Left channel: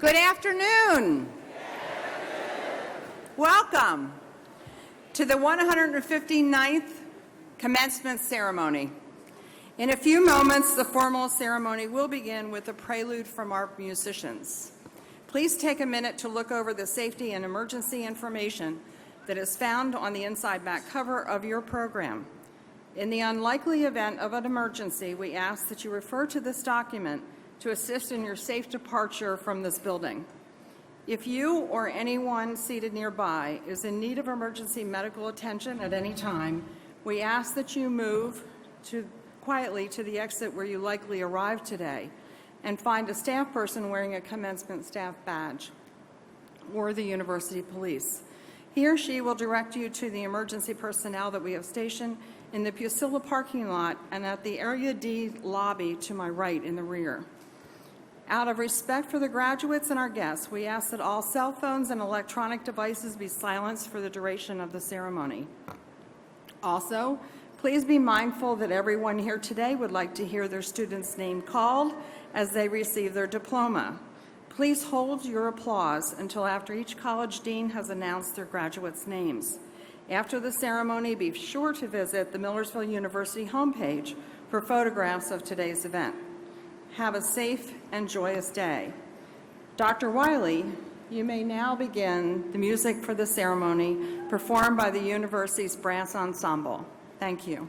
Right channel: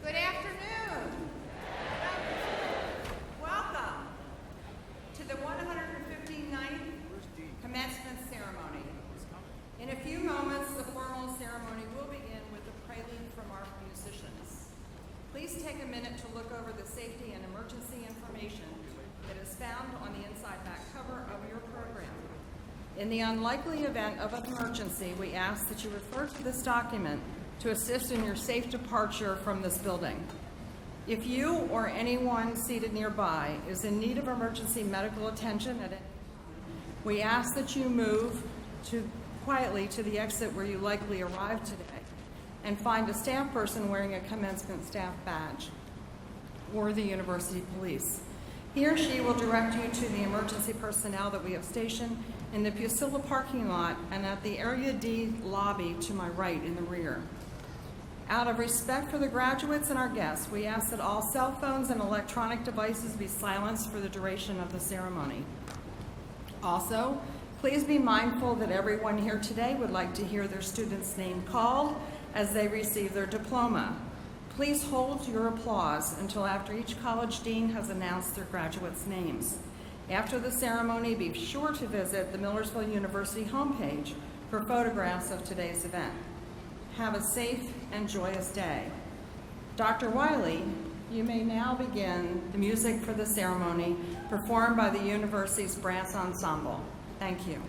Good afternoon. Welcome to the 159th Commencement Ceremony. In a few moments, the formal ceremony will begin with a prelude from our musicians. Please take a minute to look over the safety and emergency information that is found on the inside back cover of your program. In the unlikely event of an emergency, we ask that you refer to this document to assist in your safe departure from this building. If you or anyone seated nearby is in need of emergency medical attention at any time, we ask that you move quietly to the exit where you likely arrived today and find a staff person wearing a commencement staff badge or the university police. He or she will direct you to the emergency personnel that we have stationed in the Pusilla parking lot and at the Area D lobby to my right in the rear. Out of respect for the graduates and our guests, we ask that all cell phones and electronic devices be silenced for the duration of the ceremony. Also, please be mindful that everyone here today would like to hear their student's name called as they receive their diploma. Please hold your applause until after each college dean has announced their graduates' names. After the ceremony, be sure to visit the Millersville University homepage for photographs of today's event. Have a safe and joyous day. Dr. Wiley, you may now begin the music for the ceremony performed by the university's brass ensemble. Thank you.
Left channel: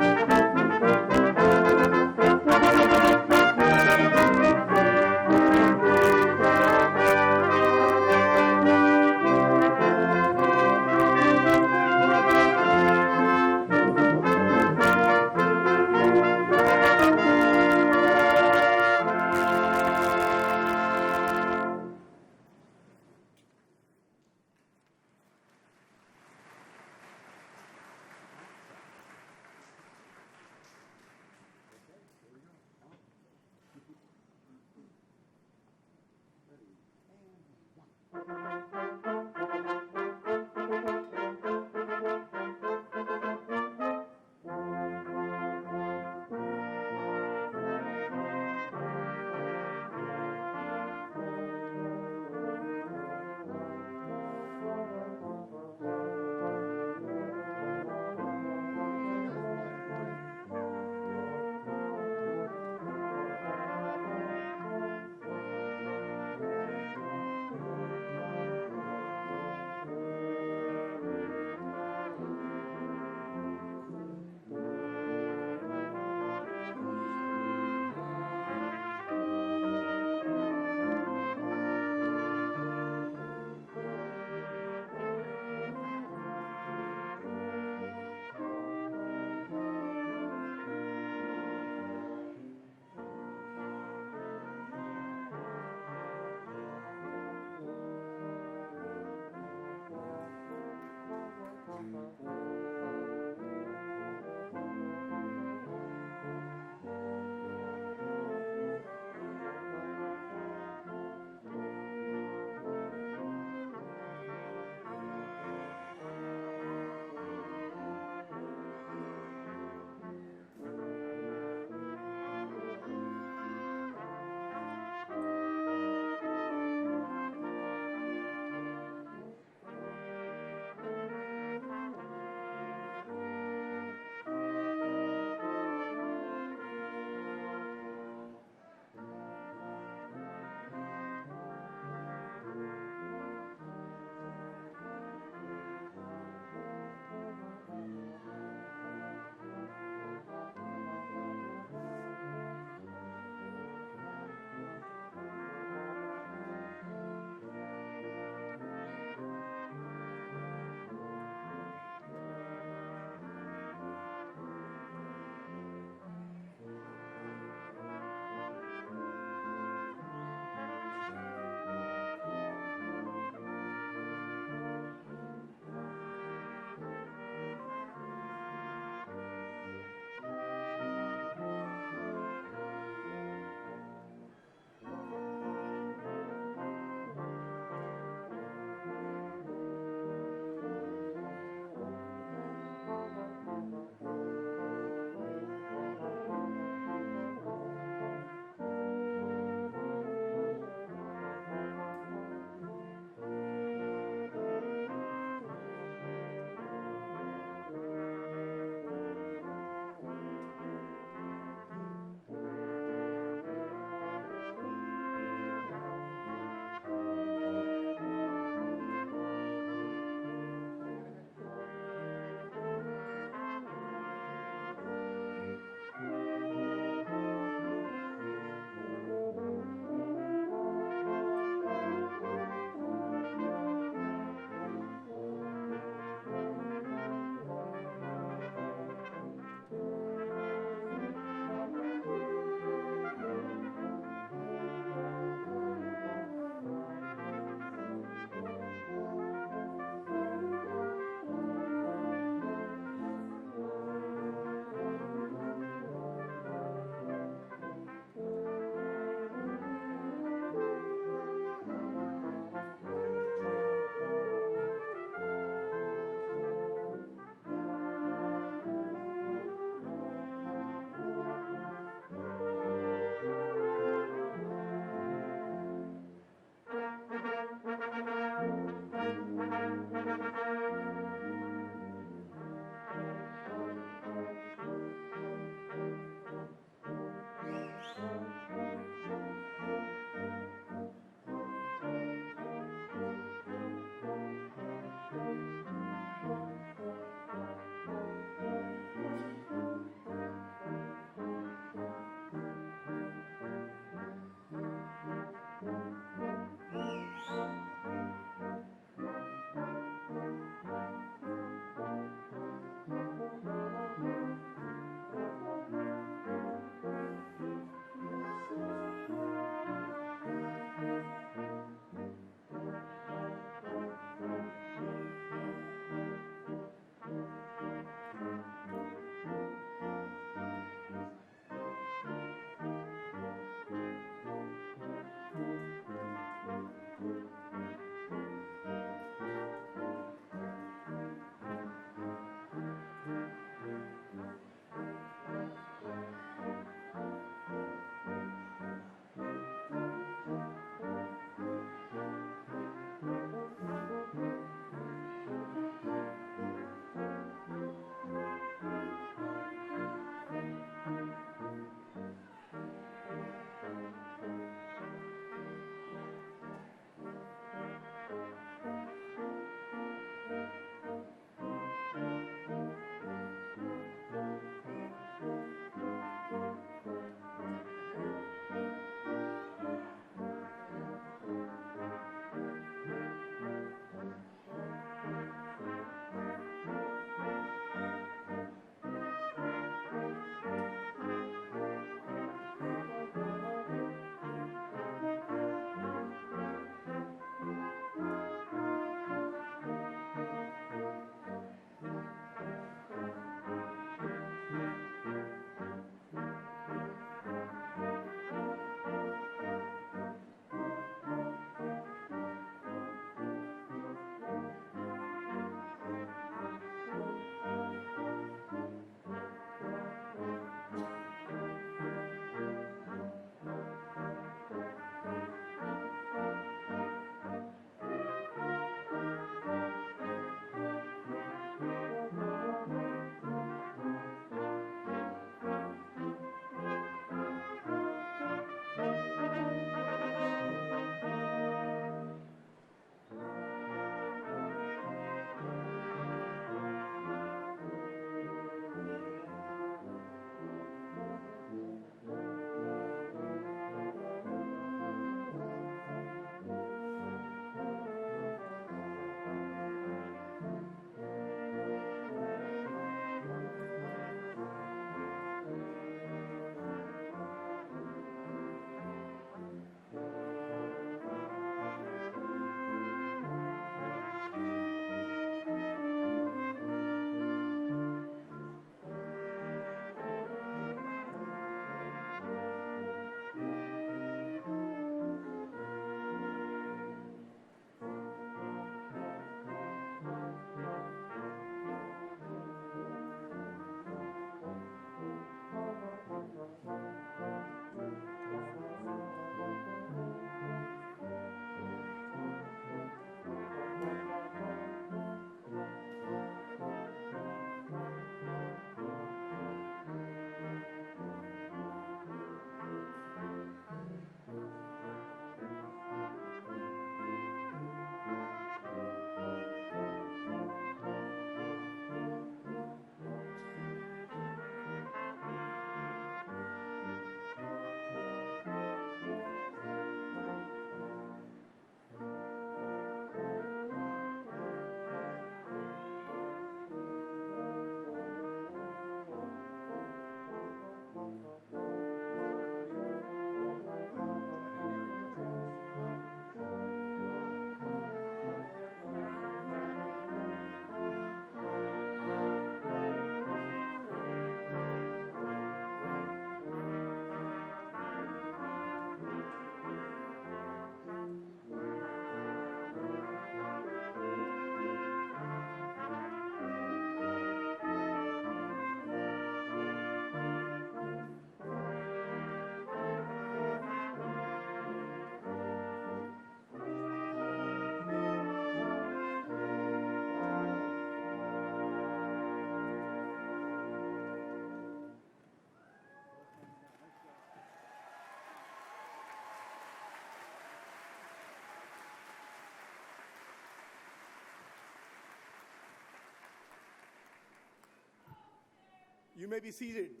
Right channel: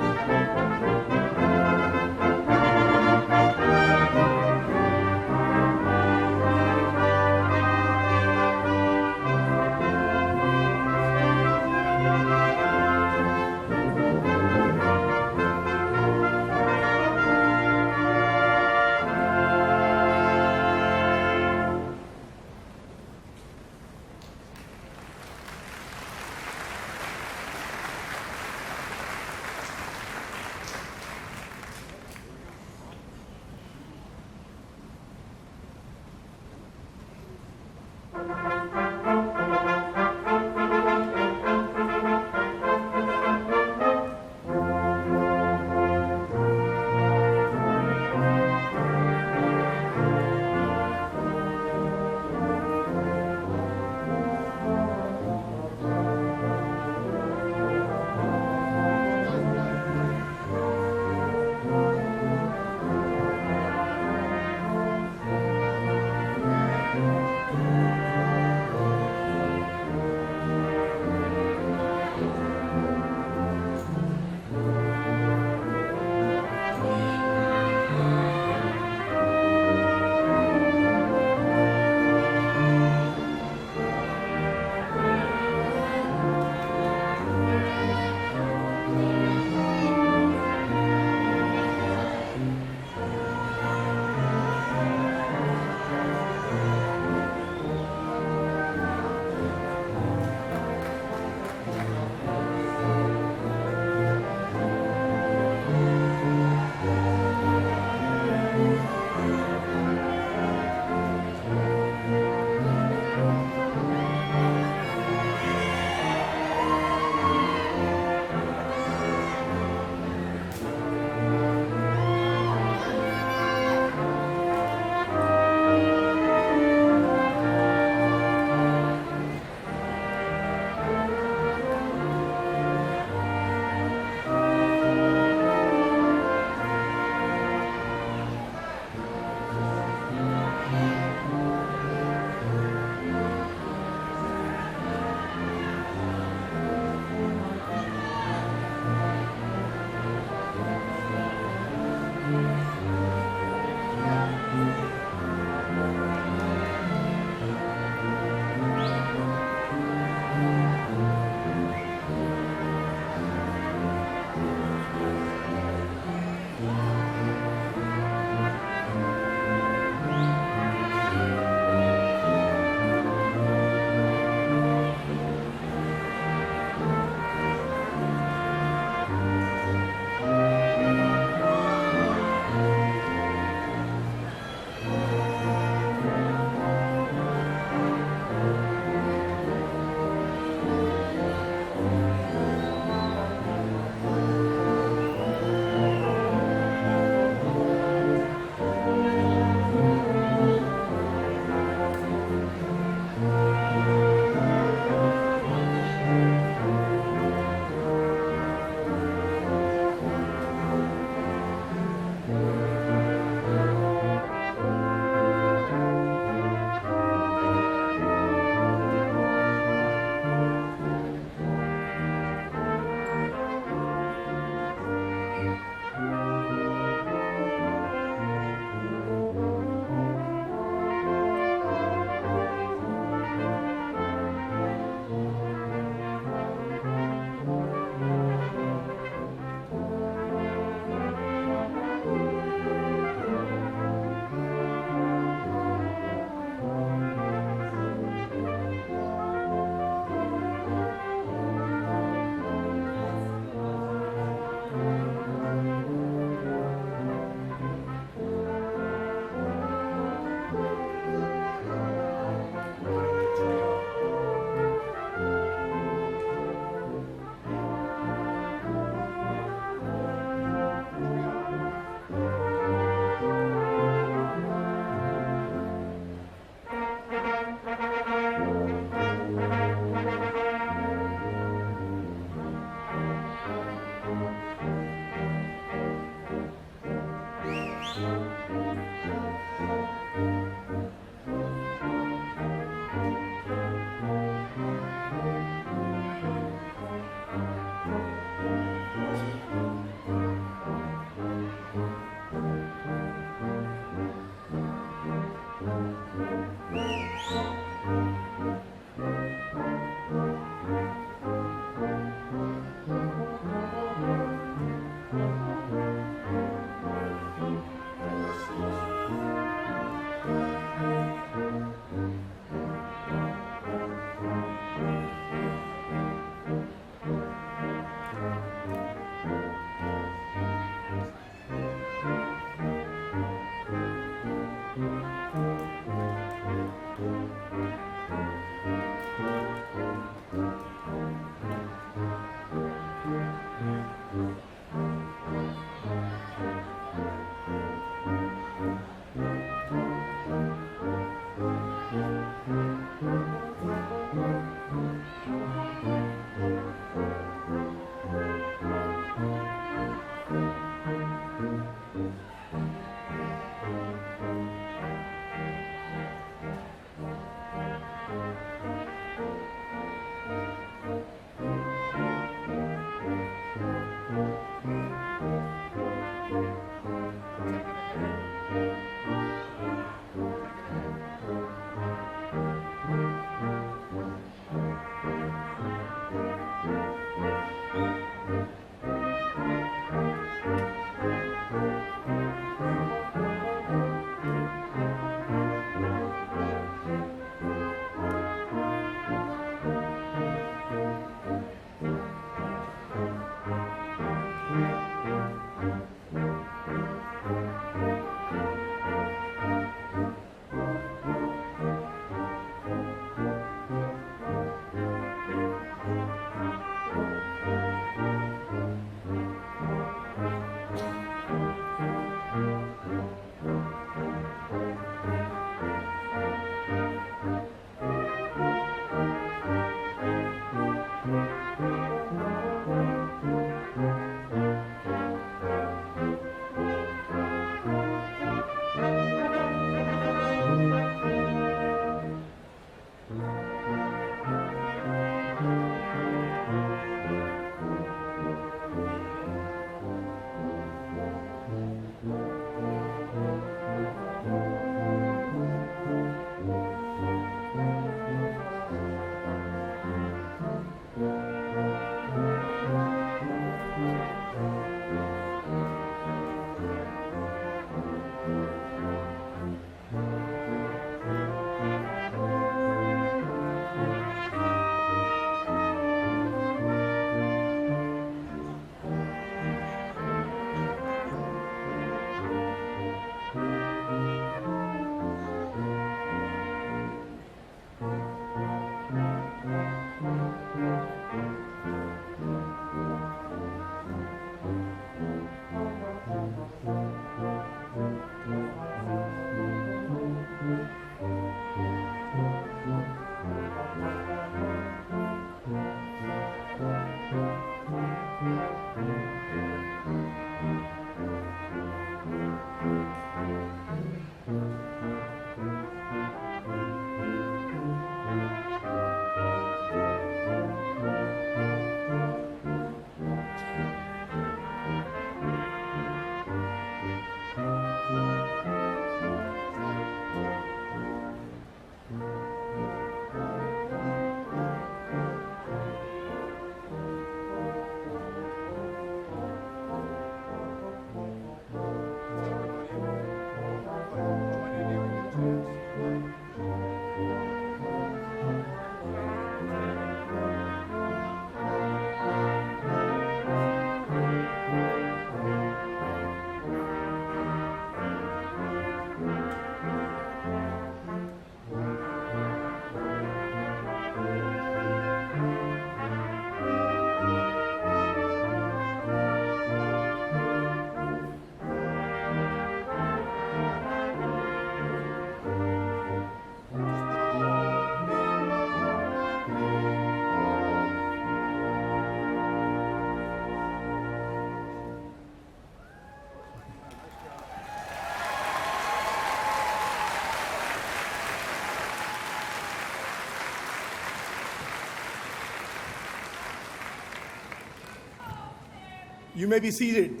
You may be seated.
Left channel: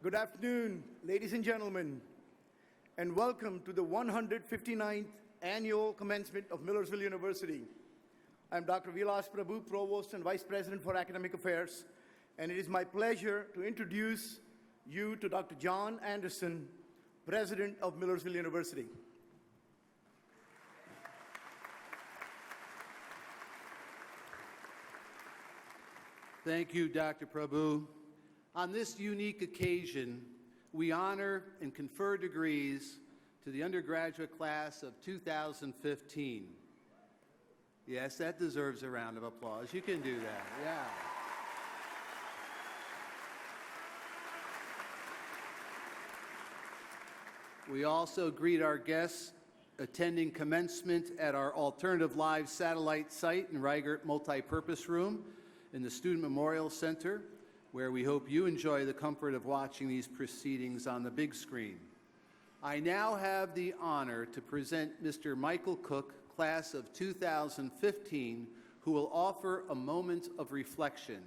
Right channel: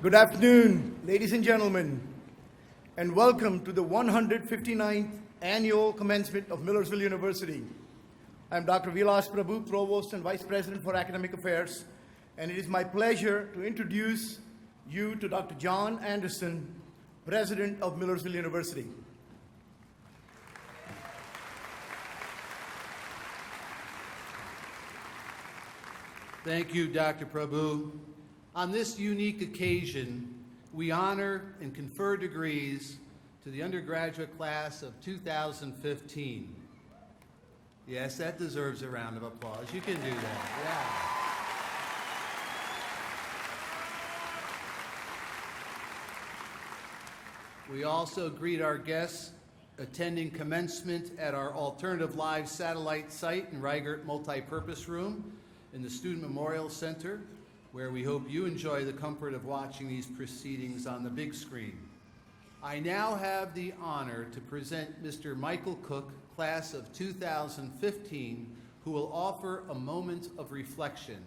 Good afternoon, ladies and gentlemen, and welcome to the 159th Annual Commencement of Millersville University. I'm Dr. Vilas Prabhu, Provost and Vice President for Academic Affairs, and it is my pleasure to introduce you to Dr. John Anderson, President of Millersville University. Thank you, Dr. Prabhu. On this unique occasion, we honor and confer degrees to the undergraduate class of 2015. Yes, that deserves a round of applause. You can do that, yeah. We also greet our guests attending commencement at our Alternative Live satellite site in Reichert Multipurpose Room in the Student Memorial Center, where we hope you enjoy the comfort of watching these proceedings on the big screen. I now have the honor to present Mr. Michael Cook, class of 2015, who will offer a moment of reflection.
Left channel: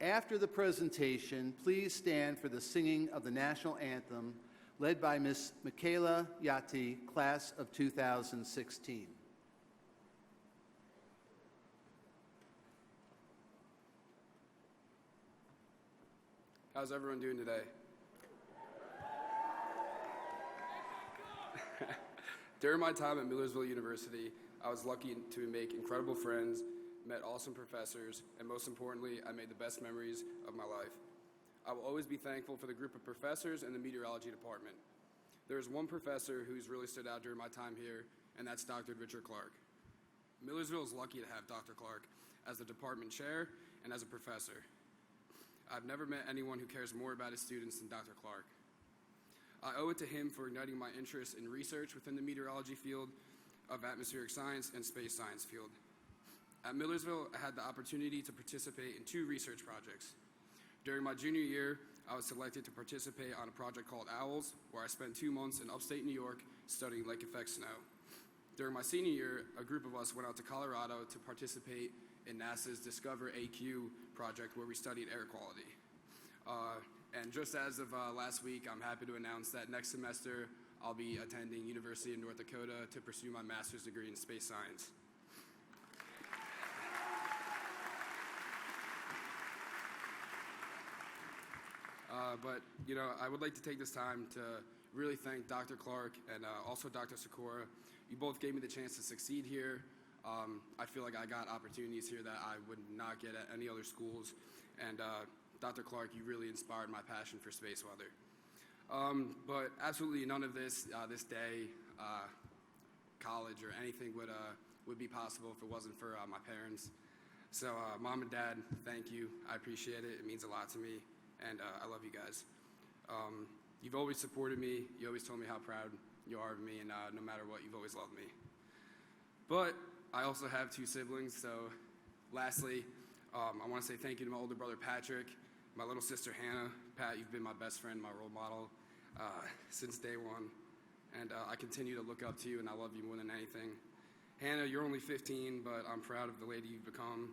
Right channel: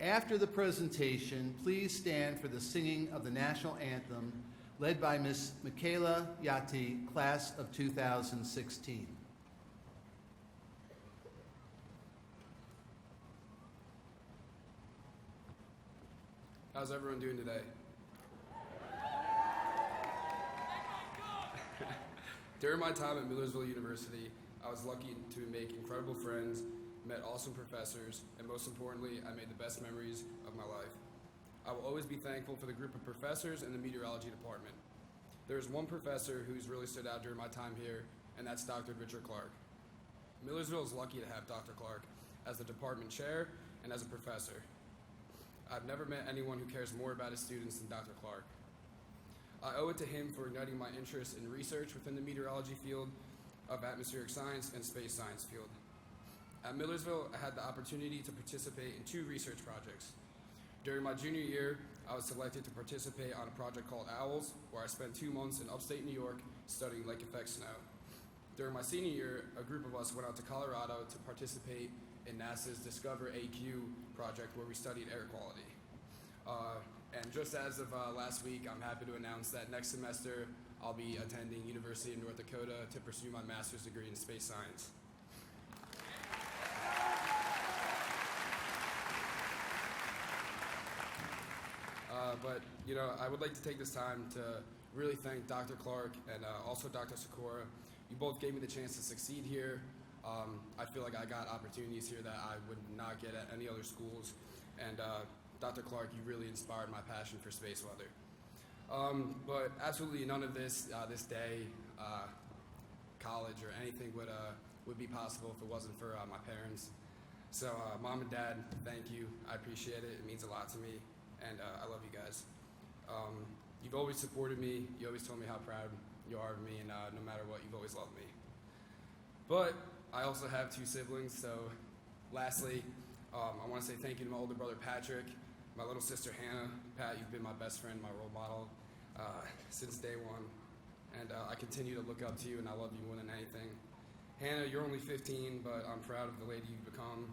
After the presentation, please stand for the singing of the national anthem, led by Ms. Michaela Yati, class of 2016. How's everyone doing today? During my time at Millersville University, I was lucky to make incredible friends, met awesome professors, and most importantly, I made the best memories of my life. I will always be thankful for the group of professors in the meteorology department. There is one professor who's really stood out during my time here, and that's Dr. Richard Clark. Millersville is lucky to have Dr. Clark as the department chair and as a professor. I've never met anyone who cares more about his students than Dr. Clark. I owe it to him for igniting my interest in research within the meteorology field of atmospheric science and space science field. At Millersville, I had the opportunity to participate in 2 research projects. During my junior year, I was selected to participate on a project called OWLS, where I spent 2 months in upstate New York studying lake effect snow. During my senior year, a group of us went out to Colorado to participate in NASA's Discover AQ project, where we studied air quality. And just as of last week, I'm happy to announce that next semester I'll be attending University of North Dakota to pursue my master's degree in space science. But I would like to take this time to really thank Dr. Clark and also Dr. Sikora. You both gave me the chance to succeed here. I feel like I got opportunities here that I would not get at any other schools. And Dr. Clark, you really inspired my passion for space weather. But absolutely none of this, this day, college, or anything would be possible if it wasn't for my parents. So Mom and Dad, thank you. I appreciate it. It means a lot to me. And I love you guys. You've always supported me. You always told me how proud you are of me, and no matter what, you've always loved me. But I also have 2 siblings, so lastly, I want to say thank you to my older brother Patrick, my little sister Hannah. Pat, you've been my best friend, my role model since day one, and I continue to look up to you, and I love you more than anything. Hannah, you're only 15, but I'm proud of the lady you've become.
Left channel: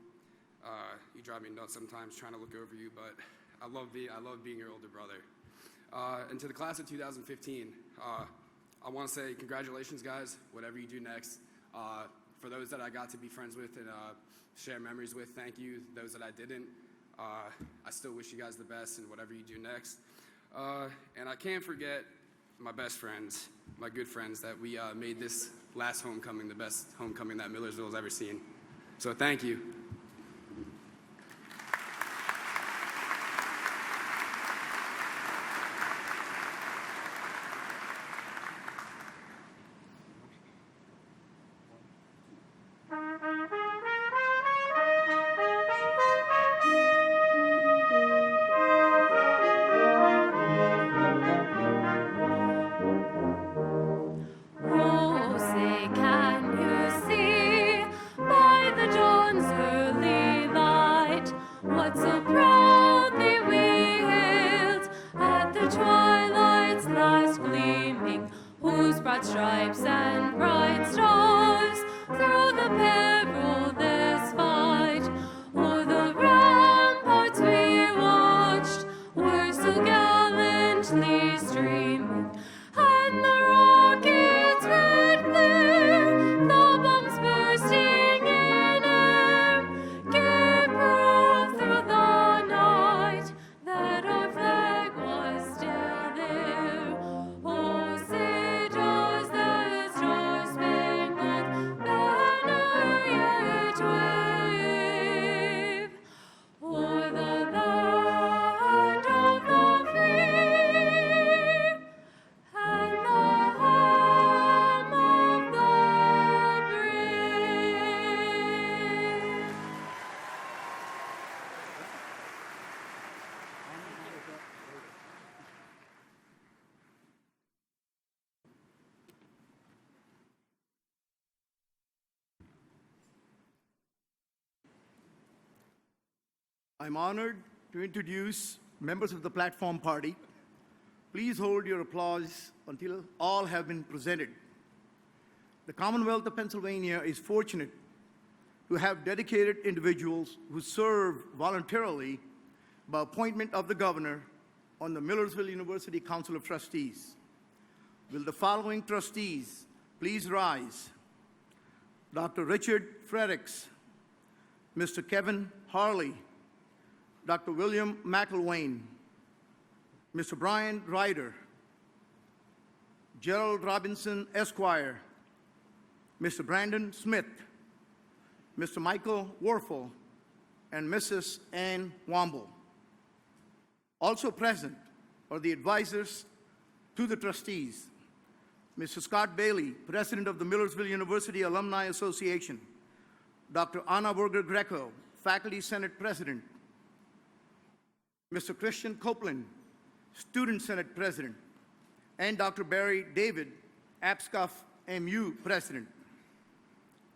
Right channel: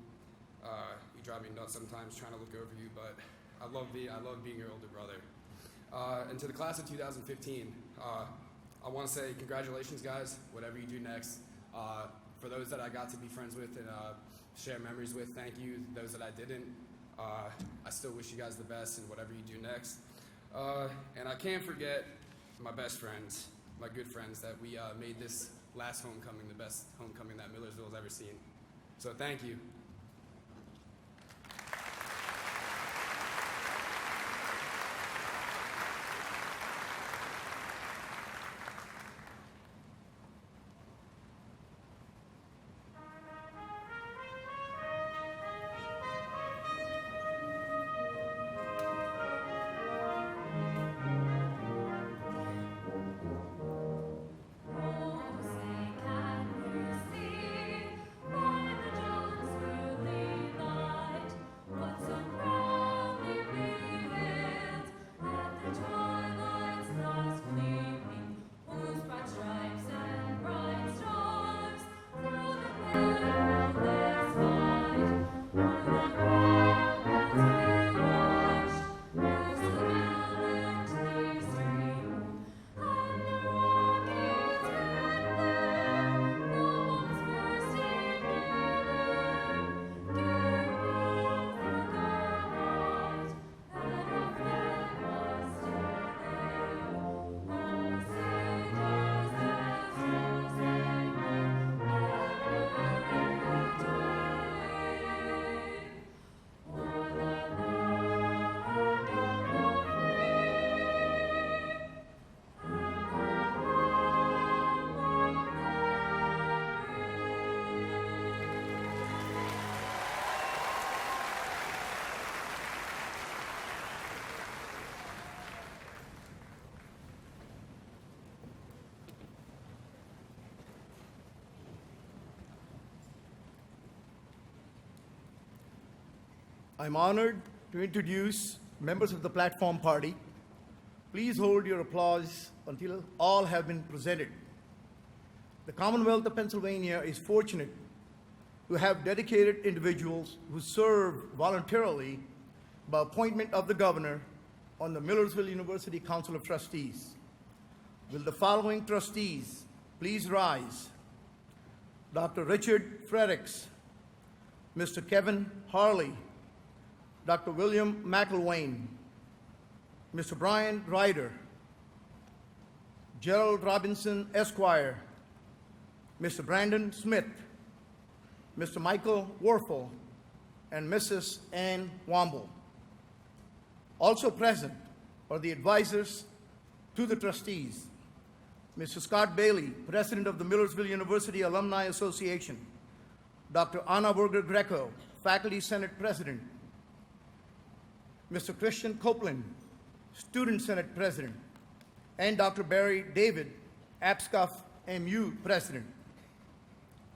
You drive me nuts sometimes trying to look over you, but I love being your older brother. And to the class of 2015, I want to say congratulations, guys, whatever you do next. For those that I got to be friends with and share memories with, thank you. Those that I didn't, I still wish you guys the best in whatever you do next. And I can't forget my best friends, my good friends, that we made this last homecoming the best homecoming that Millersville has ever seen. So thank you. Stripes and bright stars. swiftly streaming, and the rockets red glare, the bombs bursting in air, gave proof through the night that our flag was still there. Oh, say does that star-spangled banner yet wave o'er the land of the free and the home of the brave? I'm honored to introduce members of the platform party. Please hold your applause until all have been presented. The Commonwealth of Pennsylvania is fortunate to have dedicated individuals who serve voluntarily by appointment of the governor on the Millersville University Council of Trustees. Will the following trustees please rise? Dr. Richard Fredericks, Mr. Kevin Harley, Dr. William McElwain, Mr. Brian Ryder, Gerald Robinson, Esquire, Mr. Brandon Smith, Mr. Michael Warfel, and Mrs. Ann Womble. Also present are the advisors to the trustees, Mr. Scott Bailey, President of the Millersville University Alumni Association, Dr. Anna Berger Greco, Faculty Senate President, Mr. Christian Copeland, Student Senate President, and Dr. Barry David, APSCUF MU President.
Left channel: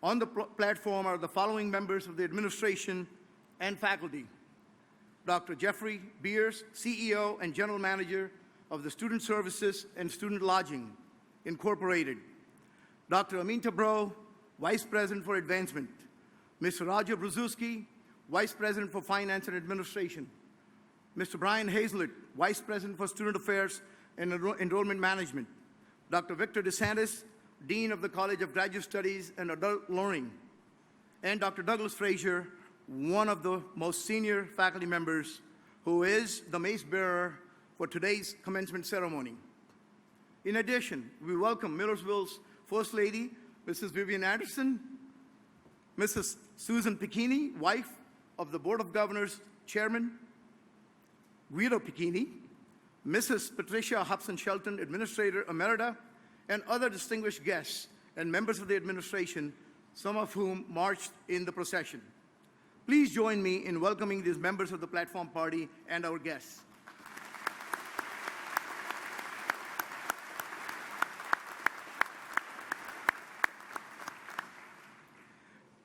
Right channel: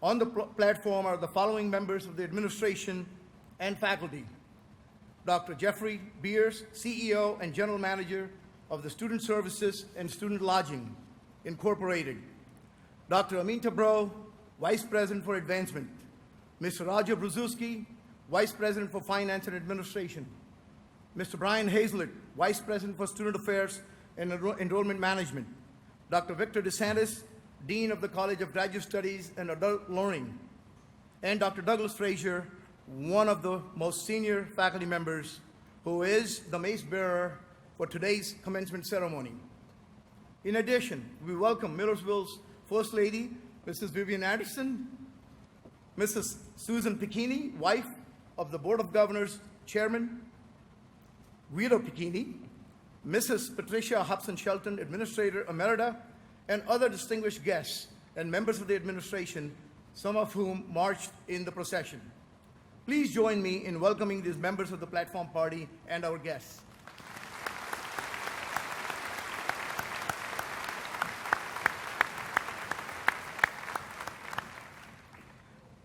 On the platform are the following members of the administration and faculty: Dr. Jeffrey Beers, CEO and General Manager of the Student Services and Student Lodging, Incorporated; Dr. Aminta Bro, Vice President for Advancement; Mr. Roger Brzezinski, Vice President for Finance and Administration; Mr. Brian Hazlett, Vice President for Student Affairs and Enrollment Management; Dr. Victor DeSantis, Dean of the College of Graduate Studies and Adult Learning; and Dr. Douglas Frazier, one of the most senior faculty members, who is the mace bearer for today's commencement ceremony. In addition, we welcome Millersville's First Lady, Mrs. Vivian Anderson, Mrs. Susan Picchini, wife of the Board of Governors Chairman Guido Picchini, Mrs. Patricia Hobson Shelton, Administrator Emerita, and other distinguished guests and members of the administration, some of whom marched in the procession. Please join me in welcoming these members of the platform party and our guests.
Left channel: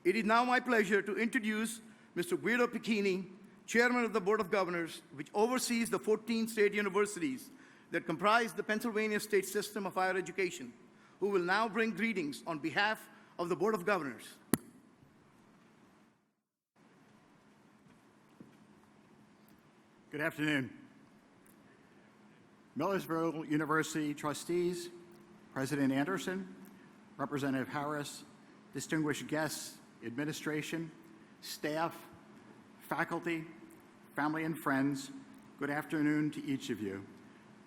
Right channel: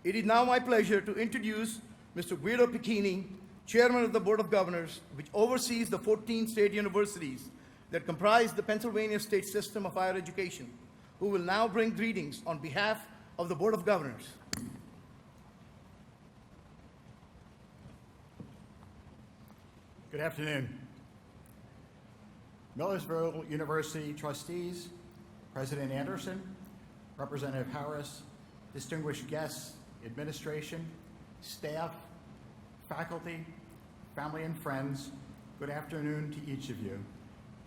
It is now my pleasure to introduce Mr. Guido Picchini, Chairman of the Board of Governors, which oversees the 14 state universities that comprise the Pennsylvania state system of higher education, who will now bring greetings on behalf of the Board of Governors. Good afternoon. Millersville University trustees, President Anderson, Representative Harris, distinguished guests, administration, staff, faculty, family, and friends, good afternoon to each of you,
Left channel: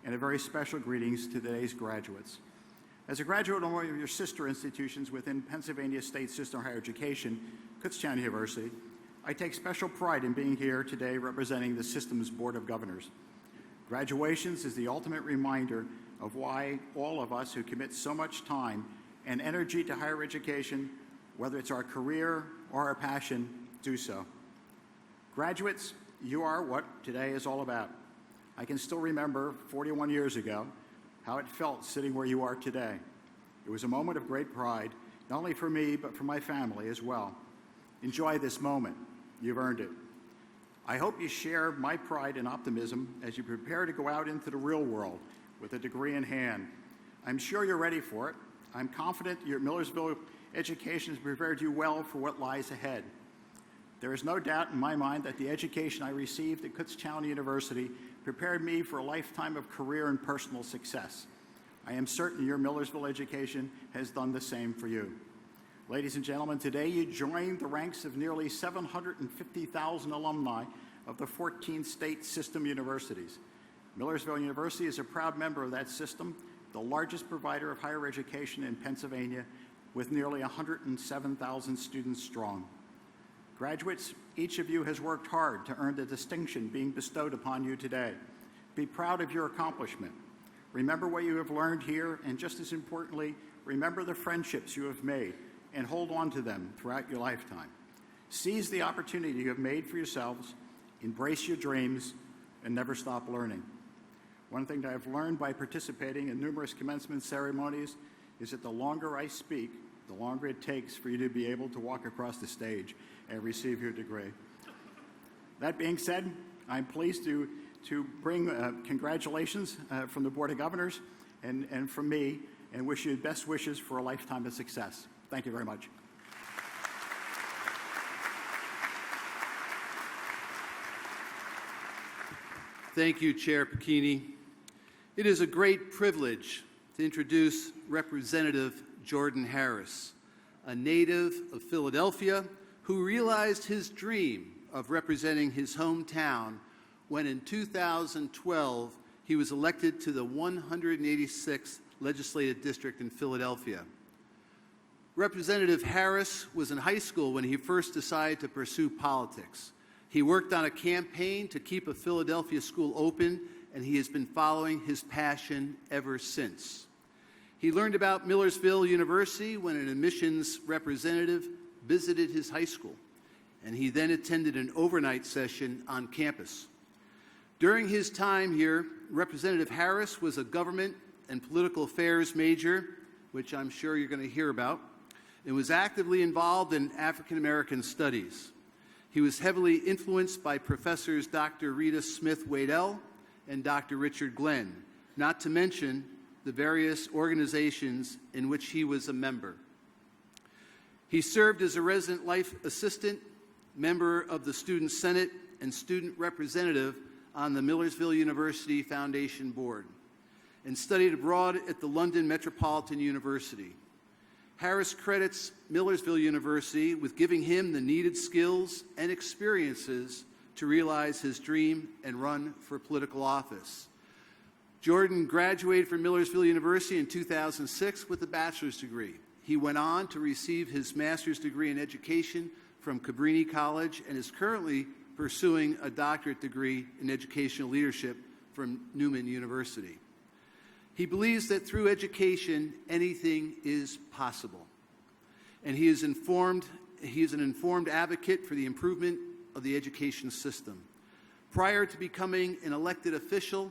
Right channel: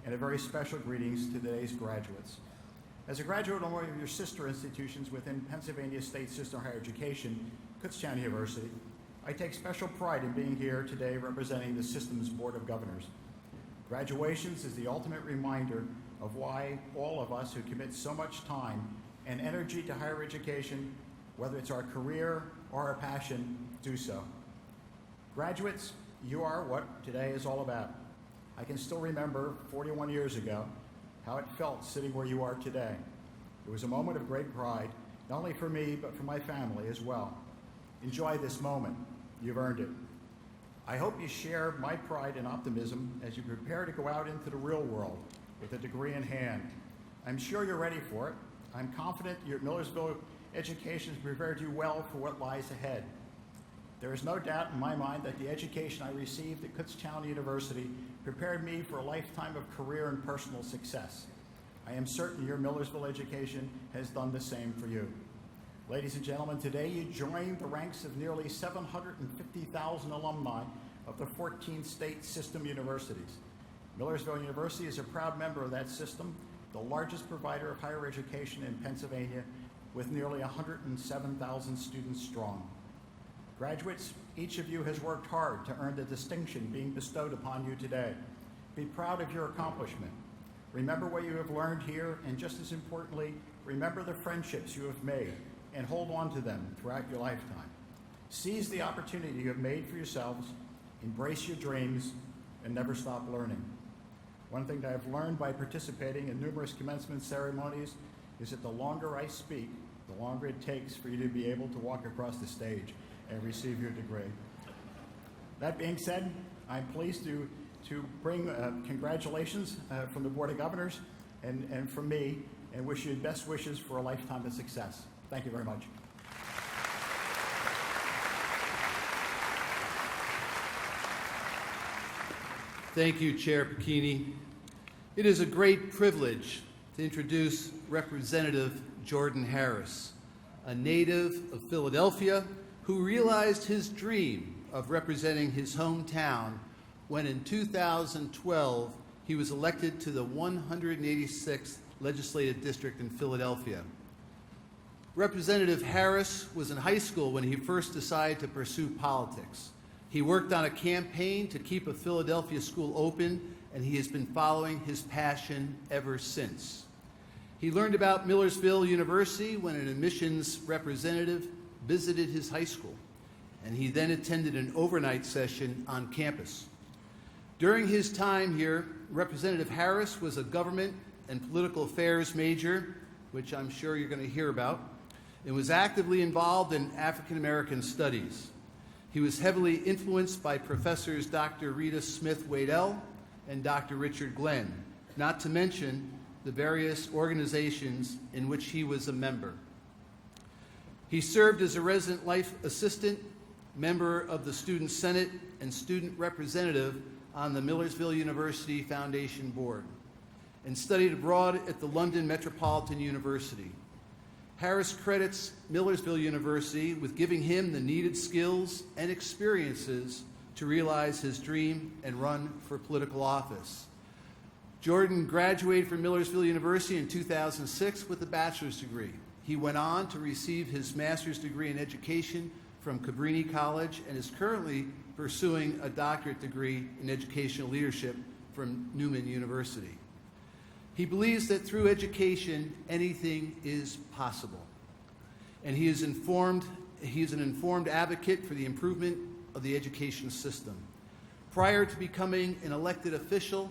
and a very special greetings to today's graduates. As a graduate of one of your sister institutions within Pennsylvania State System of Higher Education, Kutztown University, I take special pride in being here today representing the system's Board of Governors. Graduations is the ultimate reminder of why all of us who commit so much time and energy to higher education, whether it's our career or our passion, do so. Graduates, you are what today is all about. I can still remember 41 years ago how it felt sitting where you are today. It was a moment of great pride, not only for me, but for my family as well. Enjoy this moment. You've earned it. I hope you share my pride and optimism as you prepare to go out into the real world with a degree in hand. I'm sure you're ready for it. I'm confident your Millersville education has prepared you well for what lies ahead. There is no doubt in my mind that the education I received at Kutztown University prepared me for a lifetime of career and personal success. I am certain your Millersville education has done the same for you. Ladies and gentlemen, today you join the ranks of nearly 750,000 alumni of the 14 state system universities. Millersville University is a proud member of that system, the largest provider of higher education in Pennsylvania, with nearly 107,000 students strong. Graduates, each of you has worked hard to earn the distinction being bestowed upon you today. Be proud of your accomplishment. Remember what you have learned here, and just as importantly, remember the friendships you have made and hold on to them throughout your lifetime. Seize the opportunity you have made for yourselves, embrace your dreams, and never stop learning. One thing that I've learned by participating in numerous commencement ceremonies is that the longer I speak, the longer it takes for you to be able to walk across the stage and receive your degree. That being said, I'm pleased to bring congratulations from the Board of Governors and from me, and wish you best wishes for a lifetime of success. Thank you very much. Thank you, Chair Pacchini. It is a great privilege to introduce Representative Jordan Harris, a native of Philadelphia who realized his dream of representing his hometown when in 2012 he was elected to the 186th Legislative District in Philadelphia. Representative Harris was in high school when he first decided to pursue politics. He worked on a campaign to keep a Philadelphia school open, and he has been following his passion ever since. He learned about Millersville University when an admissions representative visited his high school, and he then attended an overnight session on campus. During his time here, Representative Harris was a government and political affairs major, which I'm sure you're going to hear about, and was actively involved in African American studies. He was heavily influenced by Professors Dr. Rita Smith-Waddell and Dr. Richard Glenn, not to mention the various organizations in which he was a member. He served as a resident life assistant, member of the Student Senate, and student representative on the Millersville University Foundation Board, and studied abroad at the London Metropolitan University. Harris credits Millersville University with giving him the needed skills and experiences to realize his dream and run for political office. Jordan graduated from Millersville University in 2006 with a bachelor's degree. He went on to receive his master's degree in education from Cabrini College and is currently pursuing a doctorate degree in educational leadership from Newman University. He believes that through education, anything is possible. And he is an informed advocate for the improvement of the education system. Prior to becoming an elected official,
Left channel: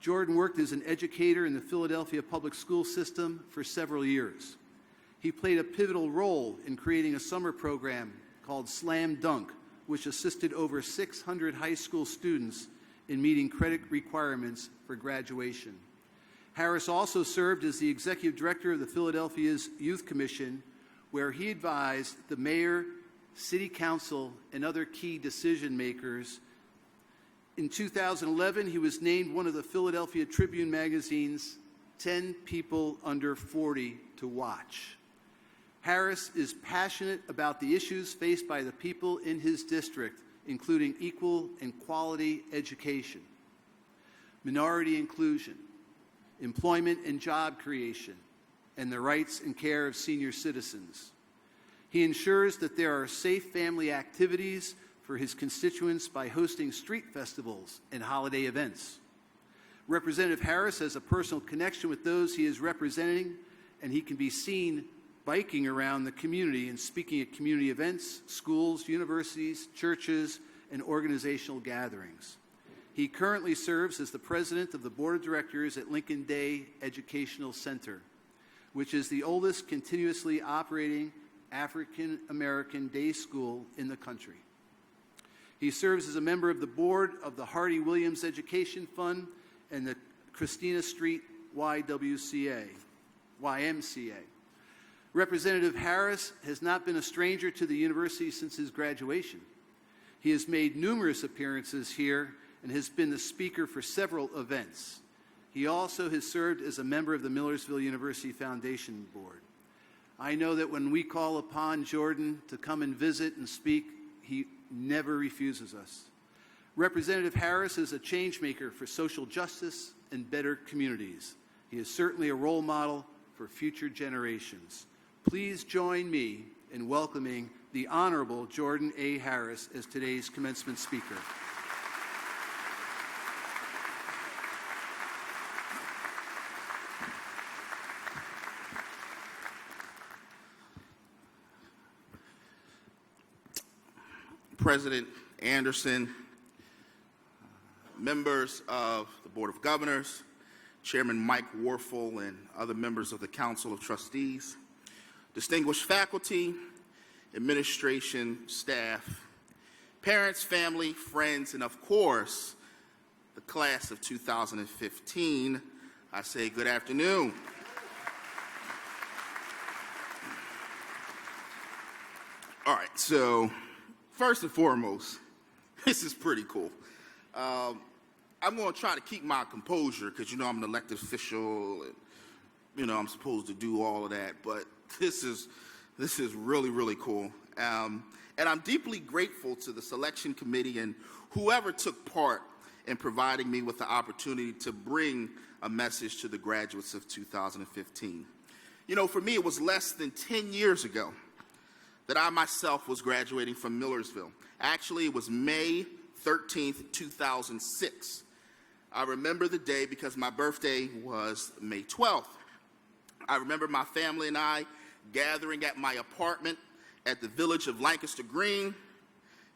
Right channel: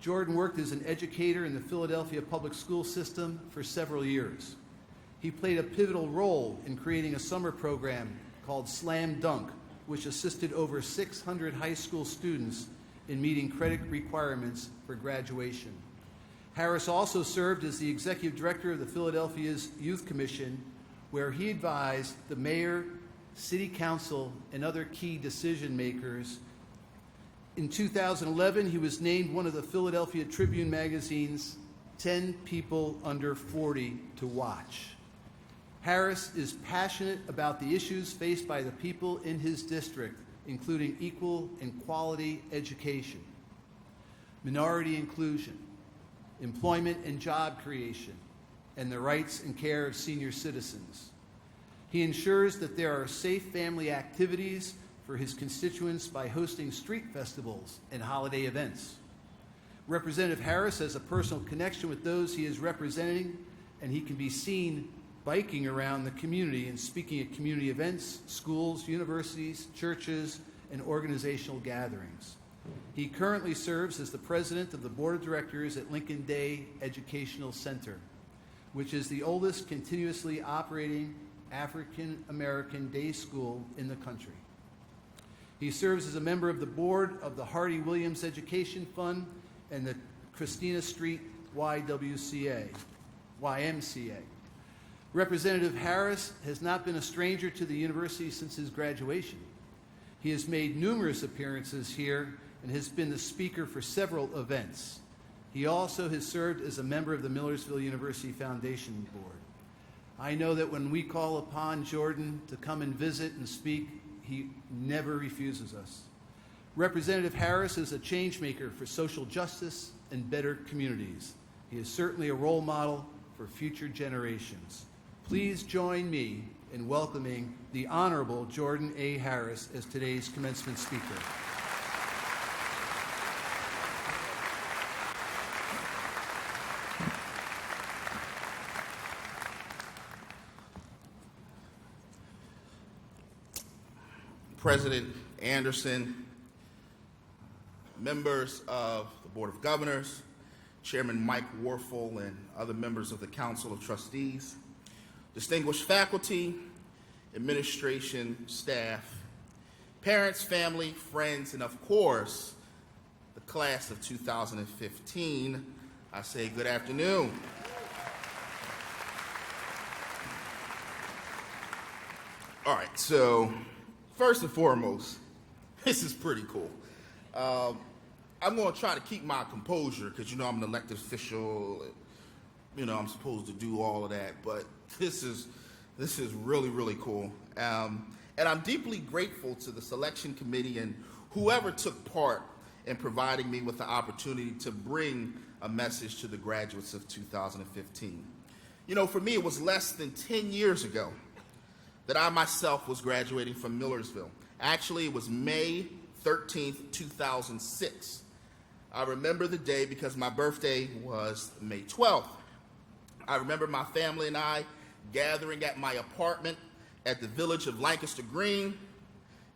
Jordan worked as an educator in the Philadelphia public school system for several years. He played a pivotal role in creating a summer program called Slam Dunk, which assisted over 600 high school students in meeting credit requirements for graduation. Harris also served as the executive director of the Philadelphia's Youth Commission, where he advised the mayor, city council, and other key decision makers. In 2011, he was named one of the Philadelphia Tribune magazine's 10 people under 40 to watch. Harris is passionate about the issues faced by the people in his district, including equal and quality education, minority inclusion, employment and job creation, and the rights and care of senior citizens. He ensures that there are safe family activities for his constituents by hosting street festivals and holiday events. Representative Harris has a personal connection with those he is representing, and he can be seen biking around the community and speaking at community events, schools, universities, churches, and organizational gatherings. He currently serves as the president of the board of directors at Lincoln Day Educational Center, which is the oldest continuously operating African American day school in the country. He serves as a member of the board of the Hardy Williams Education Fund and the Christina Street YMCA. Representative Harris has not been a stranger to the university since his graduation. He has made numerous appearances here and has been the speaker for several events. He also has served as a member of the Millersville University Foundation Board. I know that when we call upon Jordan to come and visit and speak, he never refuses us. Representative Harris is a change maker for social justice and better communities. He is certainly a role model for future generations. Please join me in welcoming the Honorable Jordan A. Harris as today's commencement speaker. President Anderson, members of the Board of Governors, Chairman Mike Warfel, and other members of the Council of Trustees, distinguished faculty, administration, staff, parents, family, friends, and of course, the class of 2015, I say good afternoon. All right, so first and foremost, this is pretty cool. I'm going to try to keep my composure because, you know, I'm an elected official and, you know, I'm supposed to do all of that. But this is really, really cool. And I'm deeply grateful to the selection committee and whoever took part in providing me with the opportunity to bring a message to the graduates of 2015. You know, for me, it was less than 10 years ago that I myself was graduating from Millersville. Actually, it was May 13th, 2006. I remember the day because my birthday was May 12th. I remember my family and I gathering at my apartment at the village of Lancaster Green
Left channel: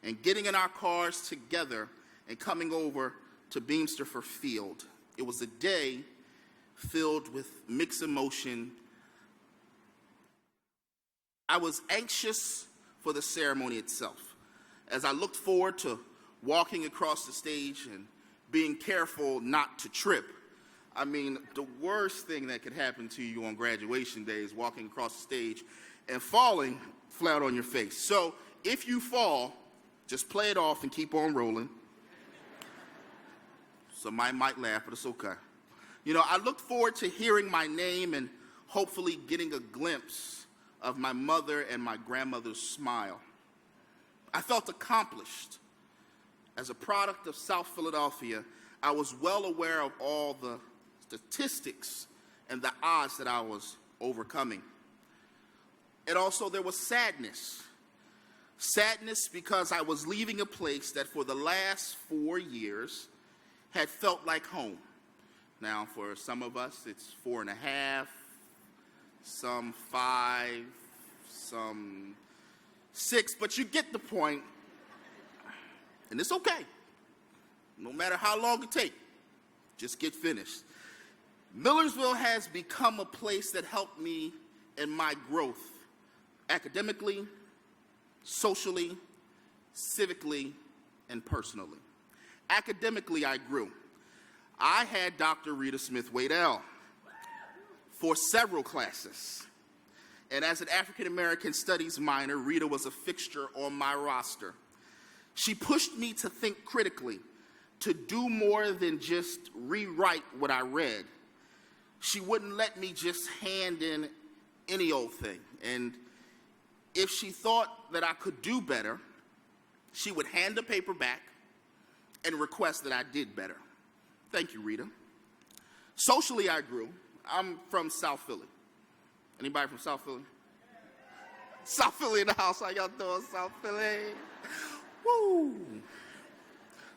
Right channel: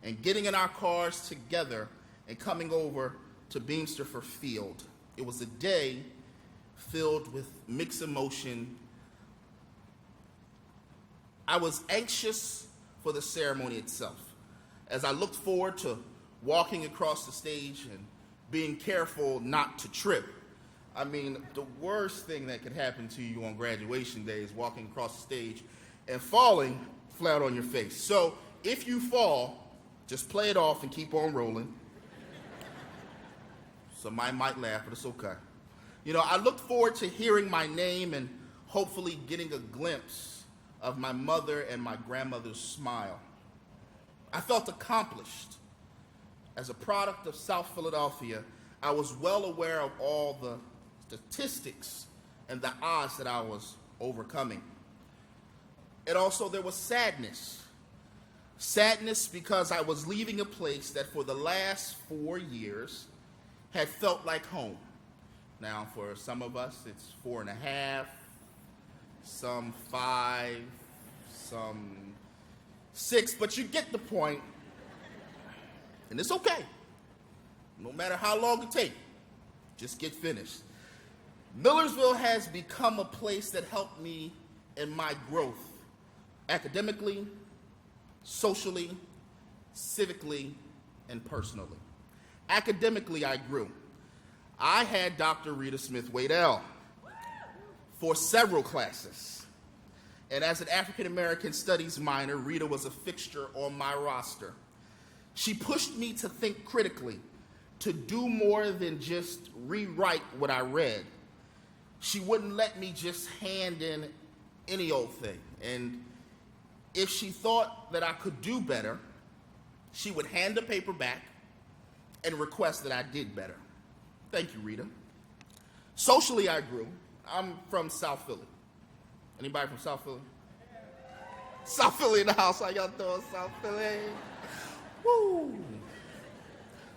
and getting in our cars together and coming over to Beamsterford Field. It was a day filled with mixed emotion. I was anxious for the ceremony itself as I looked forward to walking across the stage and being careful not to trip. I mean, the worst thing that could happen to you on graduation day is walking across the stage and falling flat on your face. So if you fall, just play it off and keep on rolling. Somebody might laugh, but it's okay. You know, I looked forward to hearing my name and hopefully getting a glimpse of my mother and my grandmother's smile. I felt accomplished. As a product of South Philadelphia, I was well aware of all the statistics and the odds that I was overcoming. And also there was sadness. Sadness because I was leaving a place that for the last 4 years had felt like home. Now for some of us it's 4.5, some 5, some 6, but you get the point. And it's okay. No matter how long it takes, just get finished. Millersville has become a place that helped me in my growth, academically, socially, civically, and personally. Academically, I grew. I had Dr. Rita Smith-Waddell for several classes. And as an African American Studies minor, Rita was a fixture on my roster. She pushed me to think critically, to do more than just rewrite what I read. She wouldn't let me just hand in any old thing. And if she thought that I could do better, she would hand the paper back and request that I did better. Thank you, Rita. Socially, I grew. I'm from South Philly. Anybody from South Philly? South Philly in the house. How y'all doing, South Philly? Woo.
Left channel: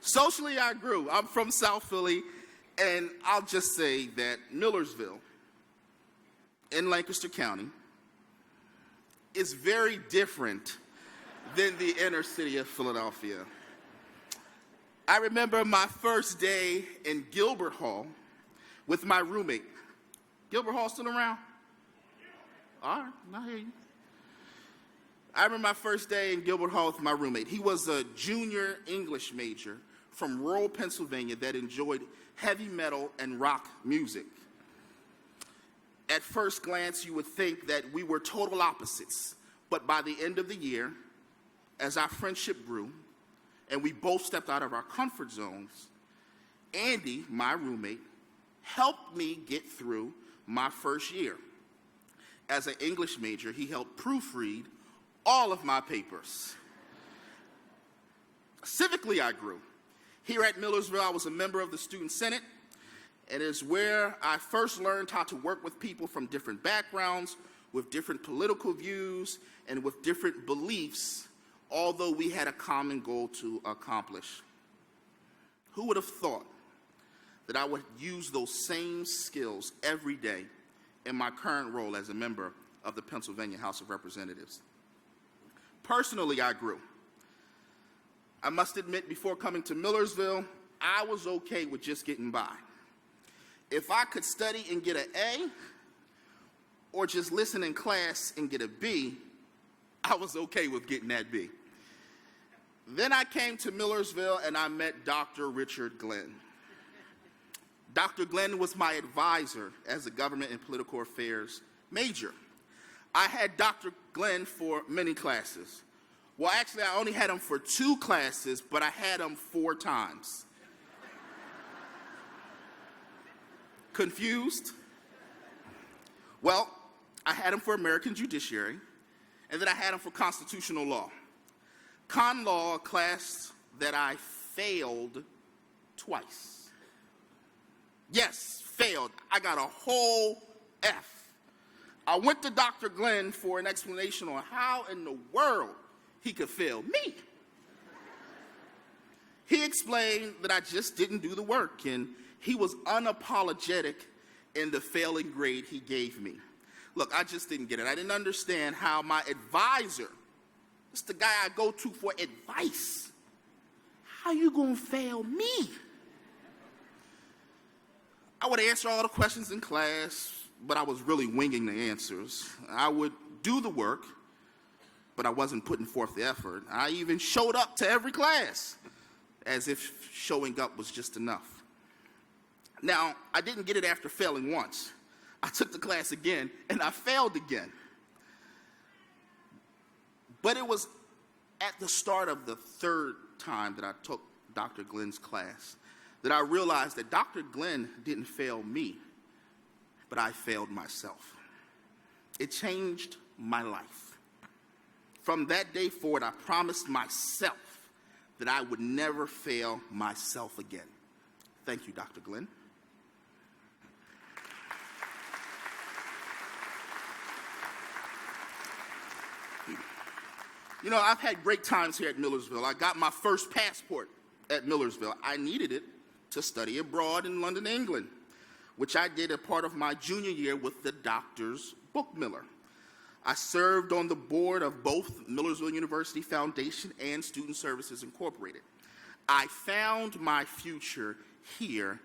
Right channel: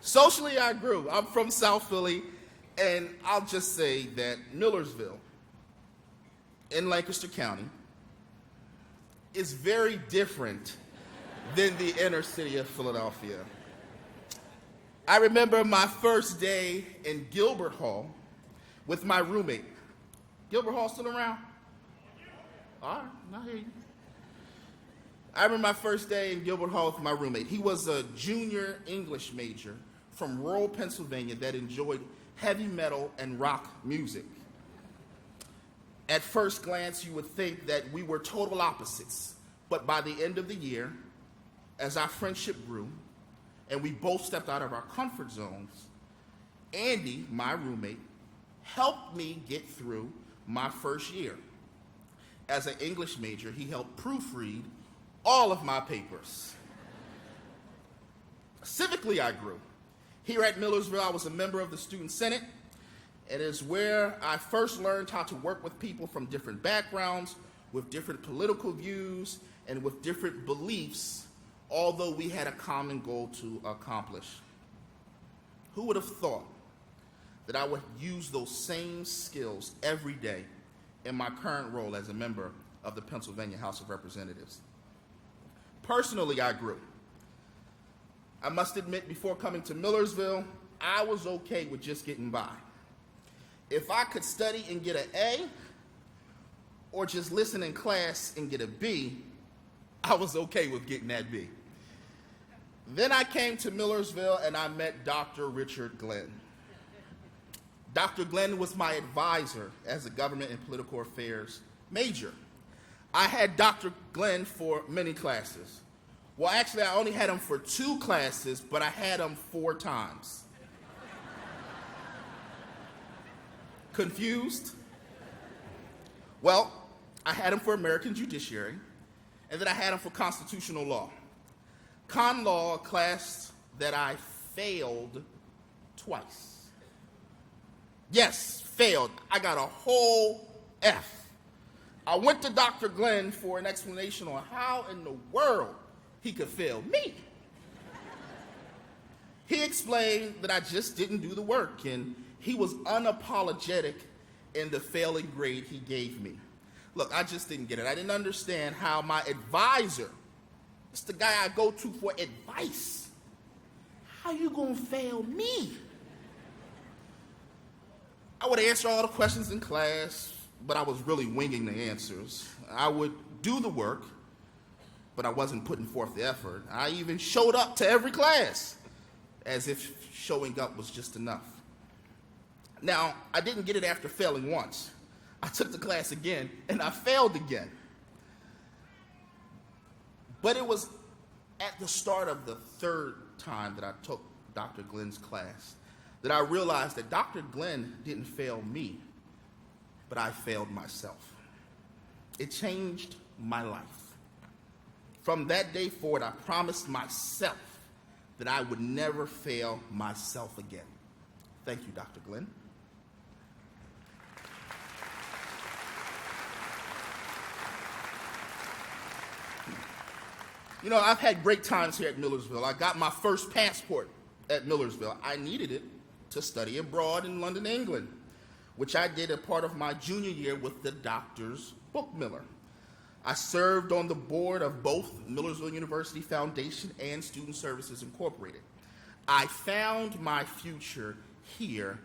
Socially, I grew. I'm from South Philly, and I'll just say that Millersville in Lancaster County is very different than the inner city of Philadelphia. I remember my first day in Gilbert Hall with my roommate. Gilbert Hall still around? All right, I hear you. I remember my first day in Gilbert Hall with my roommate. He was a junior English major from rural Pennsylvania that enjoyed heavy metal and rock music. At first glance, you would think that we were total opposites, but by the end of the year, as our friendship grew, and we both stepped out of our comfort zones, Andy, my roommate, helped me get through my first year. As an English major, he helped proofread all of my papers. Civically, I grew. Here at Millersville, I was a member of the Student Senate, and is where I first learned how to work with people from different backgrounds, with different political views, and with different beliefs, although we had a common goal to accomplish. Who would have thought that I would use those same skills every day in my current role as a member of the Pennsylvania House of Representatives? Personally, I grew. I must admit, before coming to Millersville, I was okay with just getting by. If I could study and get an A, or just listen in class and get a B, I was okay with getting that B. Then I came to Millersville and I met Dr. Richard Glenn. Dr. Glenn was my advisor as a government and political affairs major. I had Dr. Glenn for many classes. Well, actually, I only had him for 2 classes, but I had him 4 times. Confused? Well, I had him for American Judiciary, and then I had him for Constitutional Law. Con Law, a class that I failed twice. Yes, failed. I got a whole F. I went to Dr. Glenn for an explanation on how in the world he could fail me. He explained that I just didn't do the work, and he was unapologetic in the failing grade he gave me. Look, I just didn't get it. I didn't understand how my advisor, it's the guy I go to for advice, how you gonna fail me? I would answer all the questions in class, but I was really winging the answers. I would do the work, but I wasn't putting forth the effort. I even showed up to every class, as if showing up was just enough. Now, I didn't get it after failing once. I took the class again, and I failed again. But it was at the start of the 3rd time that I took Dr. Glenn's class that I realized that Dr. Glenn didn't fail me, but I failed myself. It changed my life. From that day forward, I promised myself that I would never fail myself again. Thank you, Dr. Glenn. You know, I've had great times here at Millersville. I got my first passport at Millersville. I needed it to study abroad in London, England, which I did as part of my junior year with the Doctor's Bookmiller. I served on the board of both Millersville University Foundation and Student Services Incorporated. I found my future here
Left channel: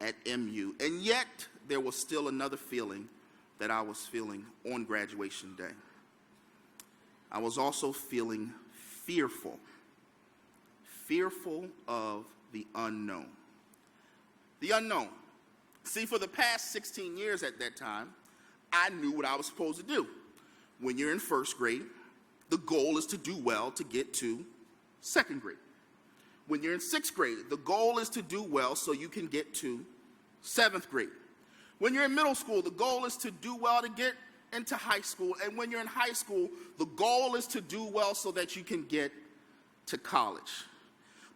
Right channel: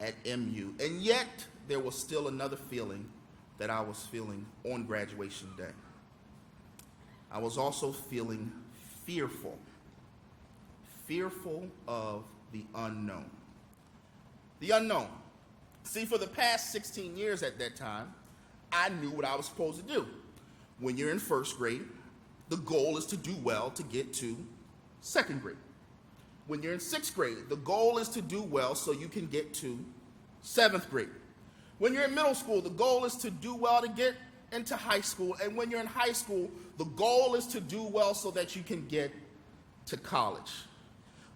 at MU, and yet there was still another feeling that I was feeling on graduation day. I was also feeling fearful of the unknown. The unknown. See, for the past 16 years at that time, I knew what I was supposed to do. When you're in 1st grade, the goal is to do well to get to 2nd grade. When you're in 6th grade, the goal is to do well so you can get to 7th grade. When you're in middle school, the goal is to do well to get into high school. And when you're in high school, the goal is to do well so that you can get to college.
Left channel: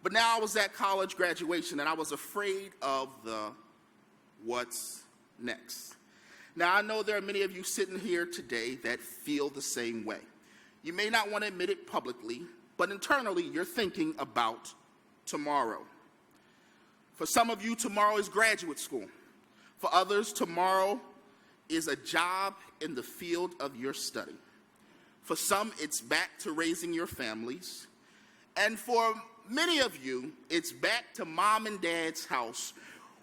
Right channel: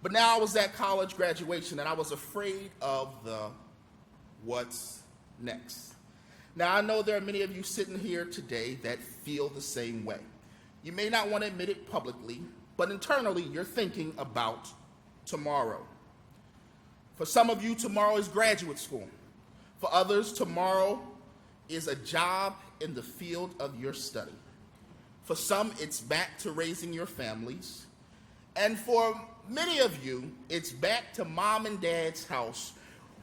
But now I was at college graduation and I was afraid of the what's next. Now I know there are many of you sitting here today that feel the same way. You may not want to admit it publicly, but internally you're thinking about tomorrow. For some of you, tomorrow is graduate school. For others, tomorrow is a job in the field of your study. For some, it's back to raising your families. And for many of you, it's back to mom and dad's house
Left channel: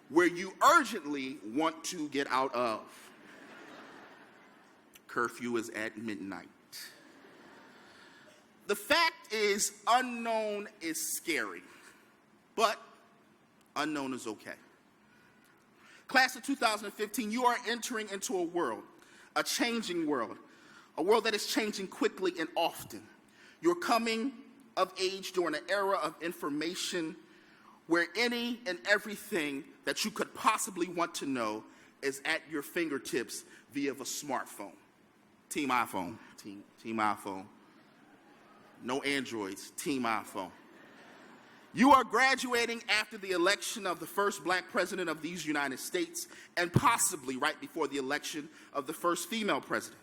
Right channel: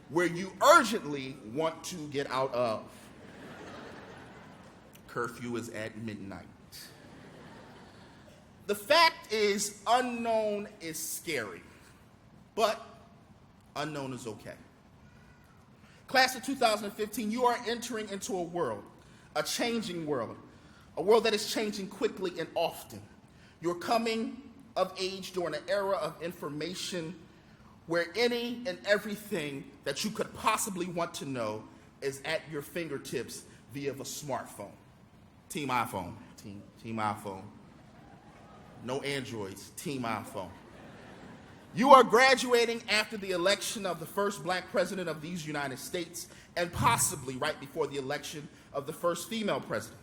where you urgently want to get out of. Curfew is at midnight. The fact is, unknown is scary, but unknown is okay. Class of 2015, you are entering into a world, a changing world, a world that is changing quickly and often. You're coming of age during an era of information where any and everything that you could possibly want to know is at your fingertips via the smartphone. Team iPhone. Team iPhone. No Androids. Team iPhone. You are graduating after the election of the first black president of these United States and possibly right before the election of the first female president.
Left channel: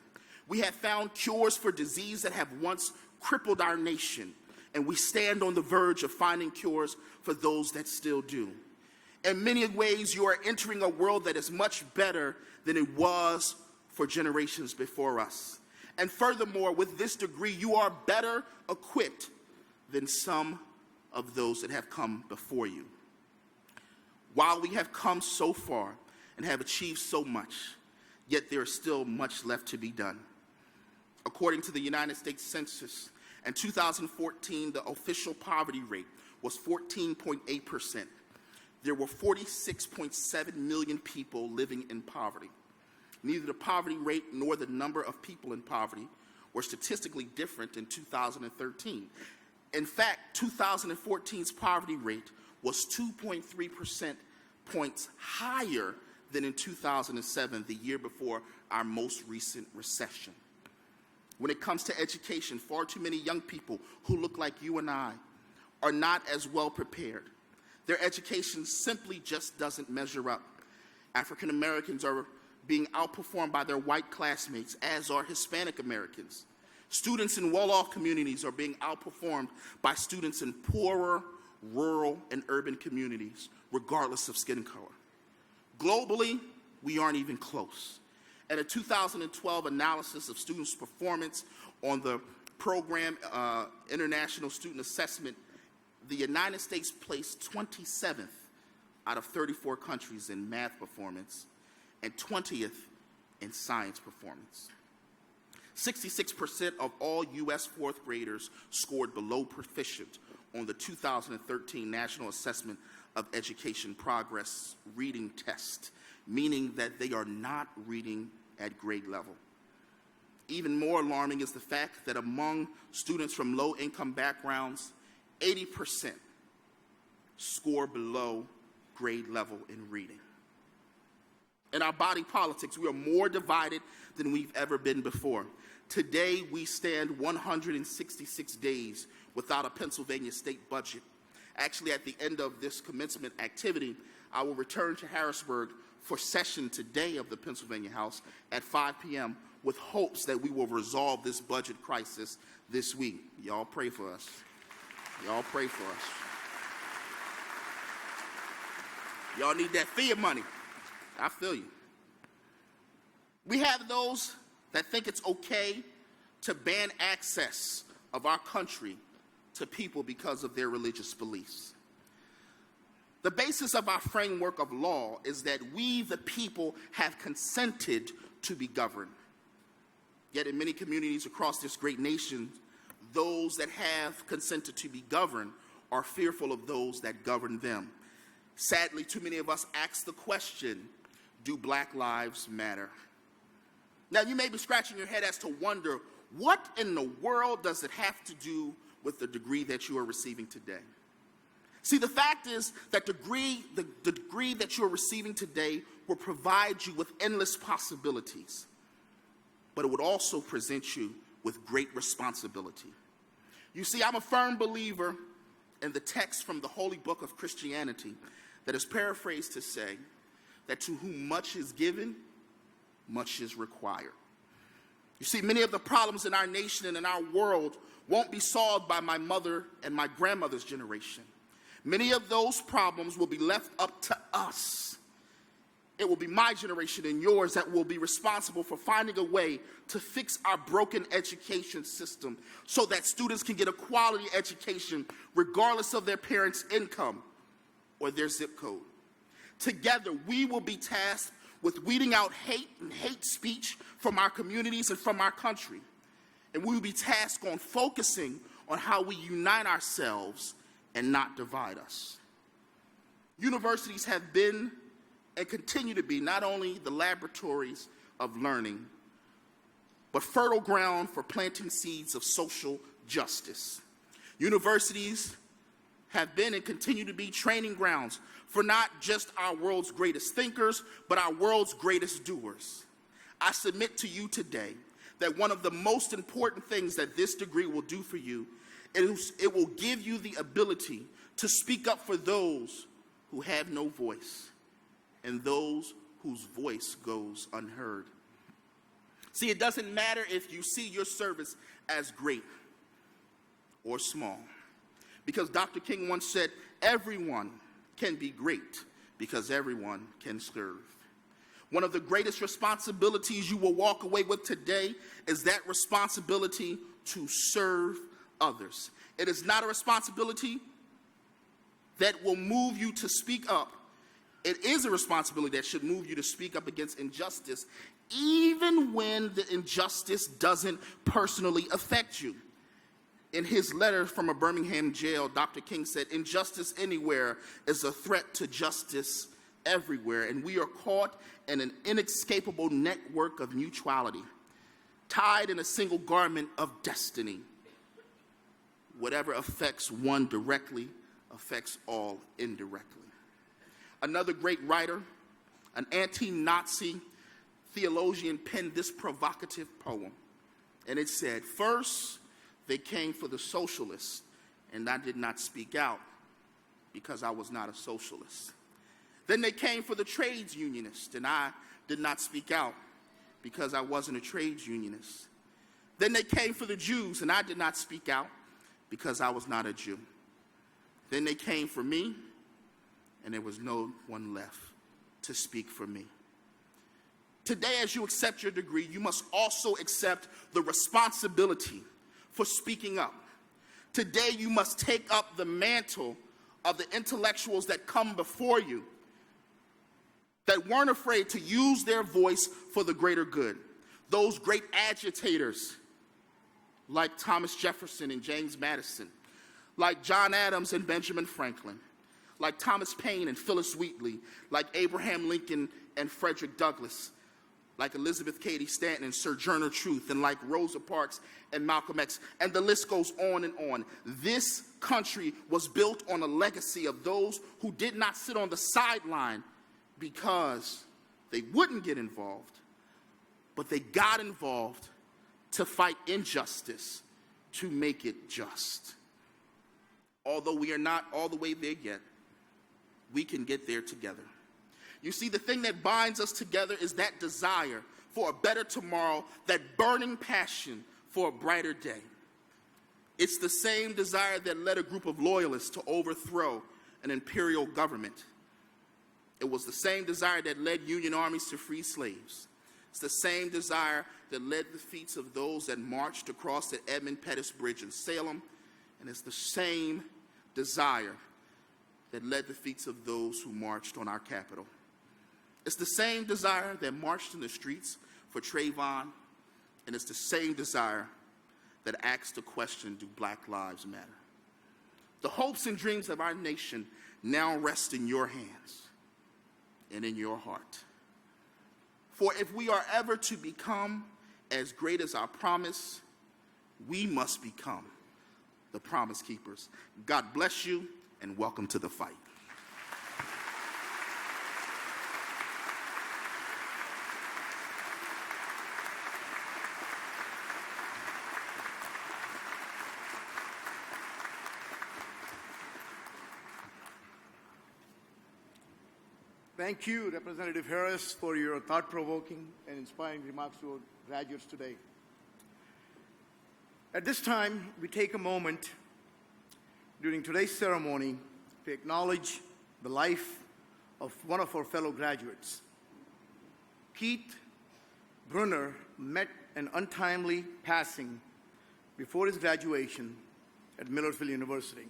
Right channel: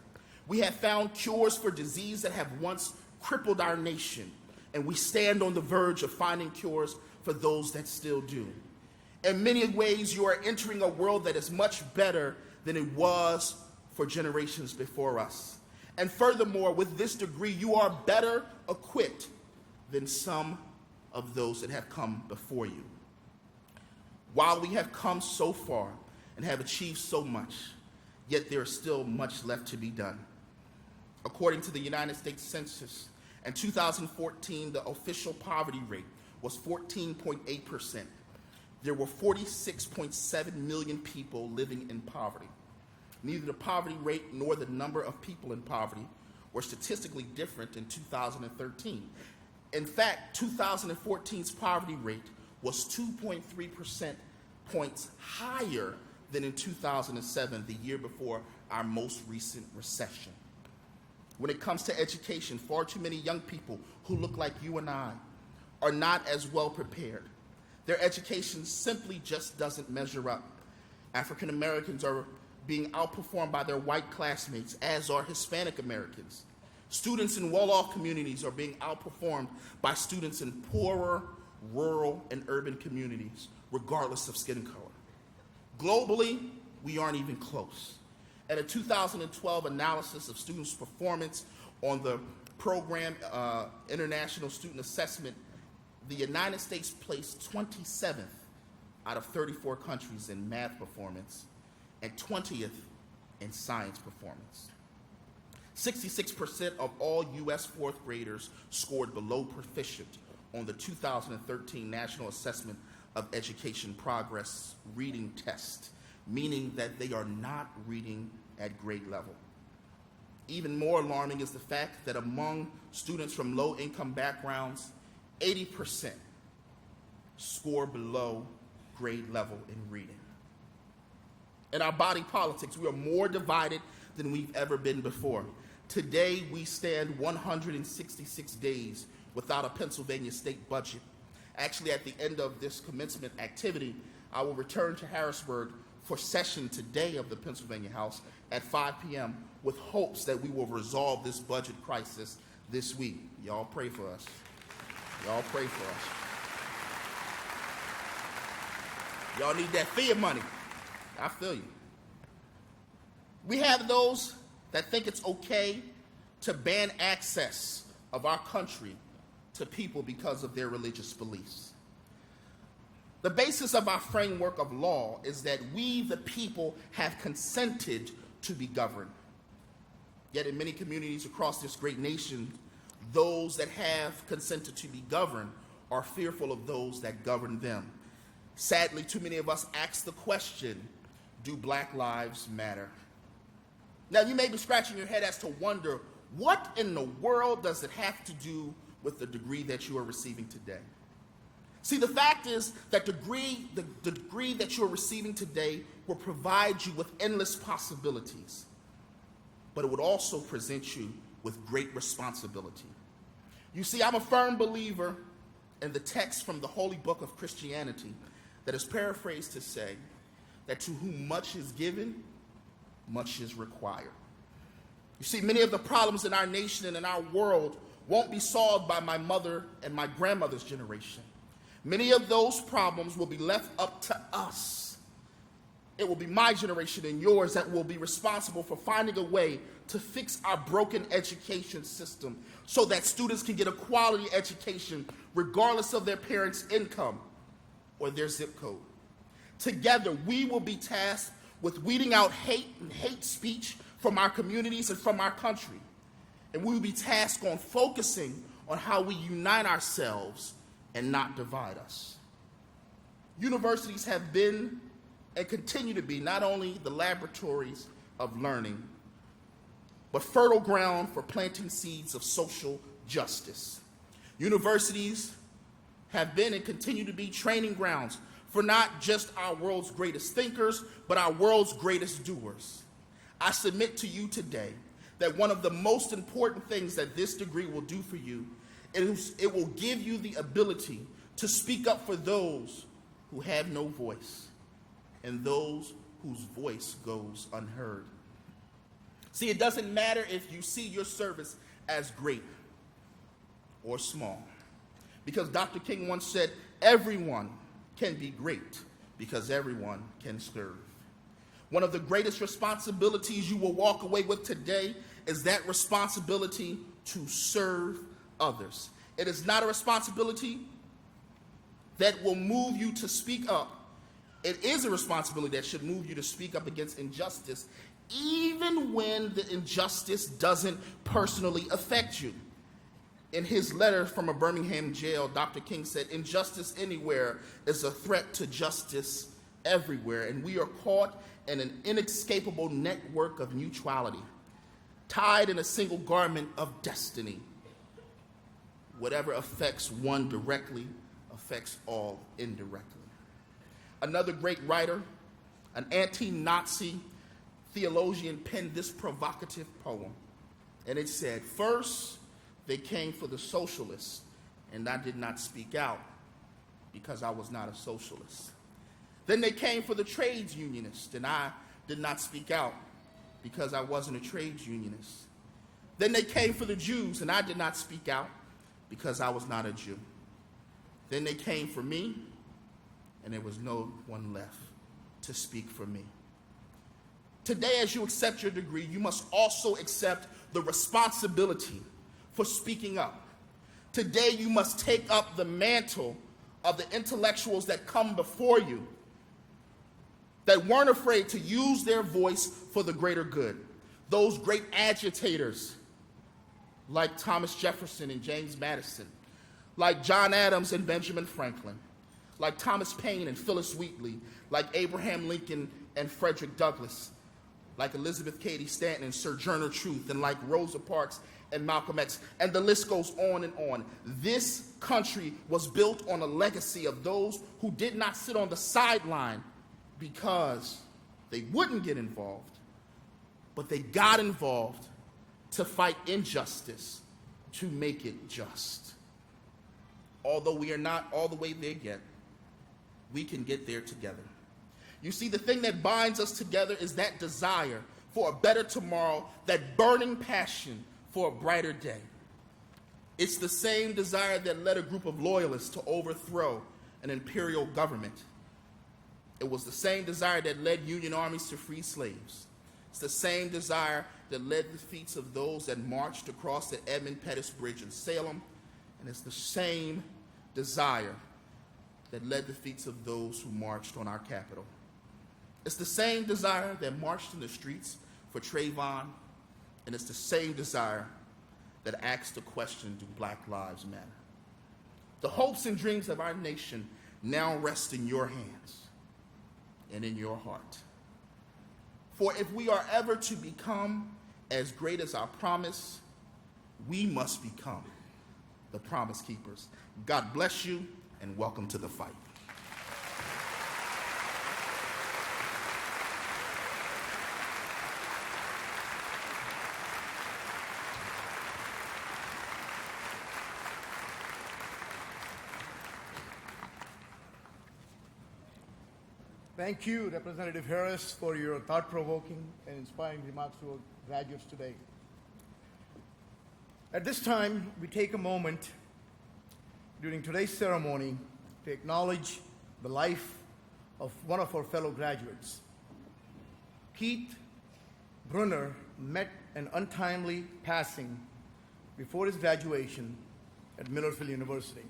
We have found cures for disease that have once crippled our nation, and we stand on the verge of finding cures for those that still do. In many ways, you are entering a world that is much better than it was for generations before us. And furthermore, with this degree, you are better equipped than some of those that have come before you. While we have come so far and have achieved so much, yet there is still much left to be done. According to the United States Census, in 2014, the official poverty rate was 14.8%. There were 46.7 million people living in poverty. Neither the poverty rate nor the number of people in poverty were statistically different in 2013. In fact, 2014's poverty rate was 2.3% points higher than in 2007, the year before our most recent recession. When it comes to education, far too many young people who look like you and I are not as well prepared. Their education simply just doesn't measure up. African Americans are being outperformed by their white classmates, as are Hispanic Americans. Students in well-off communities are being outperformed by students in poorer, rural, and urban communities, regardless of skin color. Globally, we aren't even close. In a 2012 analysis of students' performance on the program International Student Assessment, the United States placed 27th out of 34 countries in math performance and 20th in science performance. 66% of all U.S. fourth graders scored below proficient on the 2013 National Assessment of Education Progress reading test, meaning that they are not reading at grade level. Even more alarming is the fact that among students from low-income backgrounds, 80% score below grade level in reading. In our body politics, we are more divided than we've ever been before. Today, we stand 166 days without a Pennsylvania state budget. Actually, at the end of this commencement activity, I will return to Harrisburg for session today of the Pennsylvania House at 5 p.m. with hopes that we will resolve this budget crisis this week. Y'all pray for us. Y'all pray for us. Y'all need that fear money. I feel you. We have those that think it's okay to ban access of our country to people because of their religious beliefs. The basis of our framework of law is that we, the people, have consented to be governed. Yet in many communities across this great nation, those that have consented to be governed are fearful of those that govern them. Sadly, too many of us ask the question, do Black lives matter? Now, you may be scratching your head as to wonder, what in the world does it have to do with the degree that you are receiving today? See, the fact is that the degree that you're receiving today will provide you with endless possibilities, but it would also present you with great responsibility. You see, I'm a firm believer in the text from the Holy Book of Christianity that is paraphrased to say that to whom much is given, much is required. You see, many of the problems in our nation and in our world won't be solved by my mother and my grandmother's generation. Many of those problems will be left up to us. It will be my generation and yours that will be responsible for finding a way to fix our broken education system so that students can get a quality education regardless of their parents' income or their zip code. Together, we will be tasked with weeding out hate and hate speech from our communities and from our country. And we will be tasked on focusing on how we unite ourselves and not divide us. Universities have been and continue to be not only the laboratories of learning, but fertile ground for planting seeds of social justice. Universities have been and continue to be training grounds for not just our world's greatest thinkers, but our world's greatest doers. I submit to you today that one of the most important things that this degree will do for you is it will give you the ability to speak up for those who have no voice and those whose voice goes unheard. See, it doesn't matter if you see your service as great or small, because Dr. King once said, everyone can be great because everyone can serve. One of the greatest responsibilities you will walk away with today is that responsibility to serve others. It is not a responsibility that will move you to speak up. It is a responsibility that should move you to speak up against injustice, even when the injustice doesn't personally affect you. In his letter from a Birmingham jail, Dr. King said, injustice anywhere is a threat to justice everywhere, and we are caught in an inescapable network of mutuality, tied in a single garment of destiny. Whatever affects one directly affects all indirectly. Another great writer, an anti-Nazi theologian, penned this provocative poem, and it said, first, they came for the socialists, and I did not speak out because I was not a socialist. Then they came for the trades unionists, and I did not speak out because I wasn't a trades unionist. Then they came for the Jews, and I did not speak out because I was not a Jew. Then they came for me, and there was no one left to speak for me. Today, as you accept your degree, you must also accept the responsibility for speaking up. Today, you must take up the mantle of the intellectuals that come before you, that weren't afraid to use their voice for the greater good. Those great agitators like Thomas Jefferson and James Madison, like John Adams and Benjamin Franklin, like Thomas Paine and Phyllis Wheatley, like Abraham Lincoln and Frederick Douglass, like Elizabeth Cady Stanton and Sojourner Truth, and like Rosa Parks and Malcolm X, and the list goes on and on. This country was built on a legacy of those who did not sit on the sideline because they wouldn't get involved, but they got involved to fight injustice, to make it just. Although we are not all the way there yet, we can get there together. You see, the thing that binds us together is that desire for a better tomorrow, that burning passion for a brighter day. It's the same desire that led a group of loyalists to overthrow an imperial government. It was the same desire that led Union armies to free slaves. It's the same desire that led the feats of those that marched across the Edmund Pettus Bridge in Salem, and it's the same desire that led the feats of those who marched on our Capitol. It's the same desire that marched in the streets for Trayvon, and it's the same desire that asks the question, do Black lives matter? The hopes and dreams of our nation now rest in your hands and in your heart. For if we are ever to become as great as our promise, we must become the promise keepers. God bless you, and welcome to the fight. Thank you, Representative Harris, for your thought-provoking and inspiring remarks to our graduates today. At this time, we take a moment during today's ceremony to acknowledge the life of one of our fellow graduates. Keith Brunner met an untimely passing before his graduation at Millersville University.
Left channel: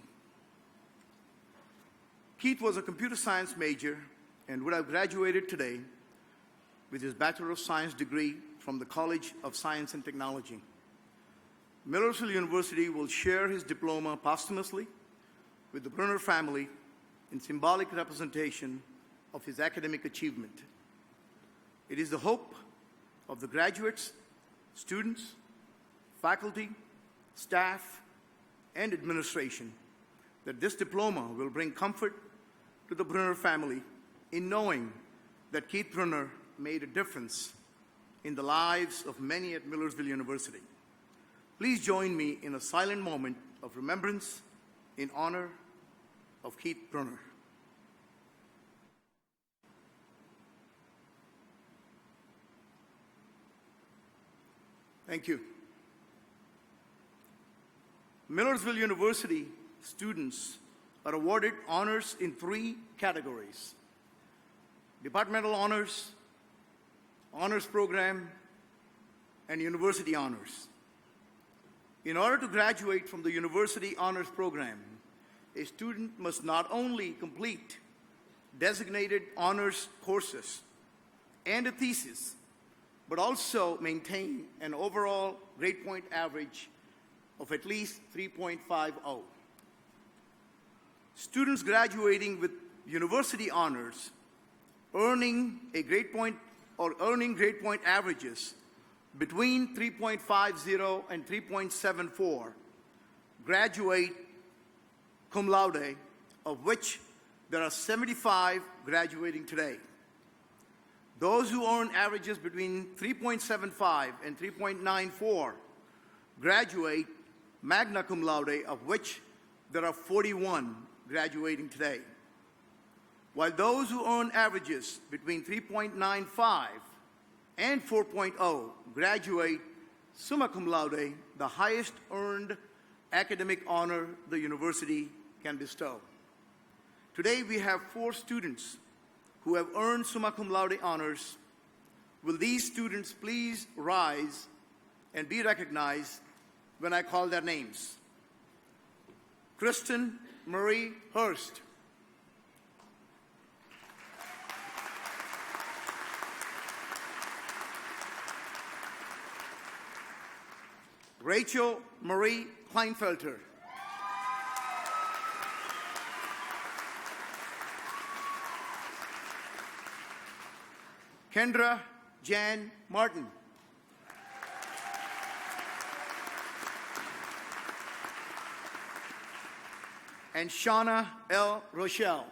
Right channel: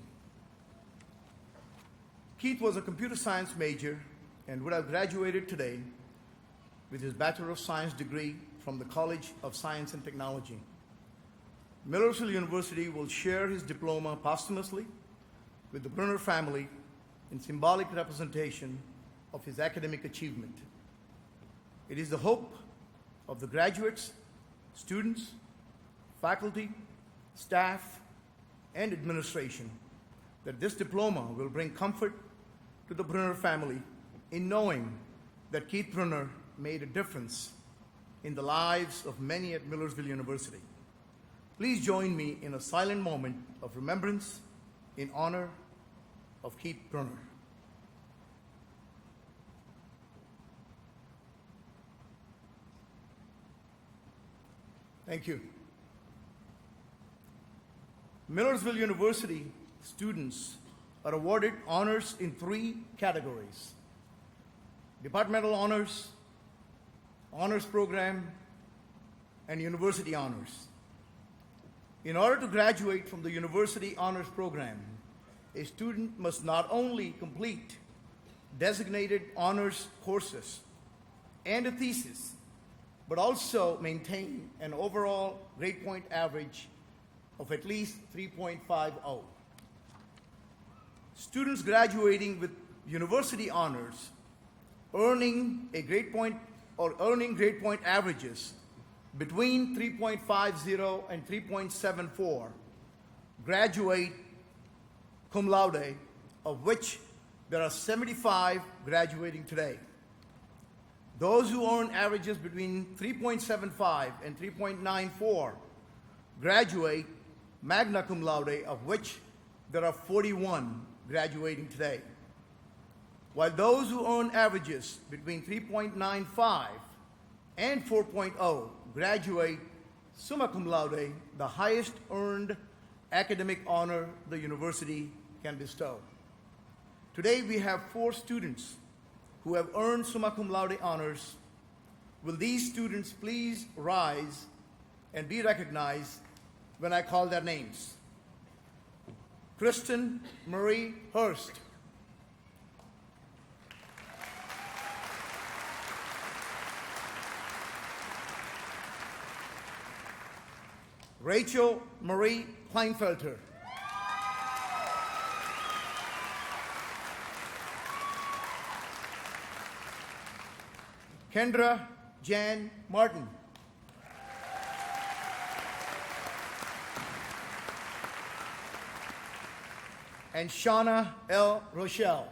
Keith was a computer science major and would have graduated today with his Bachelor of Science degree from the College of Science and Technology. Millersville University will share his diploma posthumously with the Brunner family in symbolic representation of his academic achievement. It is the hope of the graduates, students, faculty, staff, and administration that this diploma will bring comfort to the Brunner family in knowing that Keith Brunner made a difference in the lives of many at Millersville University. Please join me in a silent moment of remembrance in honor of Keith Brunner. Thank you. Millersville University students are awarded honors in 3 categories: departmental honors, honors program, and university honors. In order to graduate from the university honors program, a student must not only complete designated honors courses and a thesis, but also maintain an overall grade point average of at least 3.50. Students graduating with university honors earning a grade point or earning grade point averages between 3.50 and 3.74 graduate cum laude, of which there are 75 graduating today. Those who earn averages between 3.75 and 3.94 graduate magna cum laude, of which there are 41 graduating today. While those who earn averages between 3.95 and 4.0 graduate summa cum laude, the highest earned academic honor the university can bestow. Today we have 4 students who have earned summa cum laude honors. Will these students please rise and be recognized when I call their names? Kristen Marie Hurst. Rachel Marie Kleinfelter. Kendra Jan Martin. And Shauna L. Rochelle.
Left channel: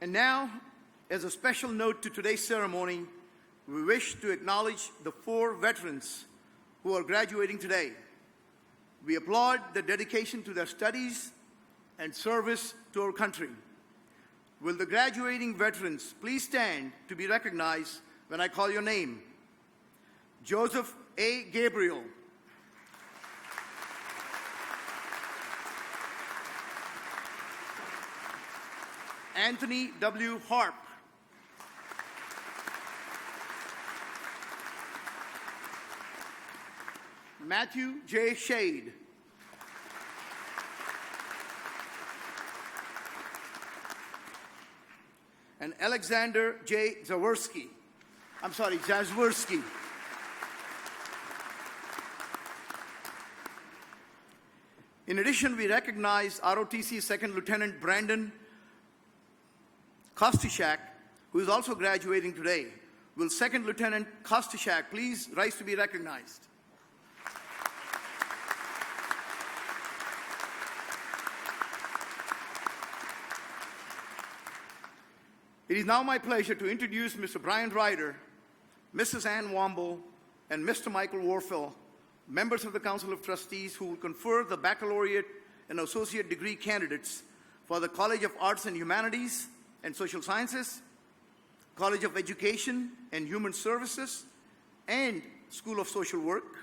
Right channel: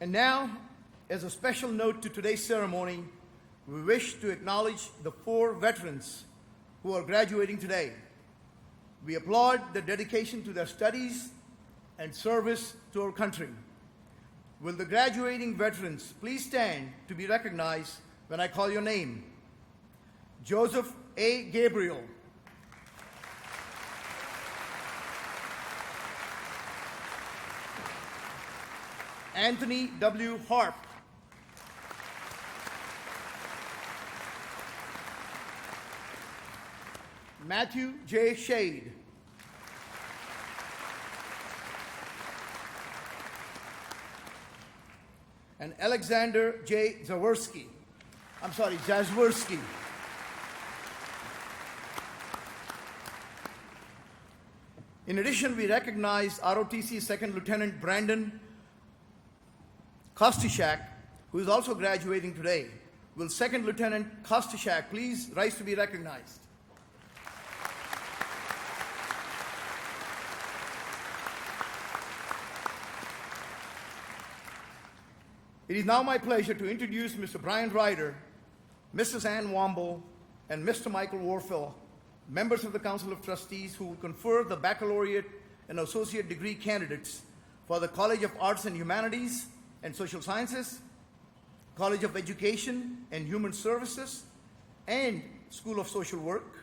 And now, as a special note to today's ceremony, we wish to acknowledge the 4 veterans who are graduating today. We applaud their dedication to their studies and service to our country. Will the graduating veterans please stand to be recognized when I call your name? Joseph A. Gabriel. Anthony W. Harp. Matthew J. Shade. And Alexander J. Zazwersky. In addition, we recognize ROTC Second Lieutenant Brandon Kostyszak, who is also graduating today. Will Second Lieutenant Kostyszak please rise to be recognized? It is now my pleasure to introduce Mr. Brian Ryder, Mrs. Ann Womble, and Mr. Michael Warfel, members of the Council of Trustees who will confer the baccalaureate and associate degree candidates for the College of Arts and Humanities and Social Sciences, College of Education and Human Services, and School of Social Work,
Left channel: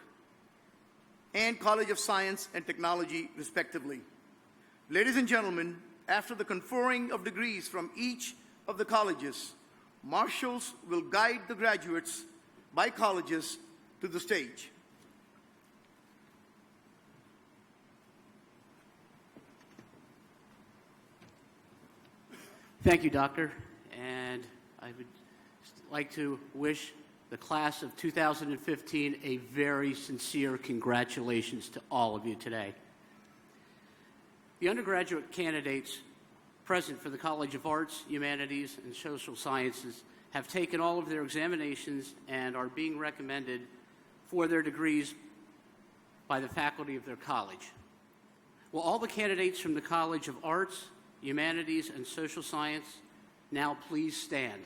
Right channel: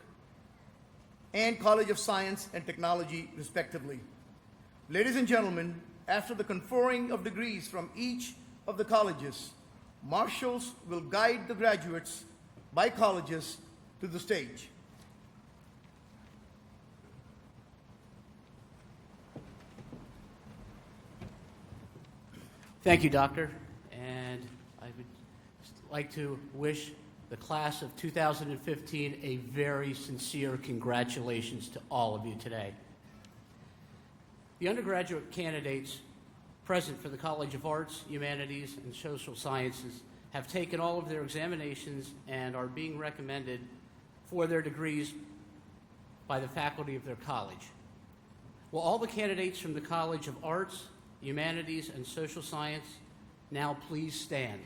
and College of Science and Technology, respectively. Ladies and gentlemen, after the conferring of degrees from each of the colleges, marshals will guide the graduates by colleges to the stage. Thank you, Doctor. And I would like to wish the class of 2015 a very sincere congratulations to all of you today. The undergraduate candidates present for the College of Arts, Humanities, and Social Sciences have taken all of their examinations and are being recommended for their degrees by the faculty of their college. Will all the candidates from the College of Arts, Humanities, and Social Science now please stand?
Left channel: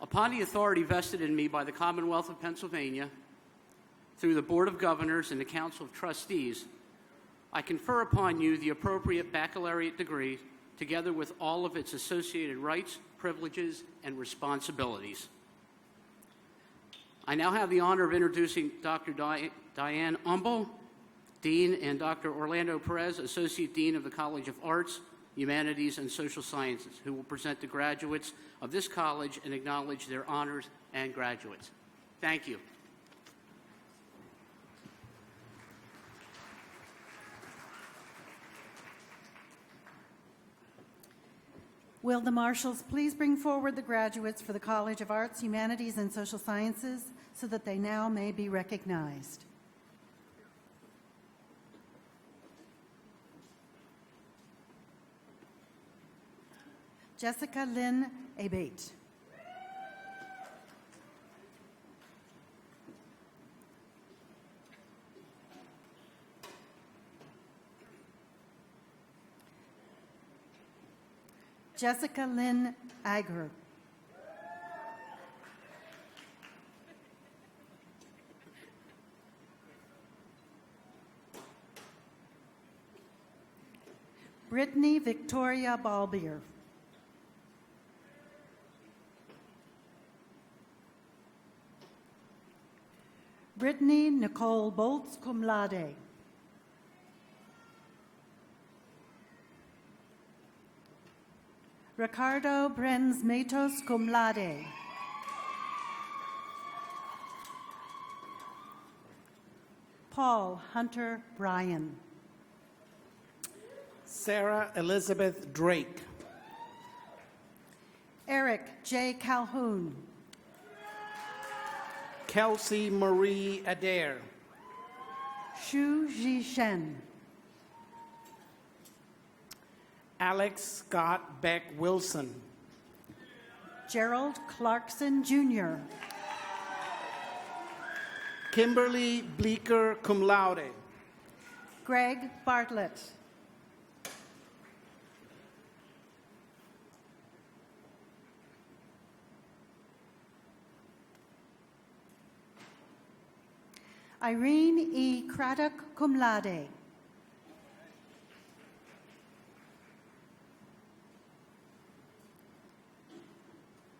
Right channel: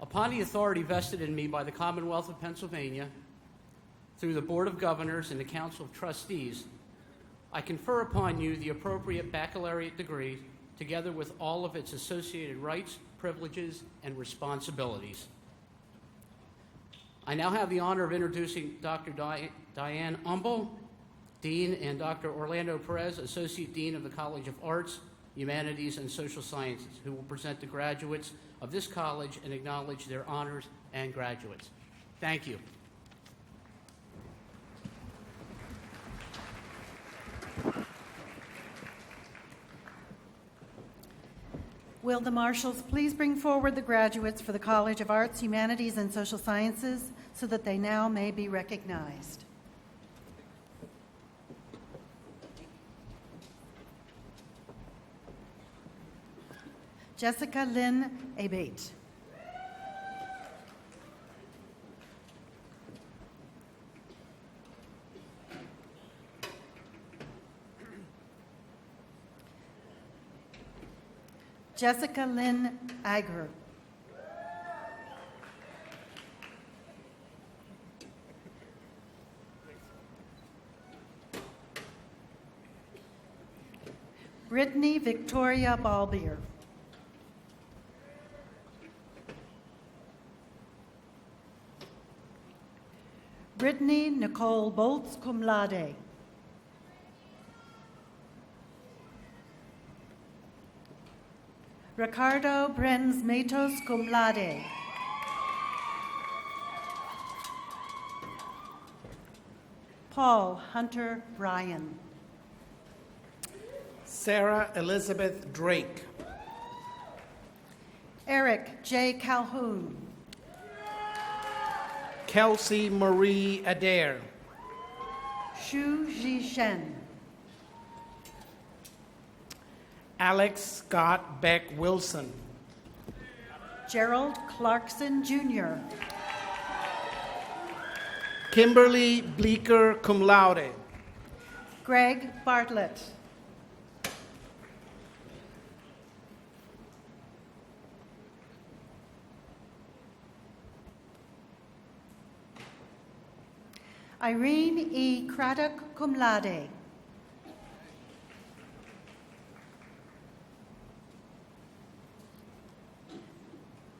Upon the authority vested in me by the Commonwealth of Pennsylvania, through the Board of Governors and the Council of Trustees, I confer upon you the appropriate baccalaureate degree, together with all of its associated rights, privileges, and responsibilities. I now have the honor of introducing Dr. Diane Umbel, Dean, and Dr. Orlando Perez, Associate Dean of the College of Arts, Humanities, and Social Sciences, who will present the graduates of this college and acknowledge their honors and graduates. Thank you. Will the marshals please bring forward the graduates for the College of Arts, Humanities, and Social Sciences so that they now may be recognized. Jessica Lynn Abate. Jessica Lynn Ager. Brittany Victoria Balbier. Brittany Nicole Boltz, cum laude. Ricardo Brenz Matos, cum laude. Paul Hunter Bryan. Sarah Elizabeth Drake. Eric J. Calhoun. Kelsey Marie Adair. Xu Zhishen. Alex Scott Beck Wilson. Gerald Clarkson, Jr. Kimberly Bleeker, cum laude. Greg Bartlett. Irene E. Craddock, cum laude.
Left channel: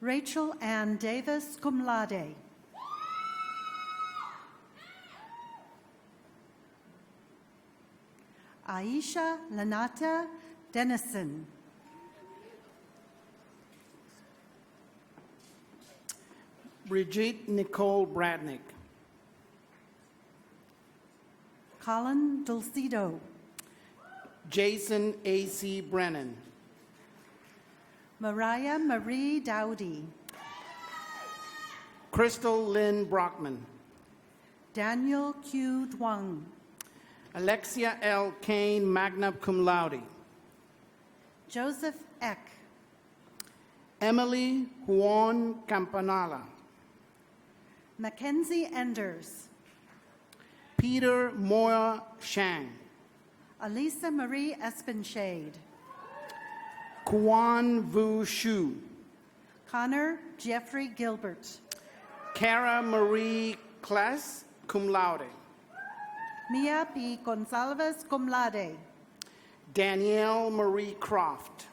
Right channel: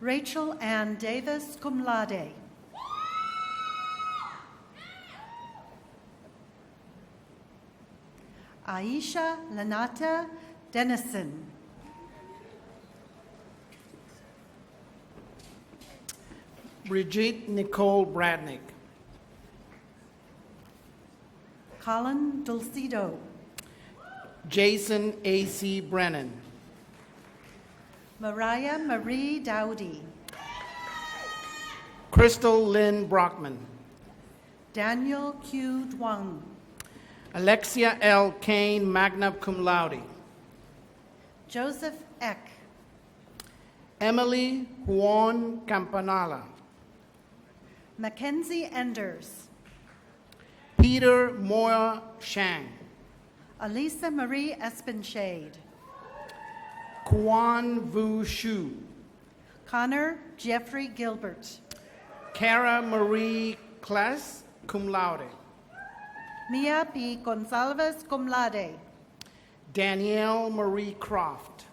Rachel Ann Davis, cum laude. Aisha Lanata Dennison. Brigitte Nicole Bradnick. Colin Dulcido. Jason A.C. Brennan. Mariah Marie Dowdy. Crystal Lynn Brockman. Daniel Q. Duong. Alexia L. Kane, magna cum laude. Joseph Eck. Emily Juan Campanala. Mackenzie Enders. Peter Moya Shang. Alisa Marie Espenshade. Quan Vu Shu. Connor Jeffrey Gilbert. Cara Marie Klass, cum laude. Mia P. Gonzalez, cum laude. Danielle Marie Croft.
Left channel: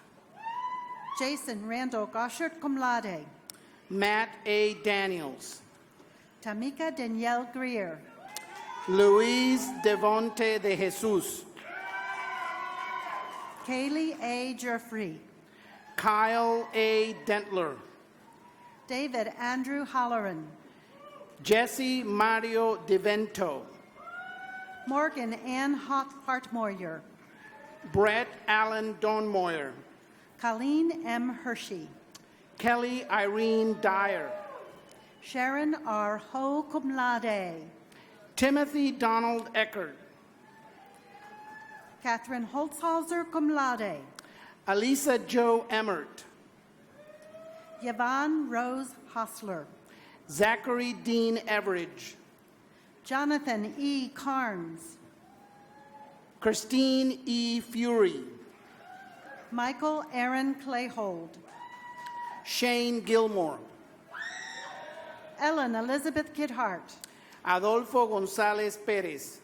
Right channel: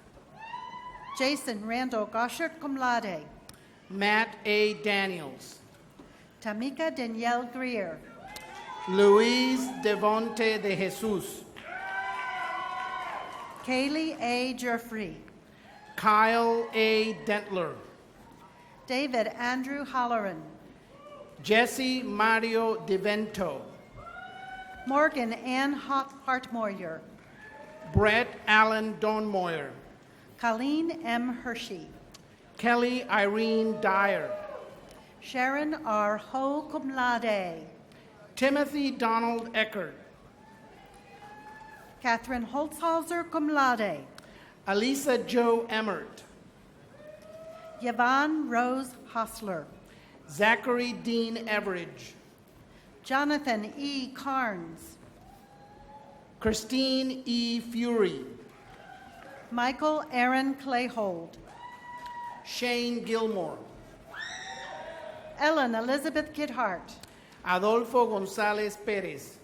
Jason Randall Goshert, cum laude. Matt A. Daniels. Tamika Danielle Greer. Luis Devonte de Jesus. Kaylee A. Jeffrey. Kyle A. Dentler. David Andrew Holleran. Jesse Mario DeVento. Morgan Ann Hartmoyer. Brett Allen Donmoyer. Colleen M. Hershey. Kelly Irene Dyer. Sharon R. Ho, cum laude. Timothy Donald Eckert. Catherine Holzhauser, cum laude. Alisa Joe Emmert. Yvonne Rose Hostler. Zachary Dean Everidge. Jonathan E. Carnes. Christine E. Fury. Michael Aaron Clayhold. Shane Gilmore. Ellen Elizabeth Githart. Adolfo Gonzalez Perez.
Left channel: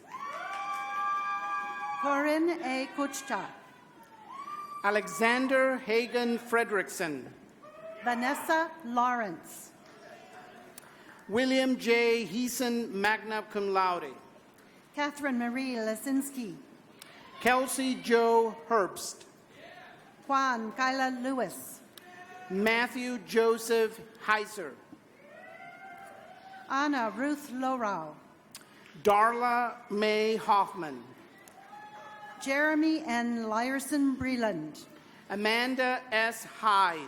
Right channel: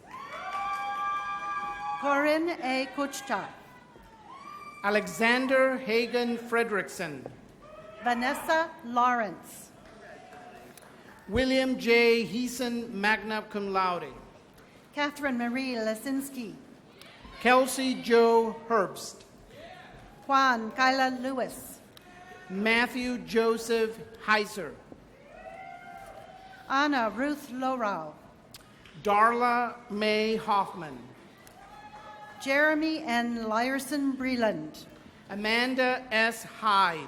Corinne A. Kuchta. Alexander Hagen Fredrickson. Vanessa Lawrence. William J. Heason, magna cum laude. Catherine Marie Lesinski. Kelsey Joe Herbst. Juan Kyla Lewis. Matthew Joseph Heiser. Anna Ruth Lorau. Darla May Hoffman. Jeremy N. Lyerson Breland. Amanda S. Hyde.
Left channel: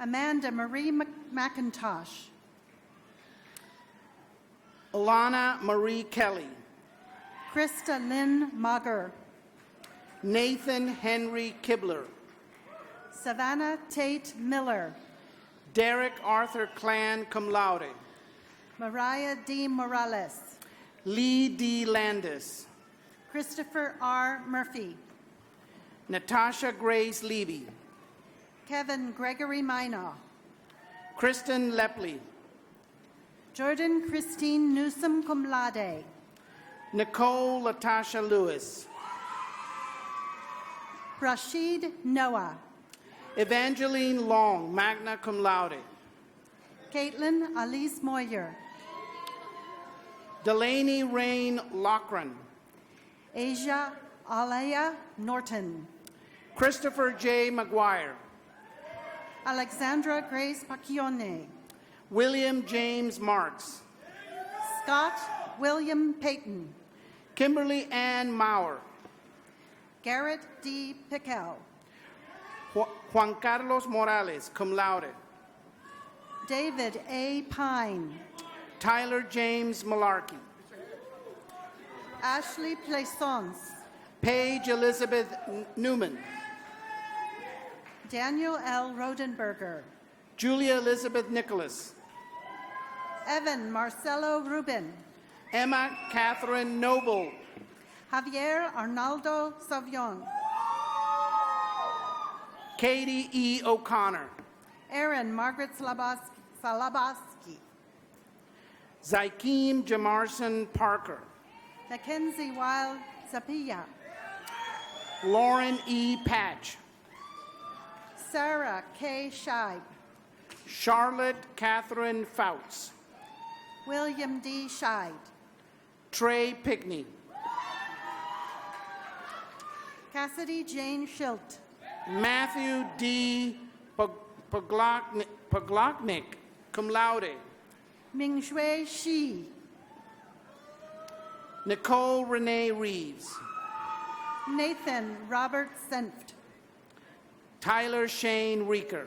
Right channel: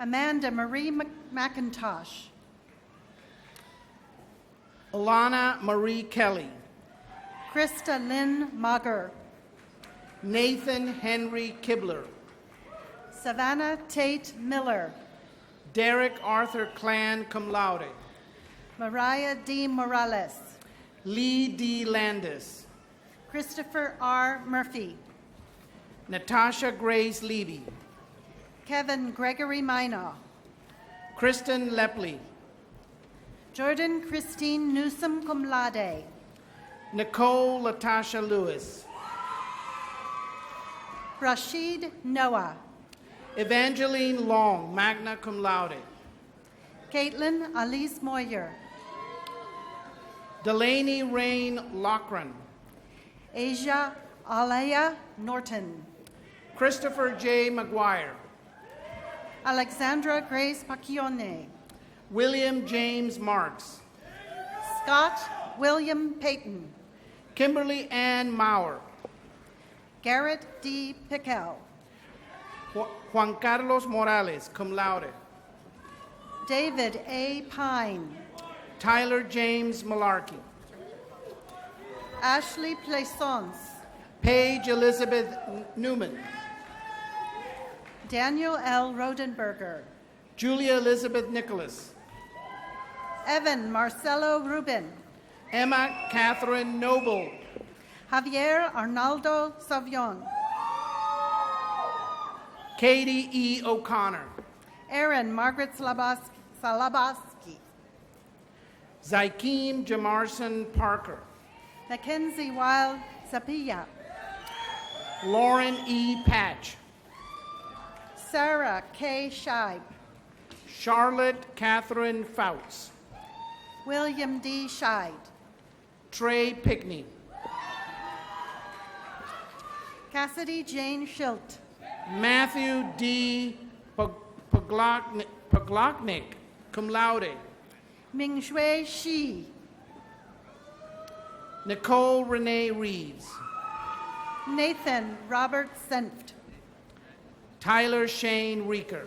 Amanda Marie McIntosh. Alana Marie Kelly. Krista Lynn Mager. Nathan Henry Kibler. Savannah Tate Miller. Derek Arthur Clan cum laude. Mariah D. Morales. Lee D. Landis. Christopher R. Murphy. Natasha Grace Levy. Kevin Gregory Minor. Kristen Lepley. Jordan Christine Newsom cum laude. Nicole Latasha Lewis. Rashid Noah. Evangeline Long, magna cum laude. Caitlin Alice Moyer. Delaney Rain Lochran. Asia Alaya Norton. Christopher J. McGuire. Alexandra Grace Pacchione. William James Marks. Scott William Payton. Kimberly Ann Maurer. Garrett D. Pickell. Juan Carlos Morales, cum laude. David A. Pine. Tyler James Malarkey. Ashley Plaisance. Paige Elizabeth Newman. Daniel L. Rodenberger. Julia Elizabeth Nicholas. Evan Marcelo Rubin. Emma Catherine Noble. Javier Arnaldo Savion. Katie E. O'Connor. Aaron Margaret Salabaski. Zykeem Jamarson Parker. Mackenzie Wild Sapia. Lauren E. Patch. Sarah K. Scheib. Charlotte Catherine Fouts. William D. Scheid. Trey Pickney. Cassidy Jane Schilt. Matthew D. Poglotnik, cum laude. Mingshui Shi. Nicole Renee Reeves. Nathan Robert Senft. Tyler Shane Reeker.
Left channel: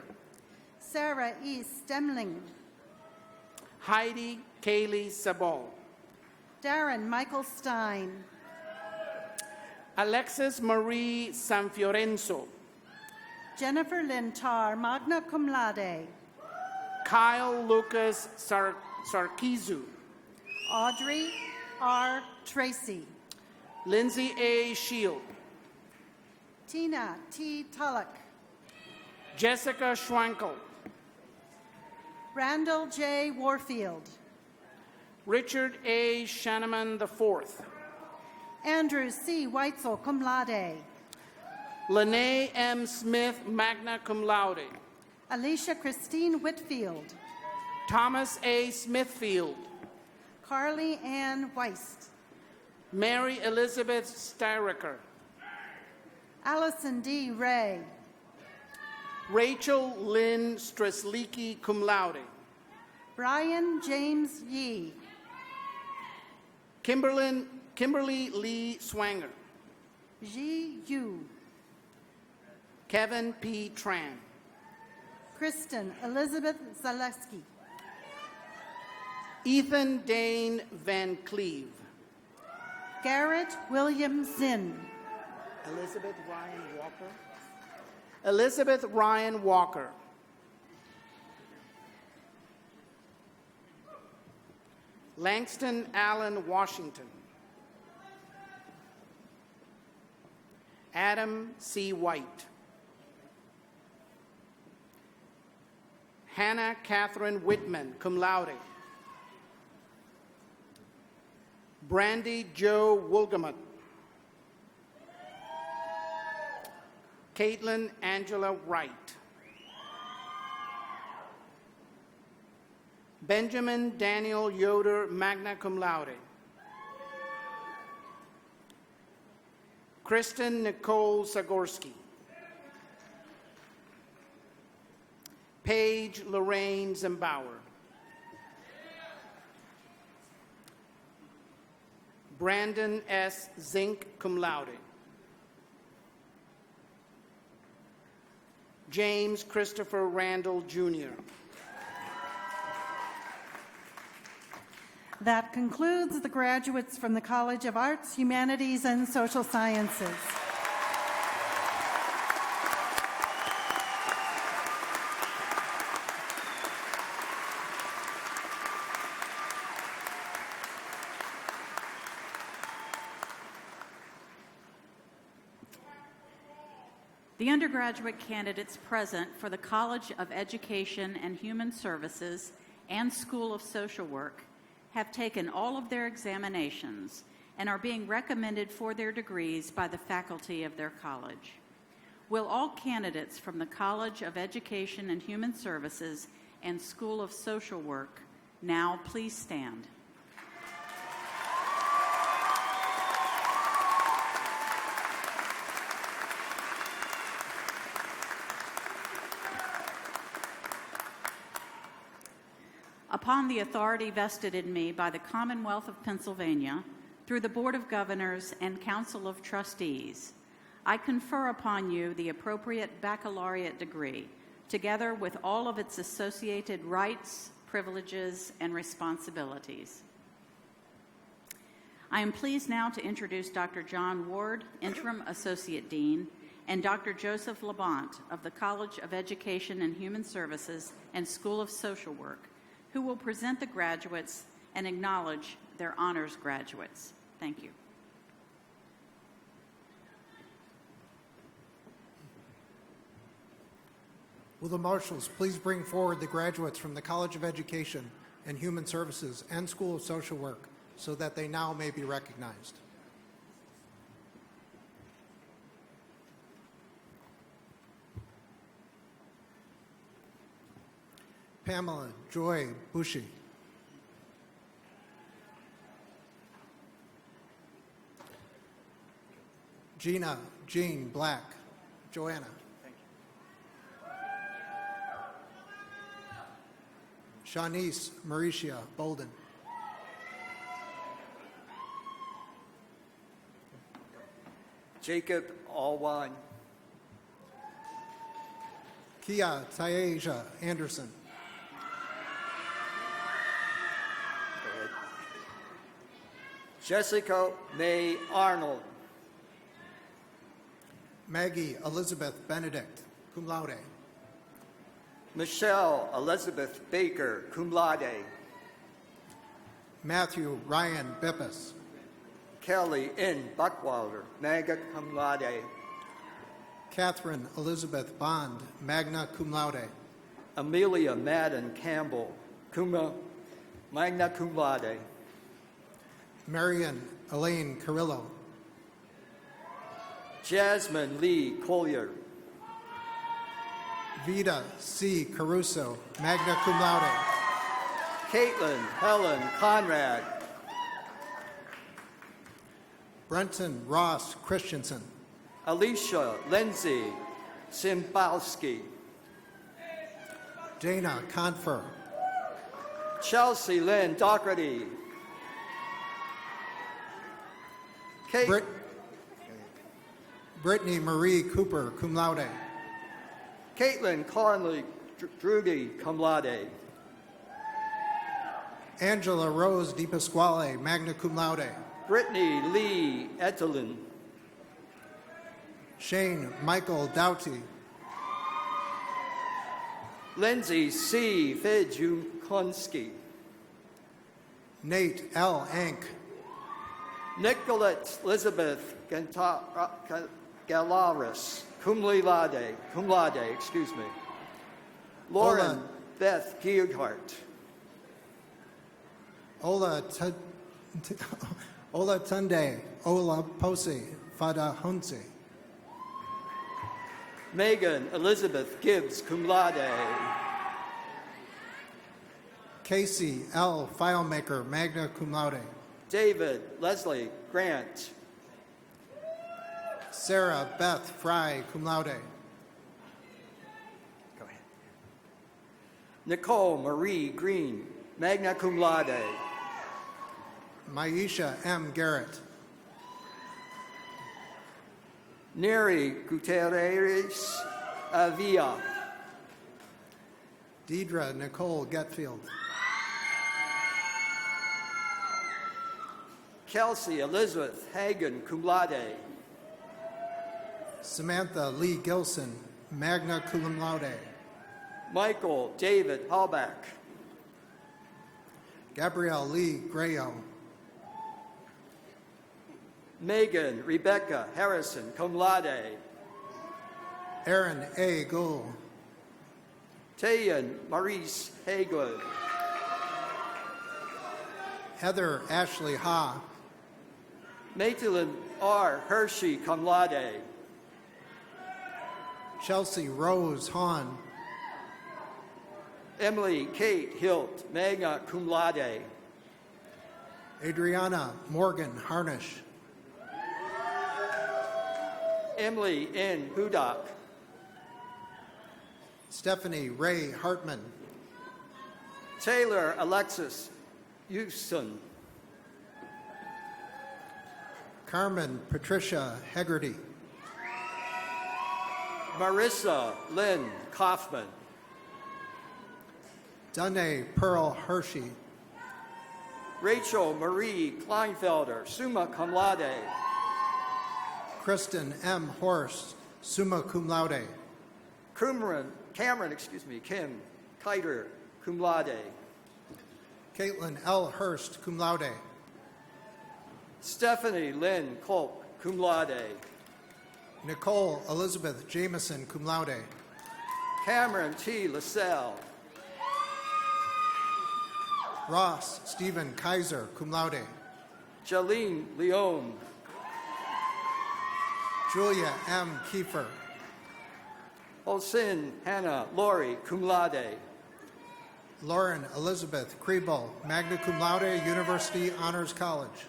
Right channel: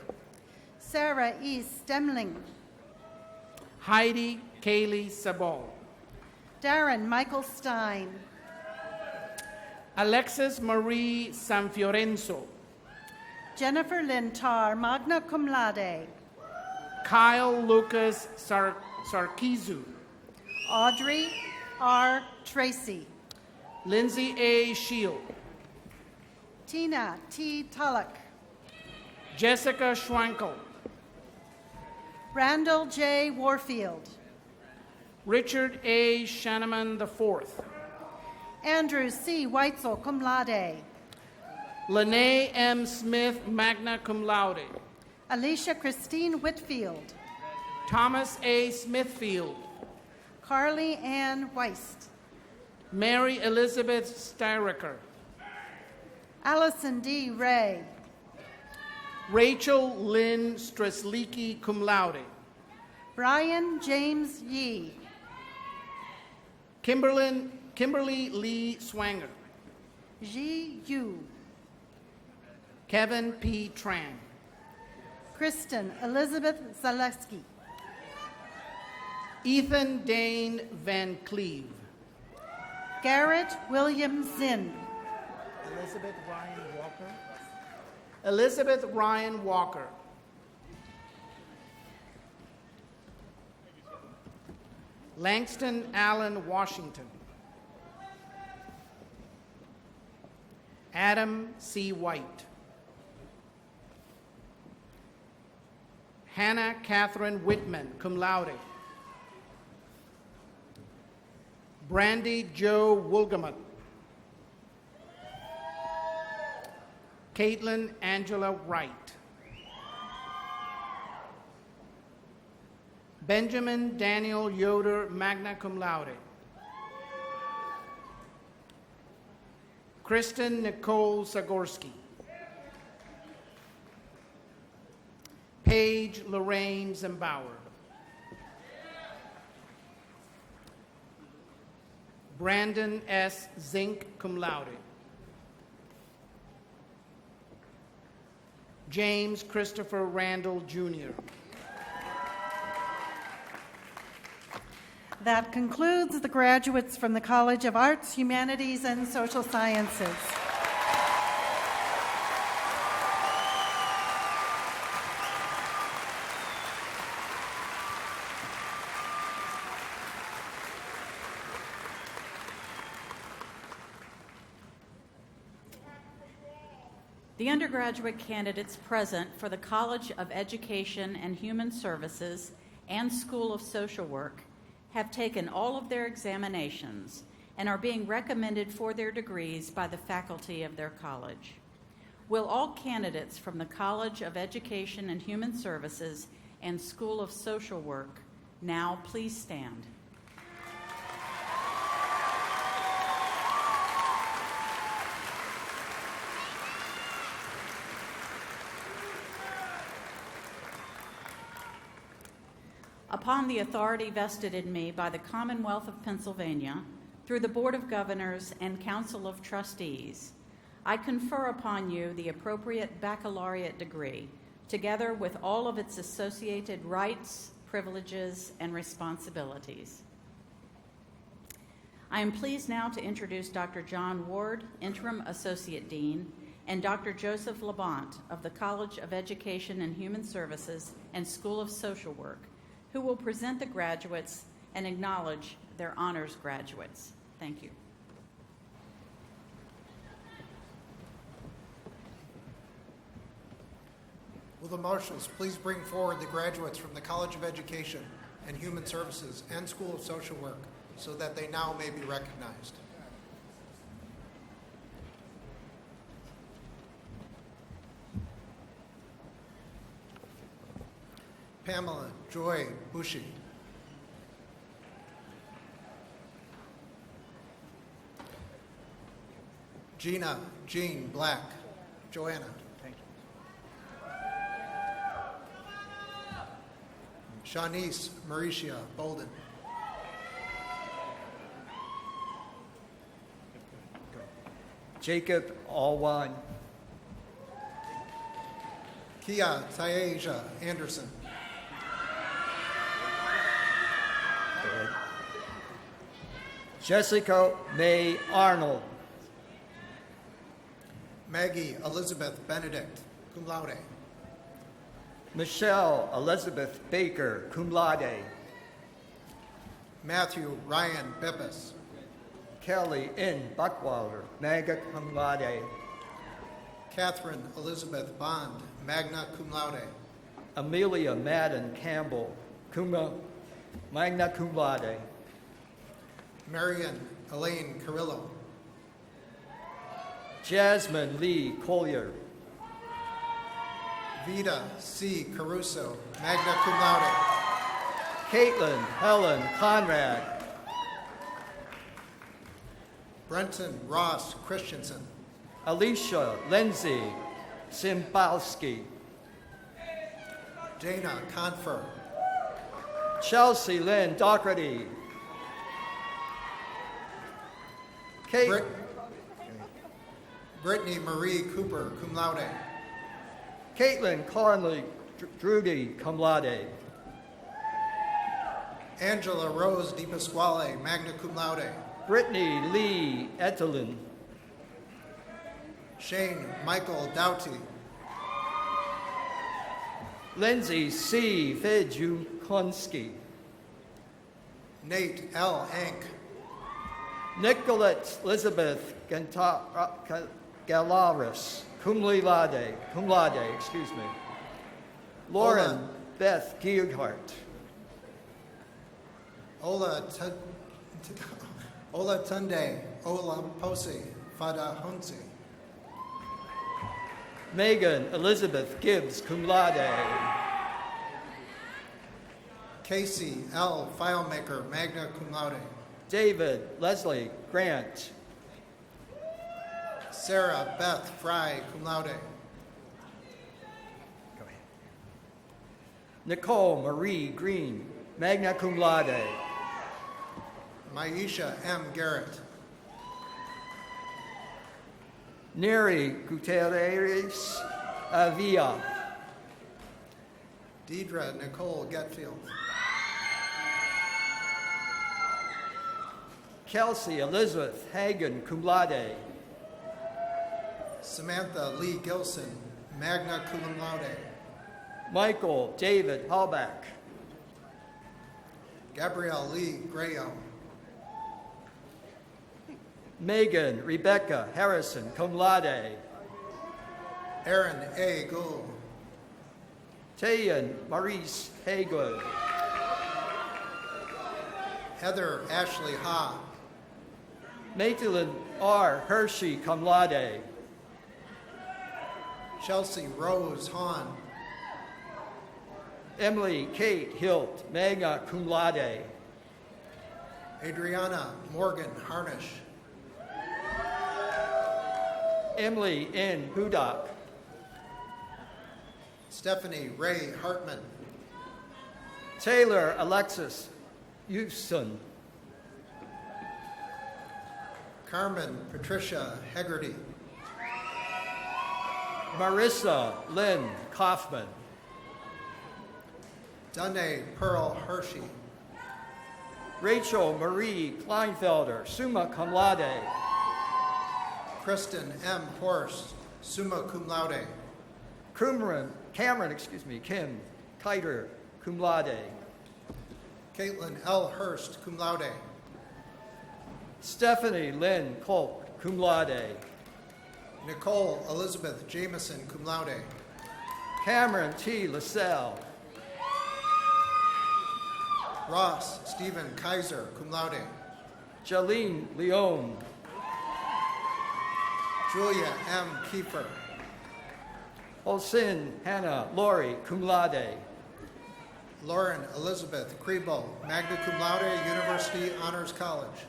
Sarah E. Stemling. Heidi Kaylee Sabon. Darren Michael Stein. Alexis Marie Sanfiorenzo. Jennifer Lintar, magna cum laude. Kyle Lucas Sarkizu. Audrey R. Tracy. Lindsay A. Shield. Tina T. Tullock. Jessica Schwankel. Randall J. Warfield. Richard A. Shanneman IV. Andrew C. Weitzel, cum laude. Lene M. Smith, magna cum laude. Alicia Christine Whitfield. Thomas A. Smithfield. Carly Ann Weist. Mary Elizabeth Styricker. Allison D. Ray. Rachel Lynn Streslicki, cum laude. Brian James Yee. Kimberly Lee Swanger. Ji Yu. Kevin P. Tran. Kristen Elizabeth Zaleski. Ethan Dane Van Cleve. Garrett William Zinn. Elizabeth Ryan Walker. Elizabeth Ryan Walker. Langston Allen Washington. Adam C. White. Hannah Catherine Whitman, cum laude. Brandy Joe Woolgamut. Caitlin Angela Wright. Benjamin Daniel Yoder, magna cum laude. Kristen Nicole Zagorski. Paige Lorraine Zimbauer. Brandon S. Zink, cum laude. James Christopher Randall, Jr. That concludes the graduates from the College of Arts, Humanities, and Social Sciences. The undergraduate candidates present for the College of Education and Human Services and School of Social Work have taken all of their examinations and are being recommended for their degrees by the faculty of their college. Will all candidates from the College of Education and Human Services and School of Social Work now please stand? Upon the authority vested in me by the Commonwealth of Pennsylvania, through the Board of Governors and Council of Trustees, I confer upon you the appropriate baccalaureate degree, together with all of its associated rights, privileges, and responsibilities. I am pleased now to introduce Dr. John Ward, Interim Associate Dean, and Dr. Joseph Labont of the College of Education and Human Services and School of Social Work, who will present the graduates and acknowledge their honors graduates. Thank you. Will the marshals please bring forward the graduates from the College of Education and Human Services and School of Social Work so that they now may be recognized. Pamela Joy Bushy. Gina Jean Black. Joanna. Shanice Mauricia Bolden. Jacob Alwan. Kia Taeja Anderson. Jessica May Arnold. Maggie Elizabeth Benedict, cum laude. Michelle Elizabeth Baker, cum laude. Matthew Ryan Bippus. Kelly N. Buckwalder, magna cum laude. Catherine Elizabeth Bond, magna cum laude. Amelia Madden Campbell, magna cum laude. Marion Elaine Carrillo. Jasmine Lee Collier. Vida C. Caruso, magna cum laude. Caitlin Helen Conrad. Brenton Ross Christensen. Alicia Lindsay Simbowski. Dana Confer. Chelsea Lynn Doherty. Brittany Marie Cooper, cum laude. Caitlin Carly Drudy, cum laude. Angela Rose Di Pasquale, magna cum laude. Brittany Lee Etelin. Shane Michael Doughty. Lindsay C. Fejukonski. Nate L. Ank. Nicolette Elizabeth Galaris, cum laude, excuse me. Lauren Ola. Beth Gearhart. Ola Tunde, Ola Posi, Fada Hunsi. Megan Elizabeth Gibbs, cum laude. Casey L. Filemaker, magna cum laude. David Leslie Grant. Sarah Beth Fry, cum laude. Nicole Marie Green, magna cum laude. Maisha M. Garrett. Neri Gutierrez Avila. Deidre Nicole Getfield. Kelsey Elizabeth Hagan, cum laude. Samantha Lee Gilson, magna cum laude. Michael David Hallback. Gabrielle Lee Grayo. Megan Rebecca Harrison, cum laude. Aaron A. Gould. Tayan Maurice Haygood. Heather Ashley Ha. Maitland R. Hershey, cum laude. Chelsea Rose Hahn. Emily Kate Hilt, magna cum laude. Adriana Morgan Harnish. Emily N. Hudak. Stephanie Ray Hartman. Taylor Alexis Houston. Carmen Patricia Hegarty. Marissa Lynn Kaufman. Danae Pearl Hershey. Rachel Marie Kleinfelder, summa cum laude. Kristen M. Horst, summa cum laude. Cameron, Kim Kiter, cum laude. Caitlin L. Hurst, cum laude. Stephanie Lynn Kolk, cum laude. Nicole Elizabeth Jameson, cum laude. Cameron T. LaSalle. Ross Stephen Kaiser, cum laude. Jalene Leone. Julia M. Kiefer. Olsen Hannah Lori, cum laude. Lauren Elizabeth Kriebel, magna cum laude, University Honors College.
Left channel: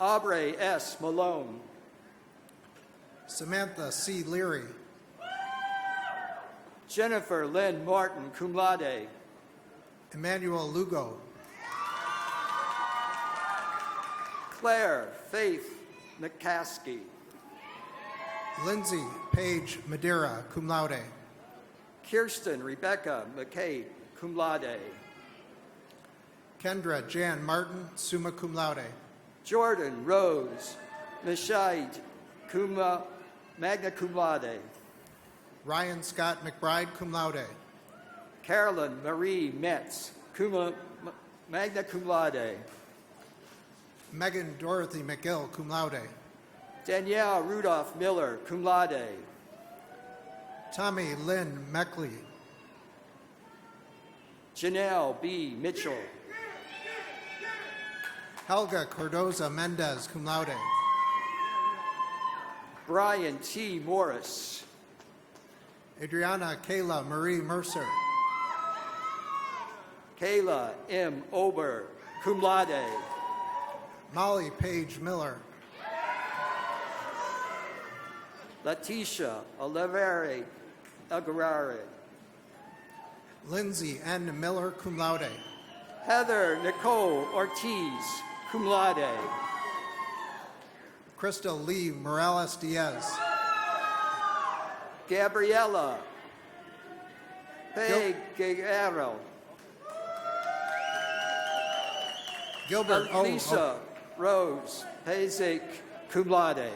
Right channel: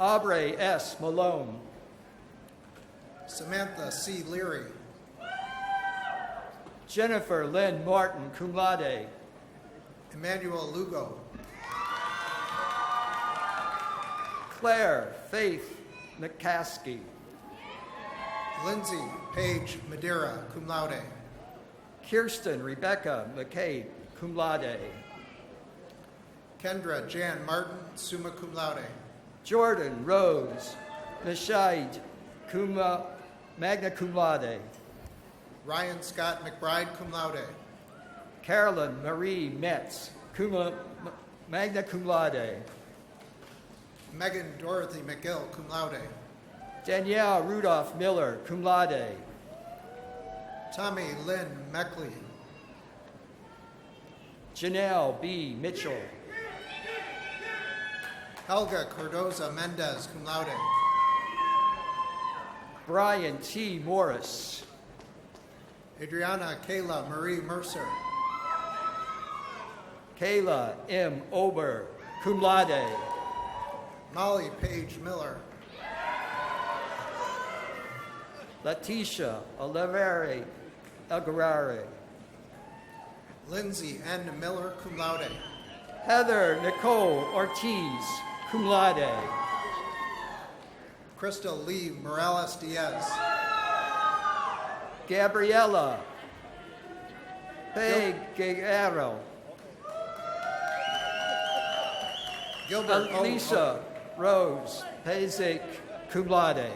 Aubrey S. Malone. Samantha C. Leary. Jennifer Lynn Martin, cum laude. Emmanuel Lugo. Claire Faith McCaskey. Lindsay Paige Madeira, cum laude. Kirsten Rebecca McCabe, cum laude. Kendra Jan Martin, summa cum laude. Jordan Rose Nishaid, magna cum laude. Ryan Scott McBride, cum laude. Carolyn Marie Metz, magna cum laude. Megan Dorothy McGill, cum laude. Danielle Rudolph Miller, cum laude. Tommy Lynn Meckley. Janelle B. Mitchell. Helga Cordoza Mendez, cum laude. Brian T. Morris. Adriana Kayla Marie Mercer. Kayla M. Ober, cum laude. Molly Page Miller. Letitia Oliveri Aguirre. Lindsay N. Miller, cum laude. Heather Nicole Ortiz, cum laude. Crystal Lee Morales Diaz. Gabriela Peguero. Gilbert Lisa Rose Pazik, cum laude.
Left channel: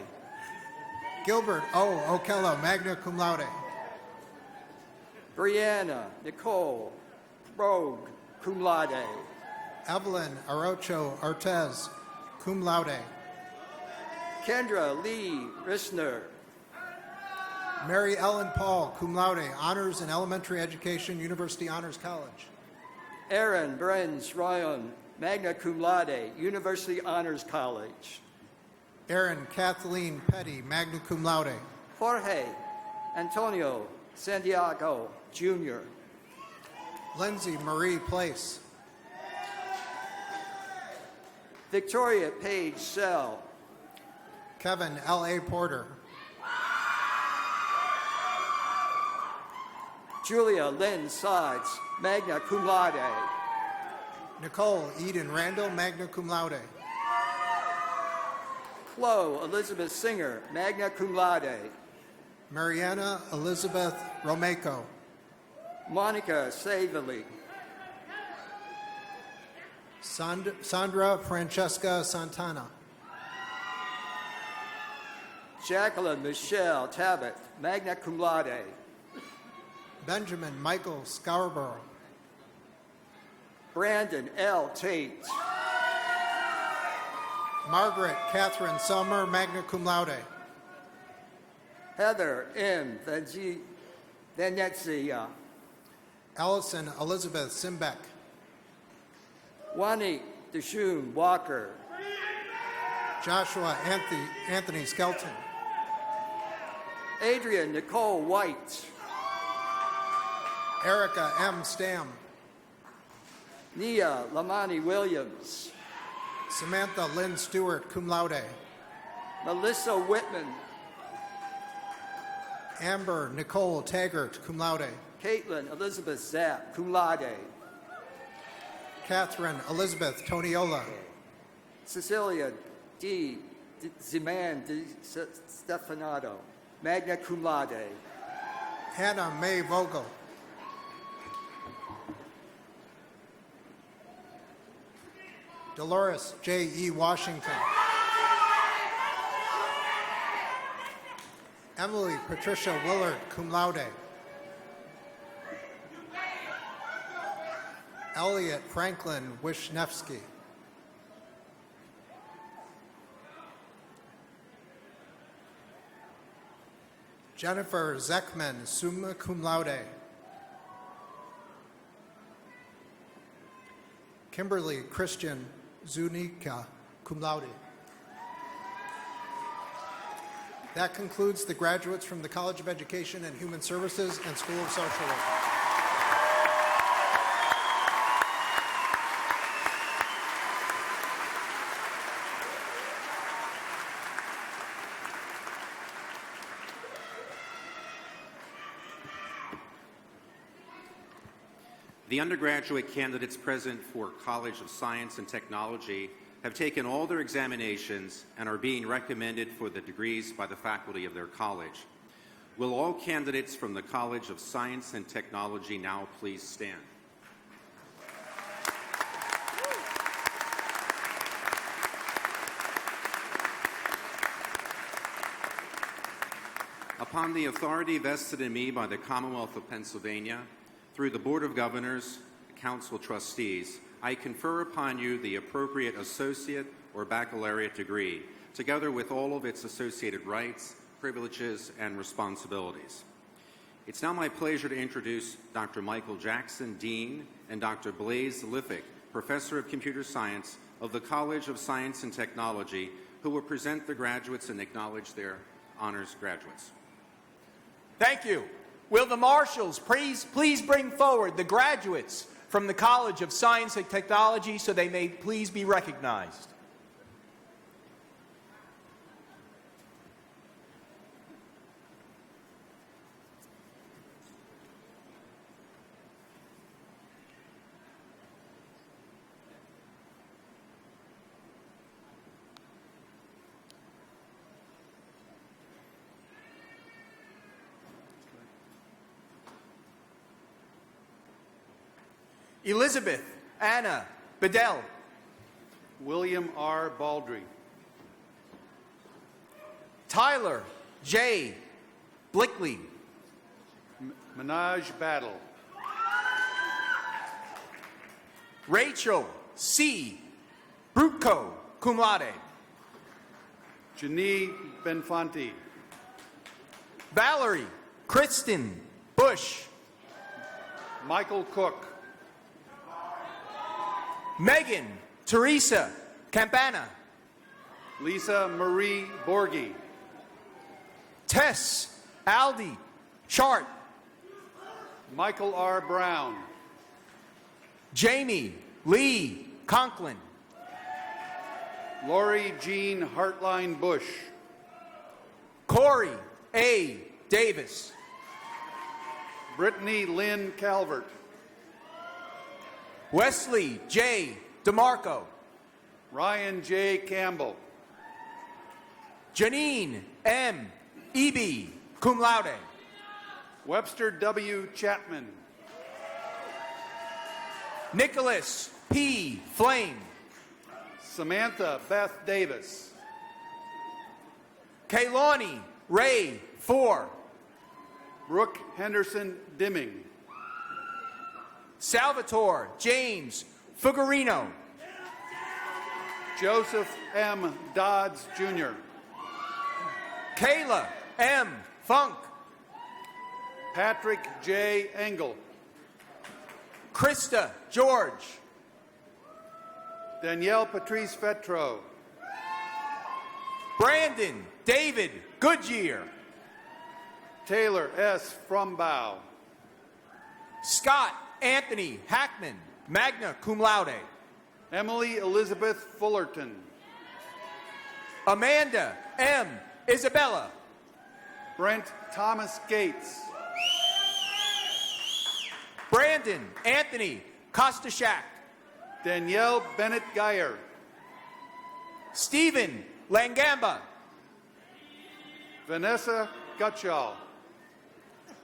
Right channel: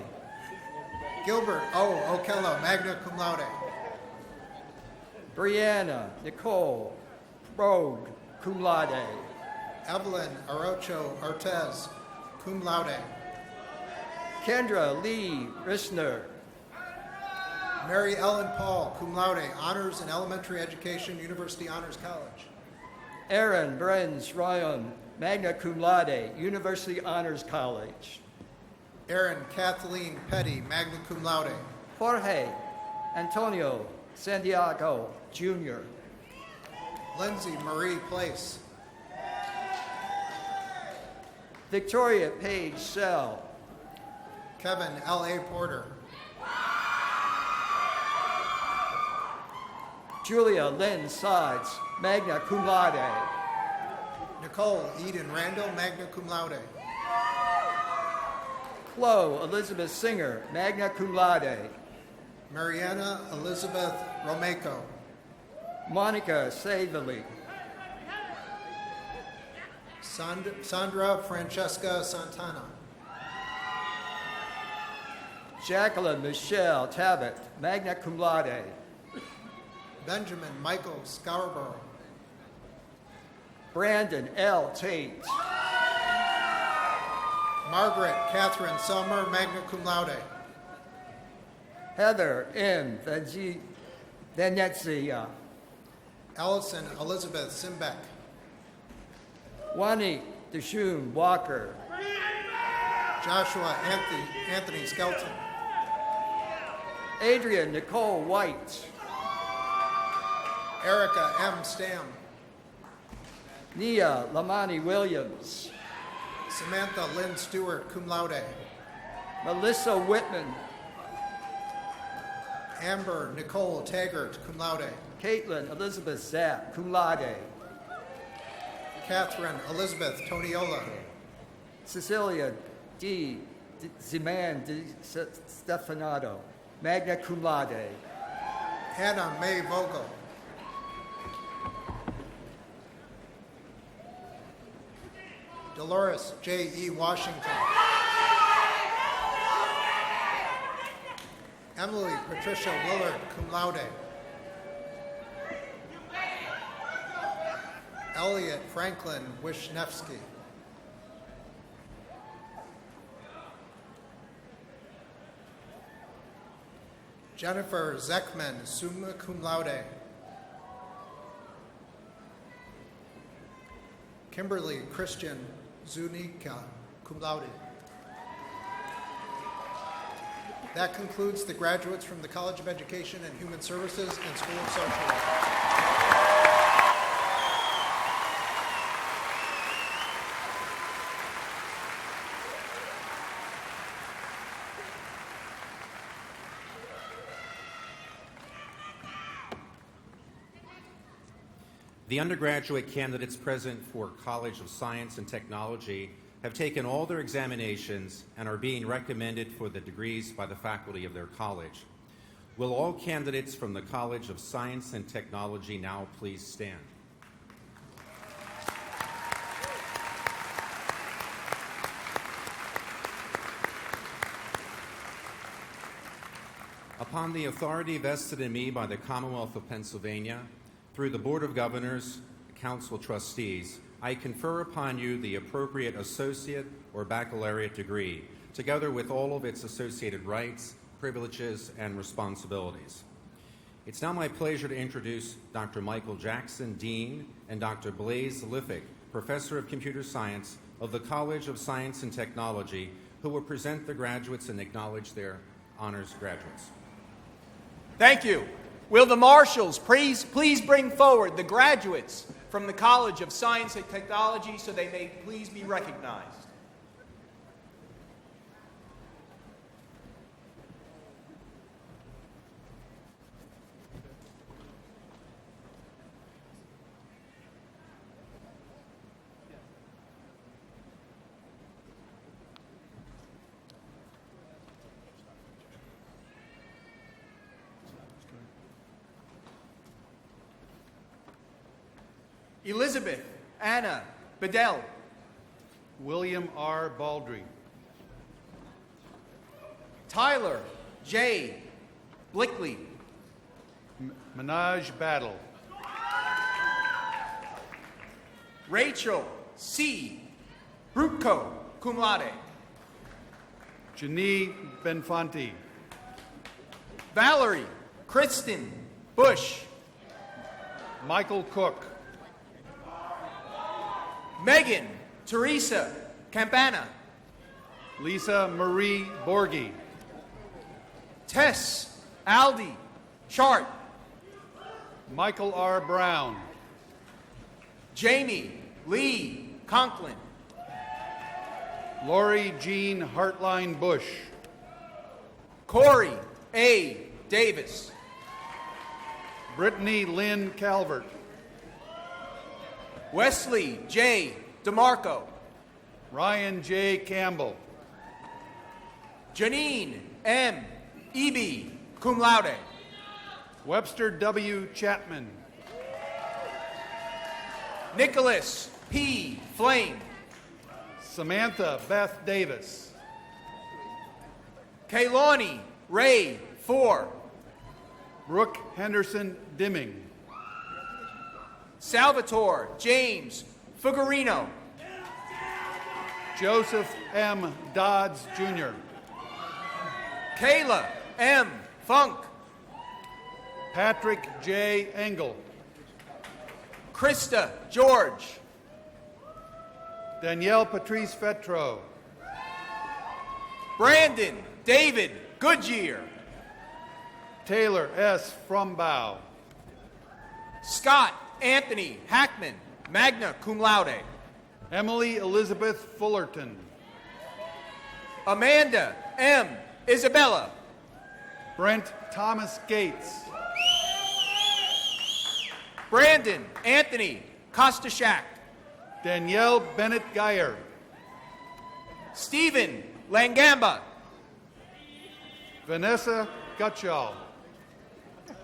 Gilbert O. Okello, magna cum laude. Brianna Nicole Brogue, cum laude. Evelyn Arocho Ortez, cum laude. Kendra Lee Rissner, Mary Ellen Paul, cum laude, honors in elementary education, University Honors College. Aaron Brenz Ryan, magna cum laude, University Honors College. Erin Kathleen Petty, magna cum laude. Jorge Antonio Santiago, Jr. Lindsay Marie Place. Victoria Page Sell, Kevin L.A. Porter. Julia Lynn Sides, magna cum laude. Nicole Eden Randall, magna cum laude. Chloe Elizabeth Singer, magna cum laude. Mariana Elizabeth Romeco. Monica Savely, Sandra Francesca Santana. Jacqueline Michelle Tabbitt, magna cum laude. Benjamin Michael Scarborough. Brandon L. Tate, Margaret Catherine Summer, magna cum laude. Heather M. Venezia, Allison Elizabeth Simbeck. Wani Deshum Walker, Joshua Anthony Skelton. Adrian Nicole White, Erica M. Stam. Nia Lamani Williams, Samantha Lynn Stewart, cum laude. Melissa Whitman, Amber Nicole Taggart, cum laude. Caitlin Elizabeth Zapp, cum laude. Catherine Elizabeth Toniola. Cecilia D. Ziman D. Stefanato, magna cum laude. Hannah Mae Vogel. Dolores J. E. Washington. Emily Patricia Willard, cum laude. Elliot Franklin Wisniewski. Jennifer Zeckman, summa cum laude. Kimberly Christian Zunica, cum laude. That concludes the graduates from the College of Education and Human Services and School of Social Work. The undergraduate candidates present for College of Science and Technology have taken all their examinations and are being recommended for the degrees by the faculty of their college. Will all candidates from the College of Science and Technology now please stand? Upon the authority vested in me by the Commonwealth of Pennsylvania, through the Board of Governors, Council Trustees, I confer upon you the appropriate associate or baccalaureate degree, together with all of its associated rights, privileges, and responsibilities. It's now my pleasure to introduce Dr. Michael Jackson, Dean, and Dr. Blaise Liffick, Professor of Computer Science of the College of Science and Technology, who will present the graduates and acknowledge their honors graduates. Thank you. Will the marshals please bring forward the graduates from the College of Science and Technology so they may please be recognized. Elizabeth Anna Bedell. William R. Baldry. Tyler J. Blickley. Minaj Battle. Rachel C. Brutko, cum laude. Janine Benfanti. Valerie Kristen Bush. Michael Cook. Megan Teresa Campana. Lisa Marie Borghi. Tess Aldi Chart. Michael R. Brown. Jamie Lee Conklin. Lori Jean Hartline Bush. Corey A. Davis. Brittany Lynn Calvert. Wesley J. DeMarco. Ryan J. Campbell. Janine M. Eby, cum laude. Webster W. Chapman. Nicholas P. Flame. Samantha Beth Davis. Kaylani Ray Four. Brooke Henderson Dimming. Salvatore James Fuggerino. Joseph M. Dodds Jr. Kayla M. Funk. Patrick J. Engel. Krista George. Danielle Patrice Fetro. Brandon David Goodyear. Taylor S. Frombow. Scott Anthony Hackman, magna cum laude. Emily Elizabeth Fullerton. Amanda M. Isabella. Brent Thomas Gates. Brandon Anthony Kostashak. Danielle Bennett Geyer. Stephen Langamba. Vanessa Gutschall.